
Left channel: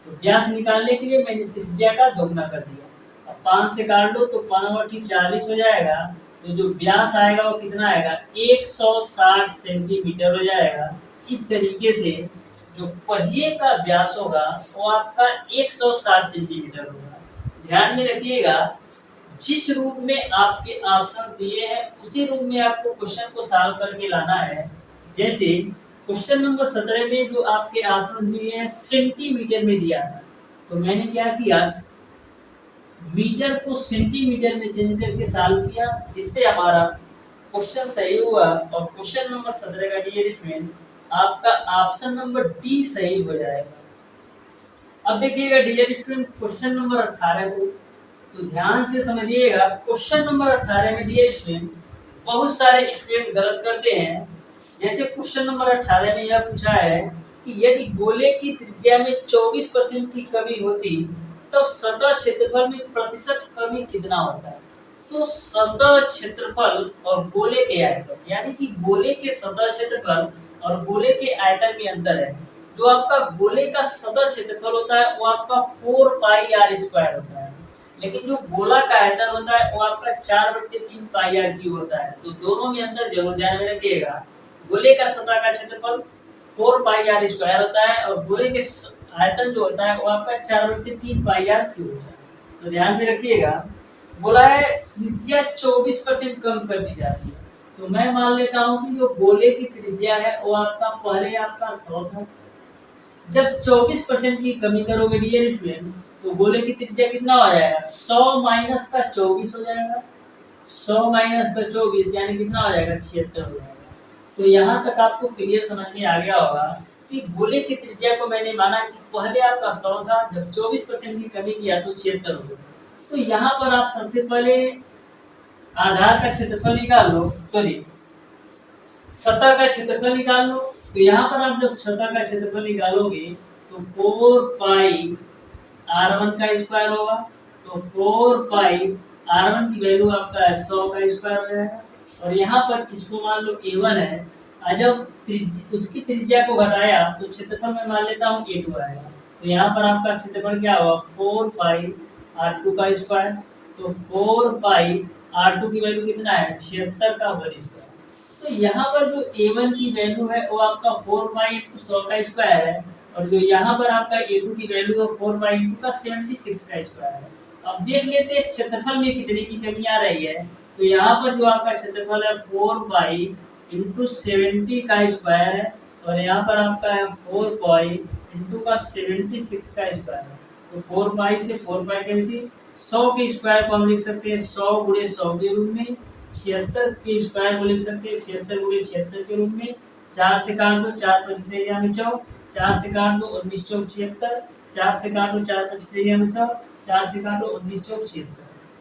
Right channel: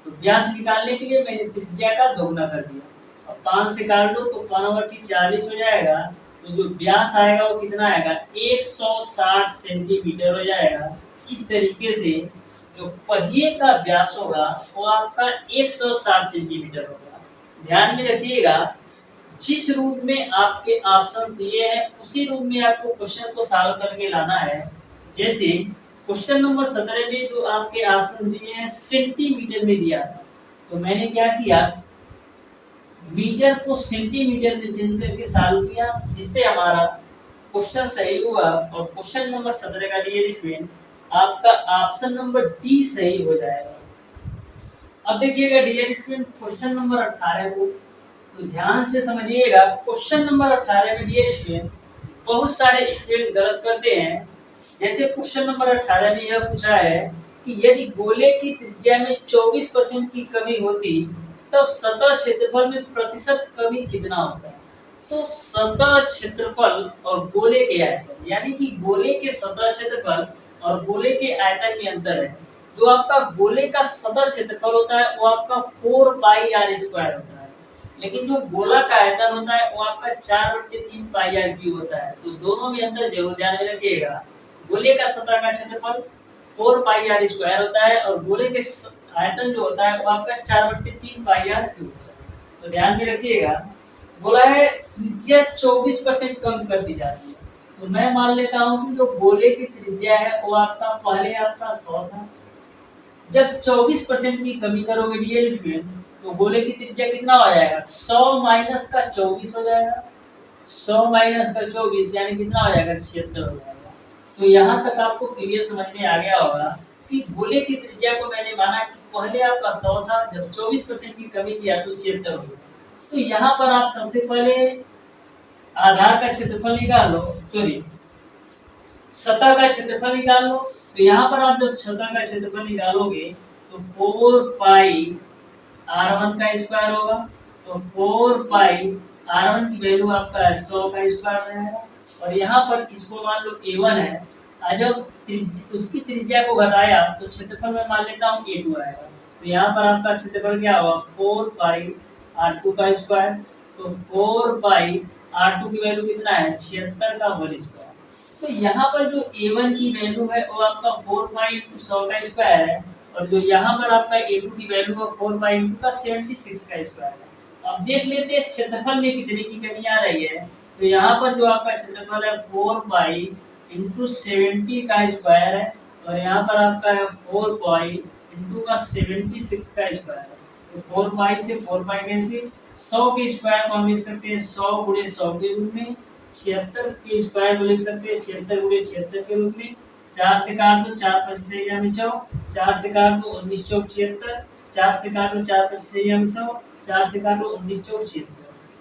तो व्यास निकालने के लिए मैंने त्रिज्या का दोगुना कर दिया। अब 5 से काट लो तो 5/40 हो जाएगा। तो जो व्यास आएगा वो कितना आएगा? 160 सेंटीमीटर हो जाएगा। इस तरीके से जो पहिए का व्यास होगा वो आपका 160 सेंटीमीटर होगा। ध्यान में रखिएगा, जिस रूप में आपके ऑप्शन दिए हैं उसी रूप में आपको क्वेश्चन को सॉल्व करके लाना है। जैसे क्वेश्चन नंबर 17 में जो आपके ऑप्शन दिए हैं सेंटीमीटर में दिया था, तो मैंने क्या किया, मीटर को सेंटीमीटर में चेंज करके सॉल्व किया, जिससे हमारा क्वेश्चन सही हुआ। और क्वेश्चन नंबर 17 का डियर स्टूडेंट आपका ऑप्शन नंबर डी सही हो जाएगा। अब देखिएगा डियर स्टूडेंट क्वेश्चन नंबर 18 को तो ध्यान से समझिएगा। क्वेश्चन नंबर 18 में डियर स्टूडेंट बहुत सारे स्टूडेंट गलत करते हैं। जैसे क्वेश्चन नंबर 18 में यह पूछा है कि यदि गोले की त्रिज्या में 24% की कमी होती तो सतह क्षेत्रफल में प्रतिशत कमी कितना होता है? तो सतह क्षेत्रफल और गोले के आयतन, यानी कि गोले के सतह क्षेत्रफल और गोले के आयतन में अंतर है। जो आपका गोले का सतह क्षेत्रफल होता है वो आपका 4πr² होता है, लेकिन जो गोला का आयतन होता है वो आपका 4/3πr³ होता है। तो दोनों में अंतर जरूर ध्यान में रखिएगा। गोले का सतह का क्षेत्रफल 4πr² होता है और गोले के आयतन जो होता है वो आपका 4/3πr³ होता है। तो ध्यान में रखिएगा। बोला है त्रिज्या 24% कम कर दी जाती है, तो मैं मान लेता हूँ कि जो गोले की त्रिज्या है वो आपका पहले आपका 100 था। जब 24% की कमी करोगे डियर स्टूडेंट तो गोले की त्रिज्या कितना हो जाएगा? 100 माइनस का 24 हो जाएगा। 100 माइनस का 24 यानी कितना हो जाएगा? 76 हो जाएगा। तो यहाँ तक आपको क्लियर समझ में आ गया होगा कि गोले की त्रिज्या को मैंने माना कि पहले आपका 100 था, जब 24% की कमी किया तो 76 हो गया। तो यहाँ पर आप सबसे पहले आधार का क्षेत्रफल निकाल लो, सॉरी सतह का क्षेत्रफल निकाल लो। तो यहाँ पर आप जब सतह का क्षेत्रफल निकालोगे तो 4πr1 का स्क्वायर होगा। तो 4πr1 की वैल्यू आपका 100 का स्क्वायर हो जाएगा। और यहाँ पर इसको मान लो a1 है, जब उसकी त्रिज्या को घटाया तो क्षेत्रफल में मान लेता हूँ a2 आएगा। तो यहाँ पर आपका क्षेत्रफल क्या होगा? 4πr2 का स्क्वायर। तो 4πr2 की वैल्यू कितना है? 76 का होल स्क्वायर। तो यहाँ पर जो a1 की वैल्यू है वो आपका 4π×100 का स्क्वायर है, और जो यहाँ पर आपका a2 की वैल्यू है 4π का 76 का स्क्वायर है। अब देख लेते हैं क्षेत्रफल में कितने की कमी आ रही है। तो यहाँ पर जो आपका क्षेत्रफल है 4π×70 का स्क्वायर है, और यहाँ पर आपका है 4π का 76 का स्क्वायर है। तो 4π से 4π कैंसिल, 100 के स्क्वायर को हम लिख सकते हैं 100 × 100 के रूप में, 76 के स्क्वायर को लिख सकते हैं 76 × 76 के रूप में। 4 से काट दो, 4 25 में 100, 4 से काट दो 19 चौक 76, 4 से काट दो 4 25 में 100, 4 से काटो 19 चौक 76।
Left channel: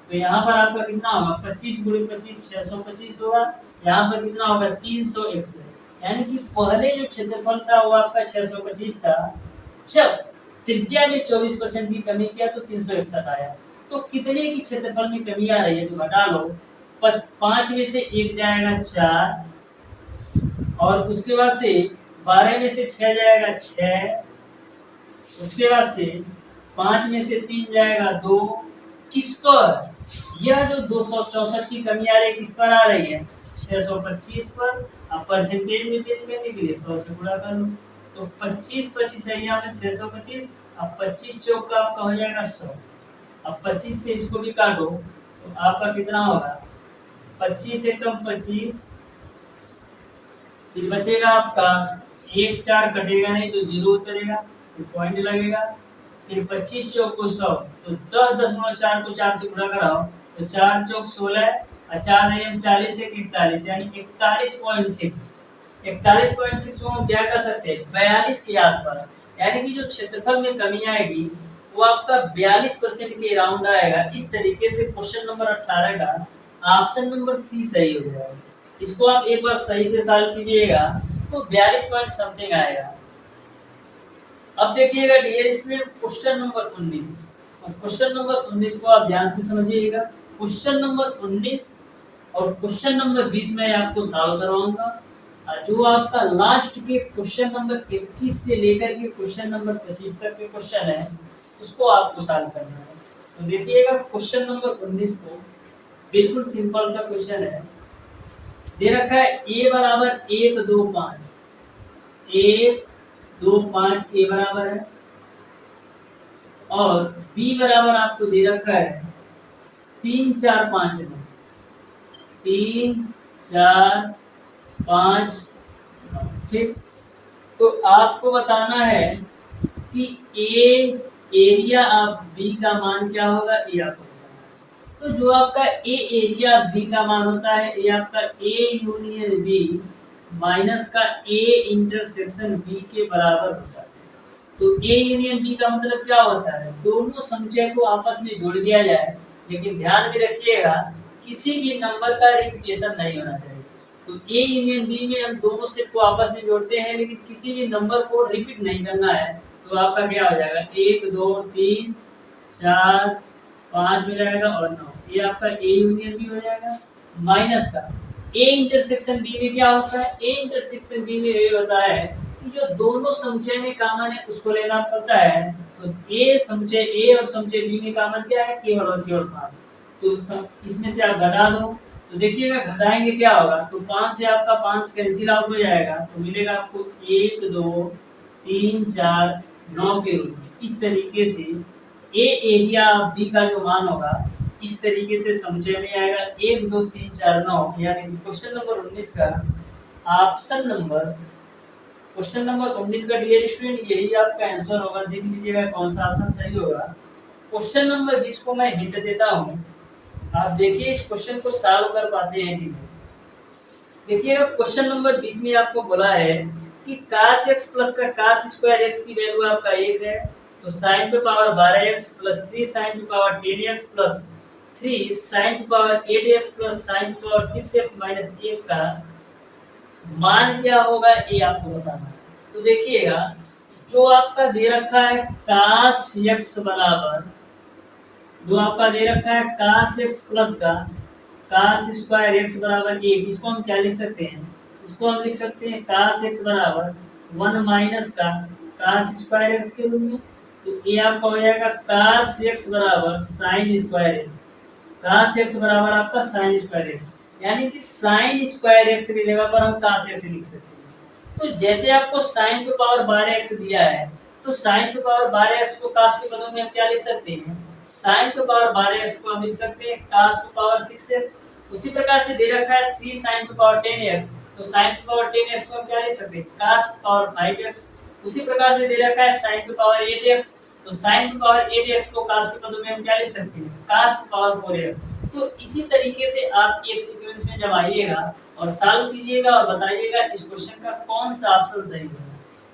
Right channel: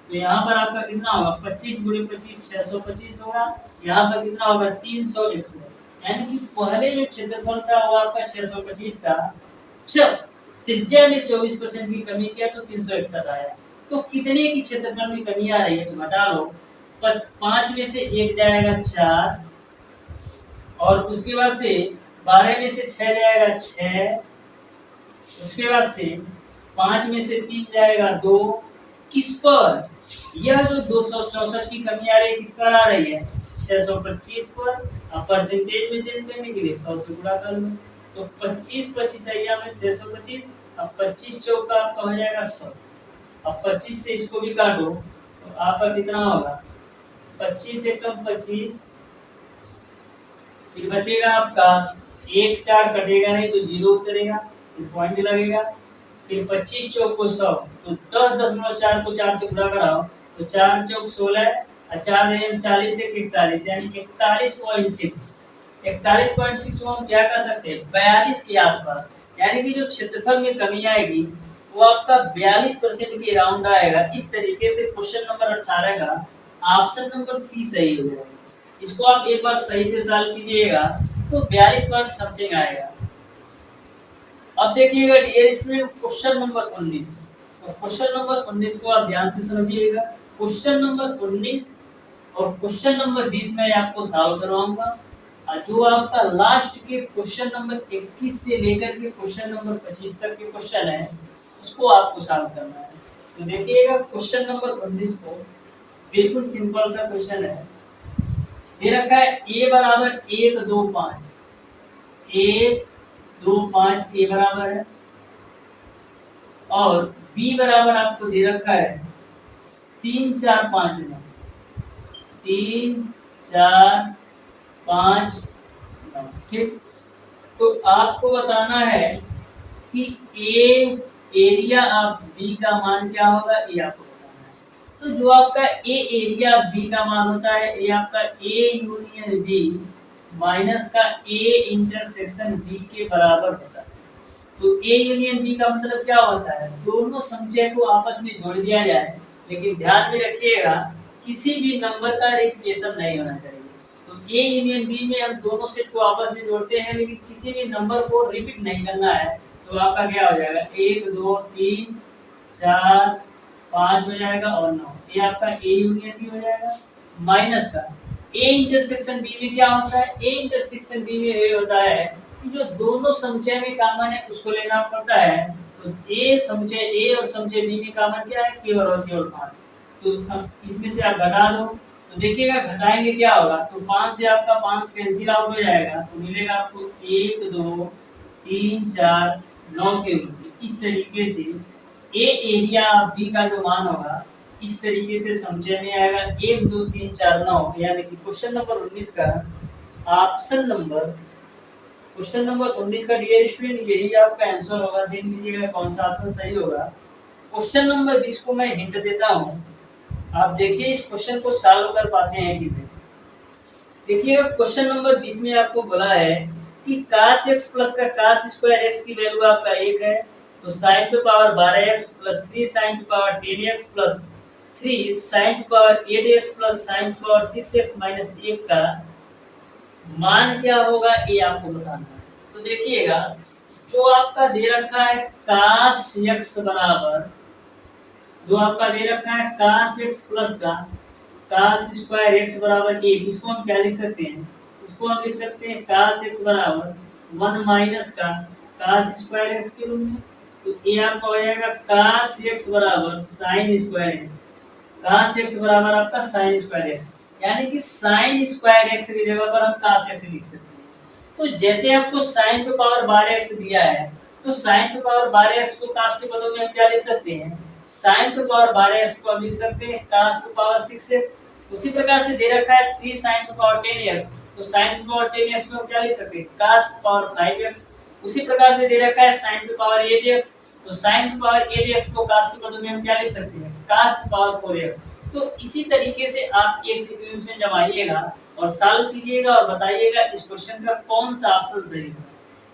तो यहाँ पर आपका कितना होगा? 25 × 25 625 होगा। यहाँ पर कितना होगा? 361। यानी कि पहले जो क्षेत्रफल था वो आपका 625 था, जब त्रिज्या में 24% की कमी किया तो 361 आया। तो कितने की क्षेत्रफल में कमी आ रही है? तो घटा लो, 5 में से 1 जाएगा 4, और उसके बाद से 12 में से 6 जाएगा 6, उसके बाद से 5 में से 3 जाएगा 2। किस पर? यह जो 264 की कमी आ रही है किस पर आ रही है? 625 पर। अब परसेंटेज में चेंज करने के लिए 100 से गुणा कर लो। तो 25 25 है यहाँ में 625। अब 25 चौक का आपका हो जाएगा 100। अब 25 से इसको भी काटो तो आपका कितना होगा? 25 एकम 25, फिर बचेगा आपका 1 4 कटेगा नहीं तो 0 उतरेगा, फिर पॉइंट लगेगा। फिर 25 चौक को 100 तो 10.4 को 4 से गुणा कराओ तो 4 चौक 16 और 4 एम 40 एक 41 यानी 41.6। 41.6 को हम क्या कर सकते हैं 42 के आसपास, यानी कि जो क्षेत्रफल में कमी आएगी वो आपका 42% के राउंड आएगा। इस तरीके से क्वेश्चन नंबर 18 का ऑप्शन नंबर सी सही हो जाएगा। इसको आप एक बार सही से सॉल्व कीजिएगा तो 42 पॉइंट समथिंग आएगा। अब देखिएगा डियर स्टूडेंट क्वेश्चन नंबर 19, और क्वेश्चन नंबर 19 को आप ध्यान से समझिएगा। क्वेश्चन नंबर 19 और क्वेश्चन नंबर 20 में आपको सॉल्व करवाऊंगा, और जो आपका लास्ट के क्वेश्चन नंबर 21 से लेकर के क्वेश्चन नंबर 25 तक के क्वेश्चन है उसको आपको सॉल्व करना है। तो देखिएगा क्वेश्चन नंबर 19 को, बिल्कुल सिंपल सा क्वेश्चन है। दे रखा है a बराबर 1 2 5, 1 2 5 a बराबर है, और b बराबर आपको दे रखा है 3 4 5 9, 3 4 5 9। ठीक, तो आपको बताना है कि a एरिया ऑफ b का मान क्या होगा, ये आपको बताना है। तो जो आपका a एरिया ऑफ b का मान होता है ये आपका a यूनियन b माइनस का a इंटरसेक्शन b के बराबर होता है। तो a यूनियन b का मतलब क्या होता है, दोनों संख्या को आपस में जोड़ दिया जाए, लेकिन ध्यान में रखिएगा किसी भी नंबर का रिपीटेशन नहीं होना चाहिए। तो a यूनियन b में हम दोनों सेट को आपस में जोड़ते हैं, लेकिन किसी भी नंबर को रिपीट नहीं करना है। तो आपका क्या हो जाएगा 1 2 3 4 5 हो जाएगा और 9, ये आपका a यूनियन b हो जाएगा, माइनस का a इंटरसेक्शन b में क्या होता है, a इंटरसेक्शन b में ये होता है कि जो दोनों समुच्चय में कॉमन है उसको लेना पड़ता है। तो a समुच्चय a और समुच्चय b में कॉमन क्या है, केवल और केवल 5। तो इसमें से आप घटा दो तो देखिएगा घटाएंगे क्या होगा, तो 5 से आपका 5 कैंसिल आउट हो जाएगा, तो मिलेगा आपको 1 2 3 4 9 के रूप में। इस तरीके से a एरिया ऑफ b का जो मान होगा इस तरीके से समुच्चय में आएगा 1 2 3 4 9, यानी कि क्वेश्चन नंबर 19 का ऑप्शन नंबर, क्वेश्चन नंबर 19 का डियर स्टूडेंट यही आपका आंसर होगा। देख लीजिएगा कौन सा ऑप्शन सही होगा। क्वेश्चन नंबर 20 को मैं हिंट देता हूं, आप देखिए इस क्वेश्चन को सॉल्व कर पाते हैं कि नहीं। देखिए क्वेश्चन नंबर 20 में आपको बोला है कि cos x प्लस का cos स्क्वायर x की वैल्यू आपका 1 है, तो sin पे पावर 12x प्लस 3 sin पे पावर 10x प्लस 3 sin पे पावर 8x प्लस sin पे पावर 6x माइनस 1 का मान क्या होगा ये आपको बताना है। तो देखिएगा जो आपका दे रखा है cos x बराबर, जो आपका दे रखा है cos x प्लस का cos स्क्वायर x बराबर 1, इसको हम क्या लिख सकते हैं, इसको हम लिख सकते हैं cos x बराबर 1 माइनस का cos स्क्वायर x के रूप में। तो ये आपका हो जाएगा cos x बराबर sin square x, cos x बराबर आपका sin स्क्वायर x, यानी कि sin स्क्वायर x की जगह पर हम cos x लिख सकते हैं। तो जैसे आपको sin पे पावर 12x दिया है, तो sin पे पावर 12x को cos के पदों में हम क्या लिख सकते हैं, sin पे पावर 12x को हम लिख सकते हैं cos पे पावर 6x। उसी प्रकार से दे रखा है 3 sin पे पावर 10x, तो sin पे पावर 10x को हम क्या लिख सकते हैं cos पे पावर 5x। उसी प्रकार से दे रखा है sin पे पावर 8x, तो sin पे पावर 8x को cos के पदों में हम क्या लिख सकते हैं cos पे पावर 4x। तो इसी तरीके से आप एक सीक्वेंस में जब आइएगा और सॉल्व कीजिएगा और बताइएगा इस क्वेश्चन का कौन सा ऑप्शन सही है।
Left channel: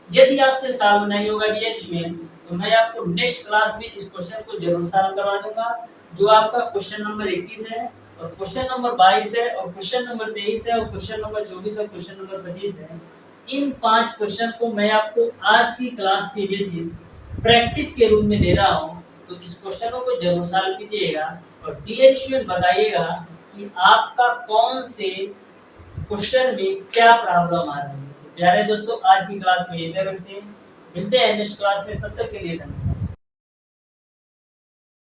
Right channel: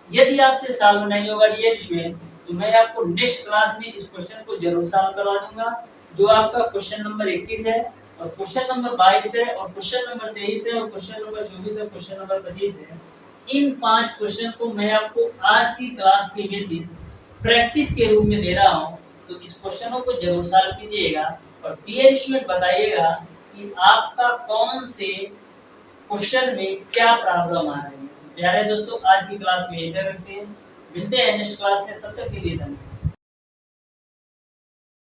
यदि आपसे सॉल्व नहीं होगा डियर स्टूडेंट तो मैं आपको नेक्स्ट क्लास में इस क्वेश्चन को जरूर सॉल्व करवा दूंगा, जो आपका क्वेश्चन नंबर 21 है और क्वेश्चन नंबर 22 है और क्वेश्चन नंबर 23 है और क्वेश्चन नंबर 24 और क्वेश्चन नंबर 25 है। इन 5 क्वेश्चन को मैं आपको आज की क्लास के बेसिस प्रैक्टिस के रूप में दे रहा हूं, तो इस क्वेश्चनों को जरूर सॉल्व कीजिएगा और डियर स्टूडेंट बताइएगा कि आपका कौन से क्वेश्चन में क्या प्रॉब्लम आ रही है। प्यारे दोस्तों आज की क्लास में इधर रखते हैं, मिलते हैं नेक्स्ट क्लास में, तब तक के लिए धन्यवाद।